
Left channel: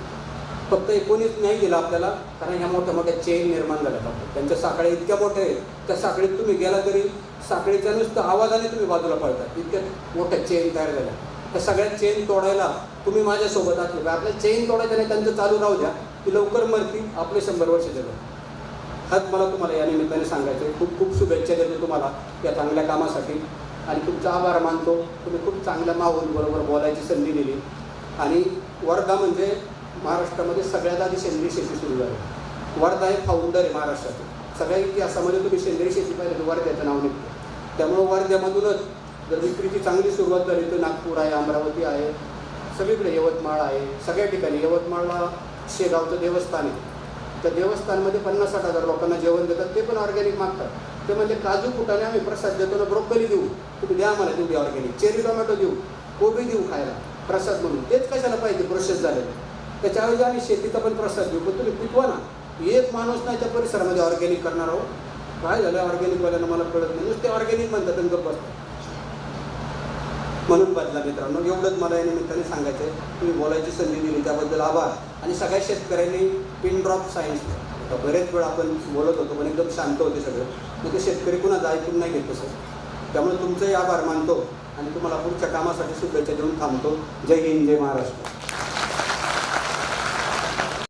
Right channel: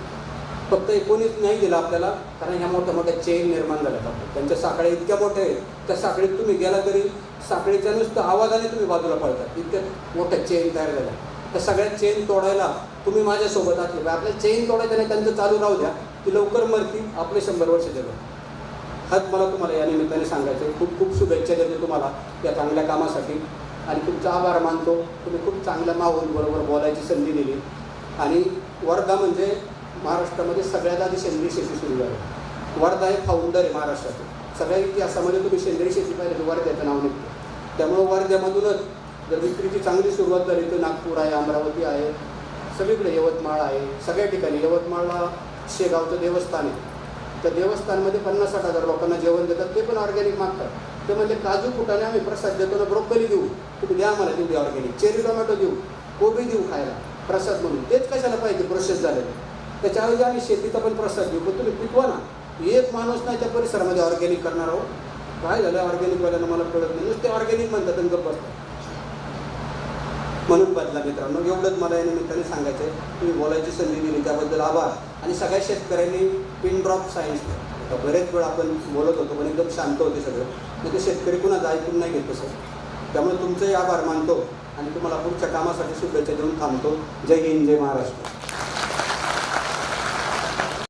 फक्त कोणीच नाही दिलं आपल्याला, कारण ह्या मोठ्या मोठ्या चेन निर्माण झाल्यात आपल्या. त्यांच्या साखळ्या इतक्या मोठ्या आहेत, त्या साखळीत तुम्ही गेला तरी साखळीच्या नुसतं आवाजाने तुम्ही बाजूला पळतात, इतक्या मोठ्या चेन तयार झाल्या. त्या सगळ्या चेन तोडायला तुम्ही माझ्यासोबत असले. आपल्या चेन तोडायच्या नाही, त्यांचं चालू राहू द्या, की लवकर मरतील, आपले 100 वर्ष जगत. हाच मला तुम्हाला या निमित्ताने सांगायचं आहे. खूप खूप शुभेच्छा देतो तुम्हाला या चांगल्या कामासाठी, आणि तुमचा आभार मानतो. तुम्ही खूप चांगल्या माहोलबरोबर बोलायची संधी दिली. आणि वर्धा म्हणजे महाराष्ट्रामध्ये सगळ्यात आधी सेंद्रिय शेती सुरू झाली. वर्धा हे फाउंडर आहे महाराष्ट्राचे. सगळ्या इतिहासामध्ये तुम्ही सेंद्रिय शेती पाहिजे तर वर्ध्याचं नाव निघतं. त्यामुळं वर्ध्यामधूनच जर विक्रीची चांगली सुरुवात झाली तर नागपूर आहे, अमरावती आहे, सगळीकडे यवतमाळ आहे. सगळ्या ठिकाणी यवतमाळला शेगावचं देवस्थान आहे. त्या देवस्थानमध्ये 50-60 हजार लोकांना जेवण देतात, ते पण ऑर्गॅनिक मागतात. ते म्हणजे काजू फुटाने आम्ही प्रसाद देतो ना, ब्रोकोली देऊ, तुम्ही द्या आम्हाला तेवढी ऑर्गॅनिक, चेरी टोमॅटो देऊ, कोबी देऊ खायला प्रसाद म्हणून. तेच कशाला पाहिजे प्रोसेस झालेलं. त्याच्याऐवजी आम्ही शेतीचा पण प्रसाद देऊ, पण तुम्ही पिकवा ना. एक माणूस नाही त्या परिसरामध्ये ऑर्गॅनिक करणार आहोत. काय झालं ऑर्गॅनिकवाल्यांना मला कळत नाही, नुसते ऑर्गॅनिक म्हणतात आणि गप्प बसतात. म्हणून बदला मित्रांनो, एवढंच मला या निमित्ताने सांगायचं आहे. तुम्ही बोलायची संधी दिली त्याबद्दल आभार. आणि सगळ्या शेतकऱ्यांनी पिन ड्रॉप सायन्स, बरेच वेळ आपण बोलत होतो पण एकदम शांत होते सगळं, म्हणजे शेतकरी कुणाचं ऐकून नाही घेत तसं. त्यामुळे तुमचंही आभार मानतो आणि तुम्हाला पुढच्या कामासाठी शुभेच्छा देऊन थांबतो. जय हिंद, जय महाराष्ट्र.